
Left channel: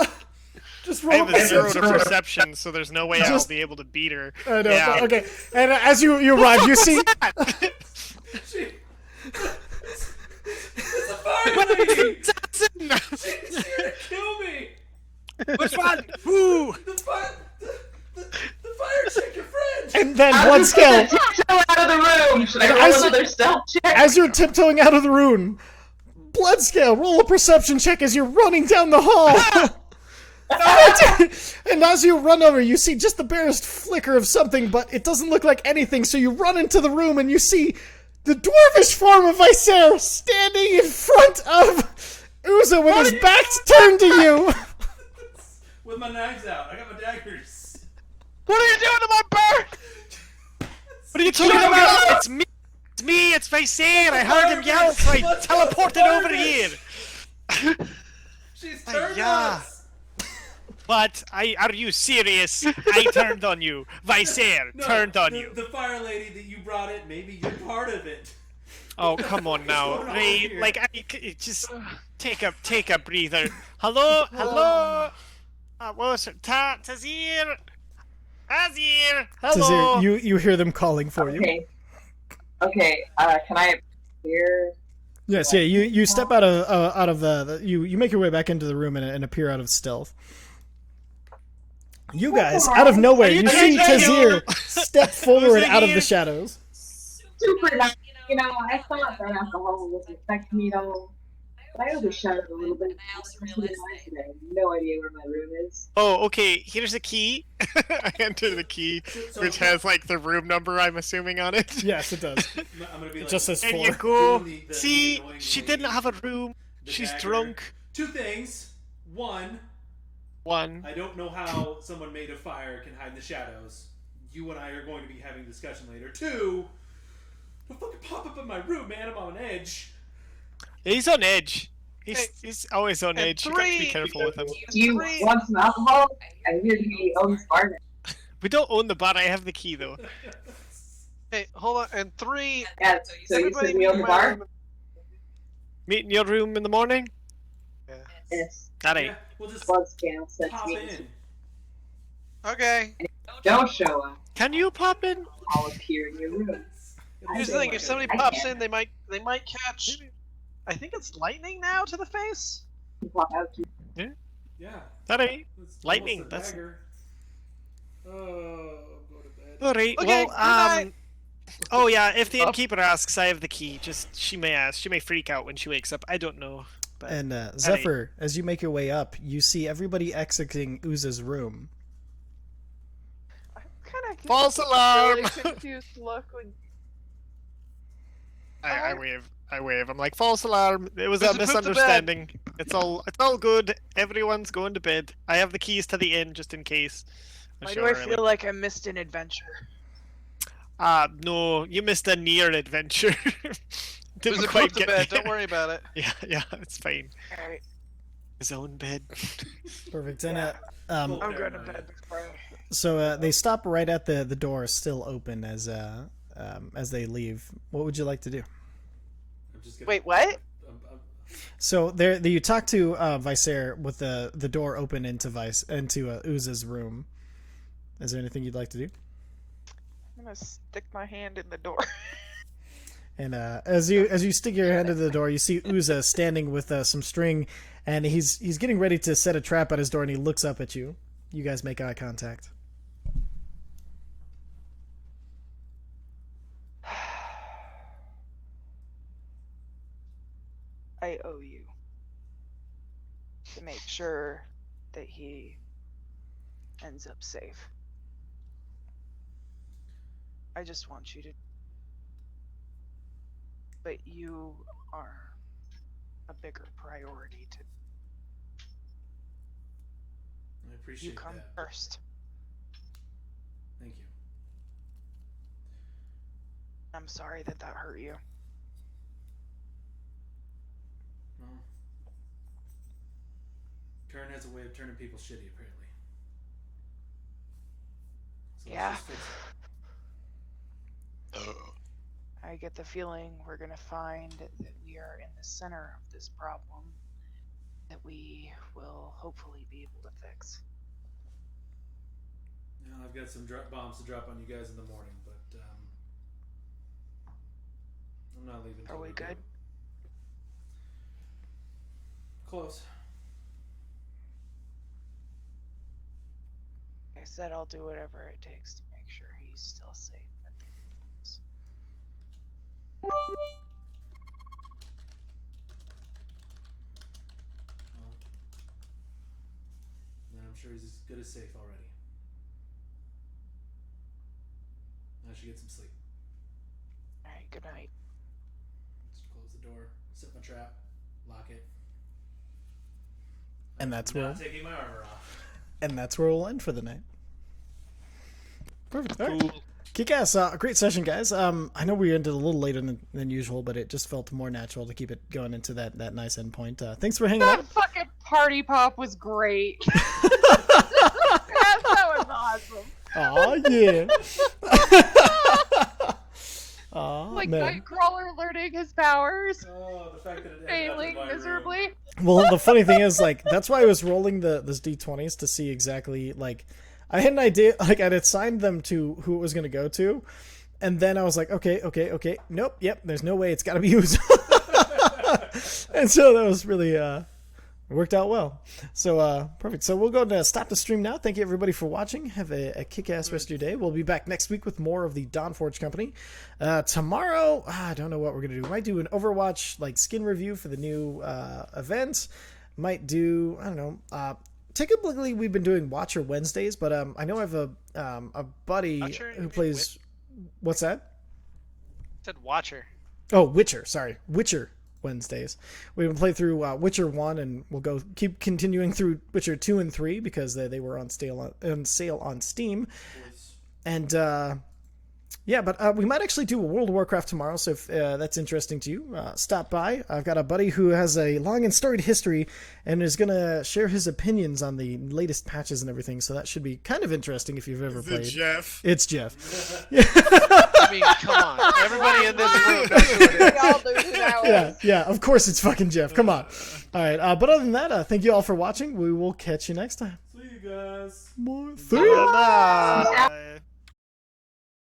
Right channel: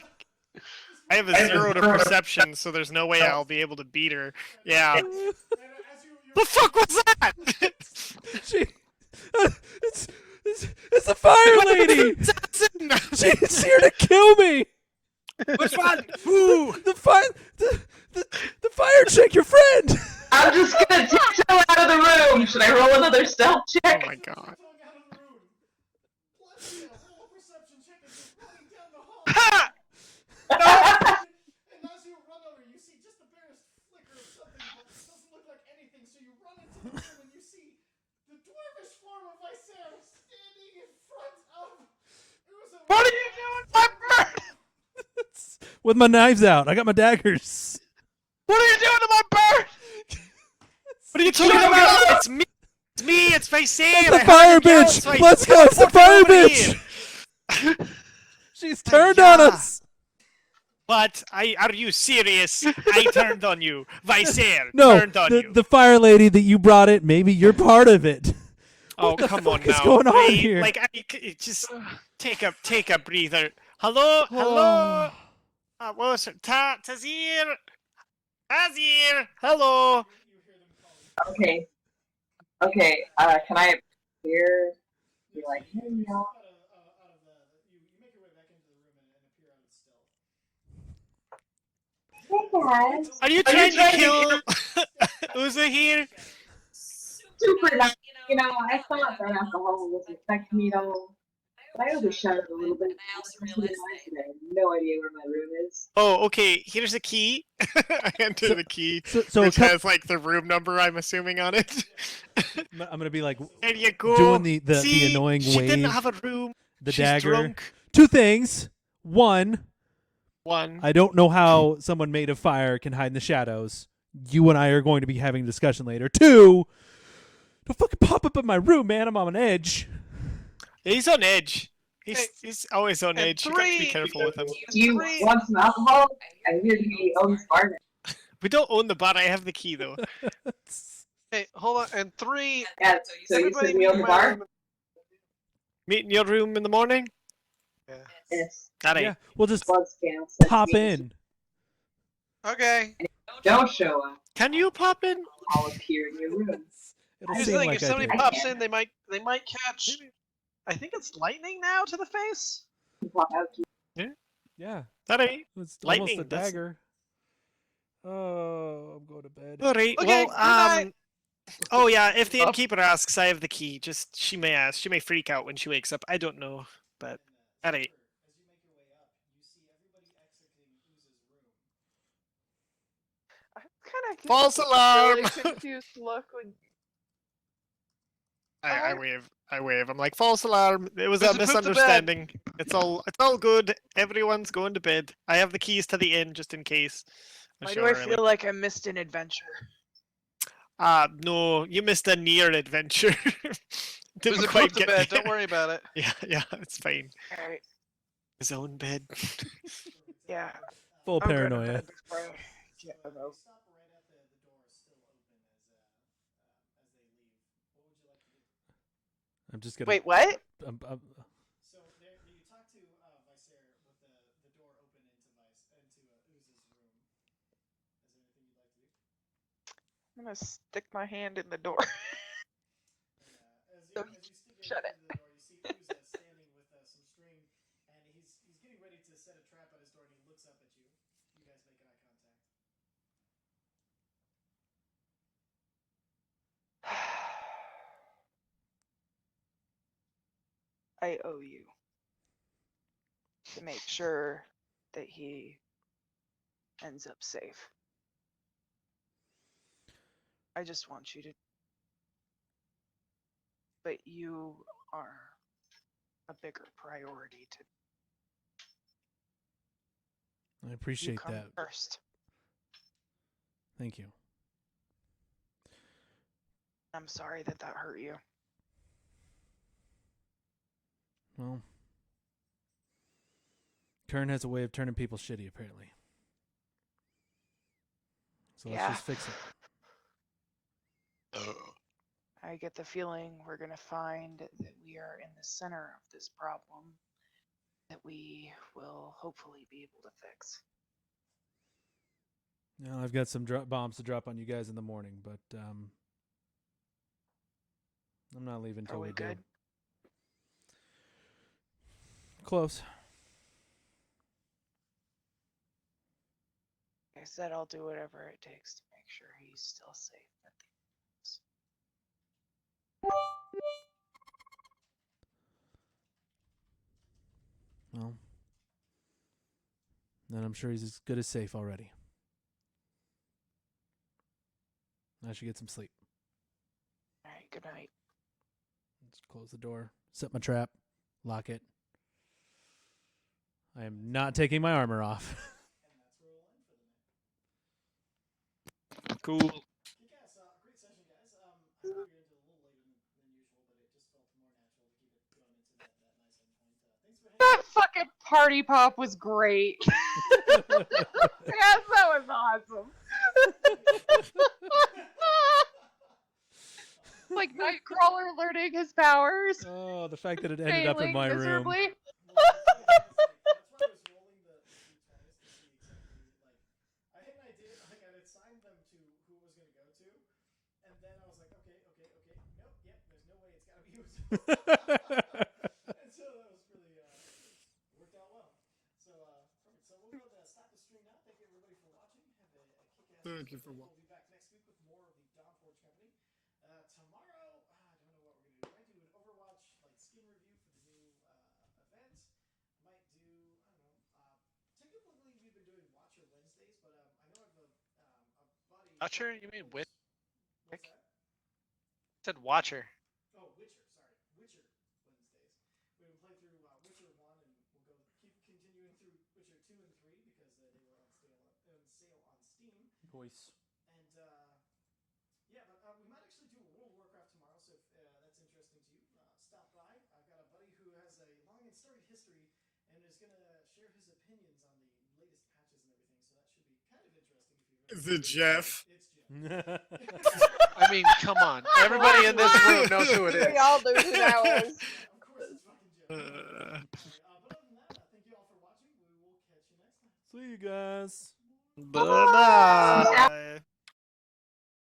Just I roll have a 0 to perception, so there's no way I'll be able to beat her. I know, Yeah. Okay. And as you arrive, you see. It's a fire lady. She's here to kill me. Which one? Who? The fire chick, your friend. And then I'm one just gonna scale. tiptoe out of the room. Should I roll another stealth check? As you're tiptoeing out of the room, Bloodscale, roll a perception check as you're running down the hall. And as you run over, you see just the barest flicker of something, but it doesn't look like anything, so you run into the room and you see the dwarvish form of Vicer standing in front of Uza with his back turned to you. With my knives out. I got my daggers. What are you doing to my bird? What are you talking about? It's me. it's Visair! The I fire heard him yell, bitch! so I Let's go, it's the teleported fire over bitch! here. She's turned on Yeah. us! But are you serious? I turned on you. Visair No, turned on you. the fire lady that you brought it, maybe you're part of it. Oh, come on is now. going on Ray, here? like, just take a breather. Hello? What was it? Tazir? Tazir! Hello? Tazir, you hear them calling for you. Okay. Okay. Can I hear? Yes, yeah. You step out of you make your way back into the room and appear out of stealth. You guys, out of nowhere, Are you you see trying to Tazir step forward it out of here? the shadows. Super nice. You know, I thought that alcohol was affecting me at all. But I overshadowed a little bit. I also realized I have no idea where my room is. Oh, okay. Here's a key. I enter the key, So which has like the room number, I'm assuming, on it. Yes, it does. I'm gonna be like, Just as There four. you go. doing the See, annoying she wave, didn't have a room. the She's dagger. drunk. Two things. One, One. I don't know how someone made of fire can hide in the shadows. You and I are going to be having a discussion later. Two, don't fucking pop up in my room, man. I'm on an edge. He's on edge. He's always on and edge. You got to be three- careful with him. Do you want some alcohol? I hear he owns bar now. We don't own the bar. I have the key though. Hey, hold on. And 3. Yeah, so you Everybody said we meet own in the my bar? room. Meet in your room in the morning. Yeah. Yes. All right. Yeah, we'll just Blood scale says pop me. in. Okay. Don't show up. Can you pop in? I'll appear in your room. Here's the Like thing: I if somebody did. pops in, they might catch. I think it's lightning now to the face. Pop out to Yeah. All right. It's Lightning, almost a that's- dagger. Oh, go to bed. All right. Okay, Well, good night. Oh yeah. If the innkeeper asks, I have the key. Just she may ask. She may freak out when she wakes up. I don't know. But And Zephyr, as you make your way up, you see everybody exiting Uza's room. I'm kind of False alarm! Really confused look when I wave. I wave. I'm like, false alarm. It was a Listen, put to bed. misunderstanding. It's all good. Everyone's going to bed. I have the keys to the inn just in case. why do I feel like I missed an adventure? No, you missed a near adventure. There's Didn't a quite put to get bed. there. Don't worry about it. Yeah, it's fine. All right, His own bed. Perfect. yeah, And, Full I'm going to paranoia. bed before. so they stop right at the door, still open as they leave. What would you like to do? I'm just gonna. Wait, what? I'm- So there, you talk to Visair with the door open into Uza's room. Is there anything you'd like to do? I'm gonna stick my hand in the door. And as you stick your hand into the door, you see Uza standing with some string, and he's getting ready to set a trap at his door, and he looks up at you. You guys make eye contact. I owe you to make sure that he ends up safe. I just want you to. But you are a bigger priority to. I You appreciate come that. first. Thank you. I'm sorry that hurt you. Well, Khirn has a way of turning people shitty, apparently. So Yeah. let's just fix it. I get the feeling we're gonna find that we are in the center of this problem that we will hopefully be able to fix. Now, I've got some bombs to drop on you guys in the morning, but I'm not leaving. Are we good? Close. Like I said, I'll do whatever it takes to make sure he's still safe. Well, then I'm sure he's as good as safe already. I should get some sleep. Alright, good night. Just close the door, set my trap, lock it. And I'm that's not where- taking my armor off. And that's where we'll end for the night. Perfect. All right. Cool. Kick-ass, great session, guys. I know we ended a little later than usual, but it just felt more natural to keep it going into that nice end point. Thanks for hanging That out. fucking party pop was great. That was awesome. Oh yeah. Aw, Like man. Nightcrawler learning his powers, Oh, the fact that it ended up in failing my room. miserably. Well, the funny thing is, like, that's why I was rolling this d20s to see exactly, like, I had an idea, like, I'd assigned them to who it was going to go to, and then I was like, okay, nope, yep, there's no way it's got to be used. And so that was really, worked out well. So, perfect. So we'll go and stop the stream now. Thank you, everybody, for watching. Have a kick-ass rest of your day. We'll be back next week with more of the Dawnforged company. Tomorrow, I don't know what we're going to do. Might do an Overwatch, like, skin review for the new event. Might do, I don't know, typically we've been doing Watcher Wednesdays, but I know I have a buddy Watcher? who plays... What's that? I said Watcher. Oh, Witcher. Sorry, Witcher Wednesdays. We've been playing through Witcher 1, and we'll keep continuing through Witcher 2 and 3 because they were on sale on Steam. And yeah, but we might actually do a World of Warcraft tomorrow, so if that's interesting to you, stop by. I've got a buddy who has a long and storied history and is going to share his opinions on the latest patches and everything, so that should be kind of interesting if you've ever Is played. it Jeff? It's Jeff. I mean, come on. Everybody in this room knows who it We is. all knew who that Yeah, was. yeah, of course it's fucking Jeff. Come on. All right, but other than that, thank you all for watching. We will catch you next time. See you guys. More. Bye.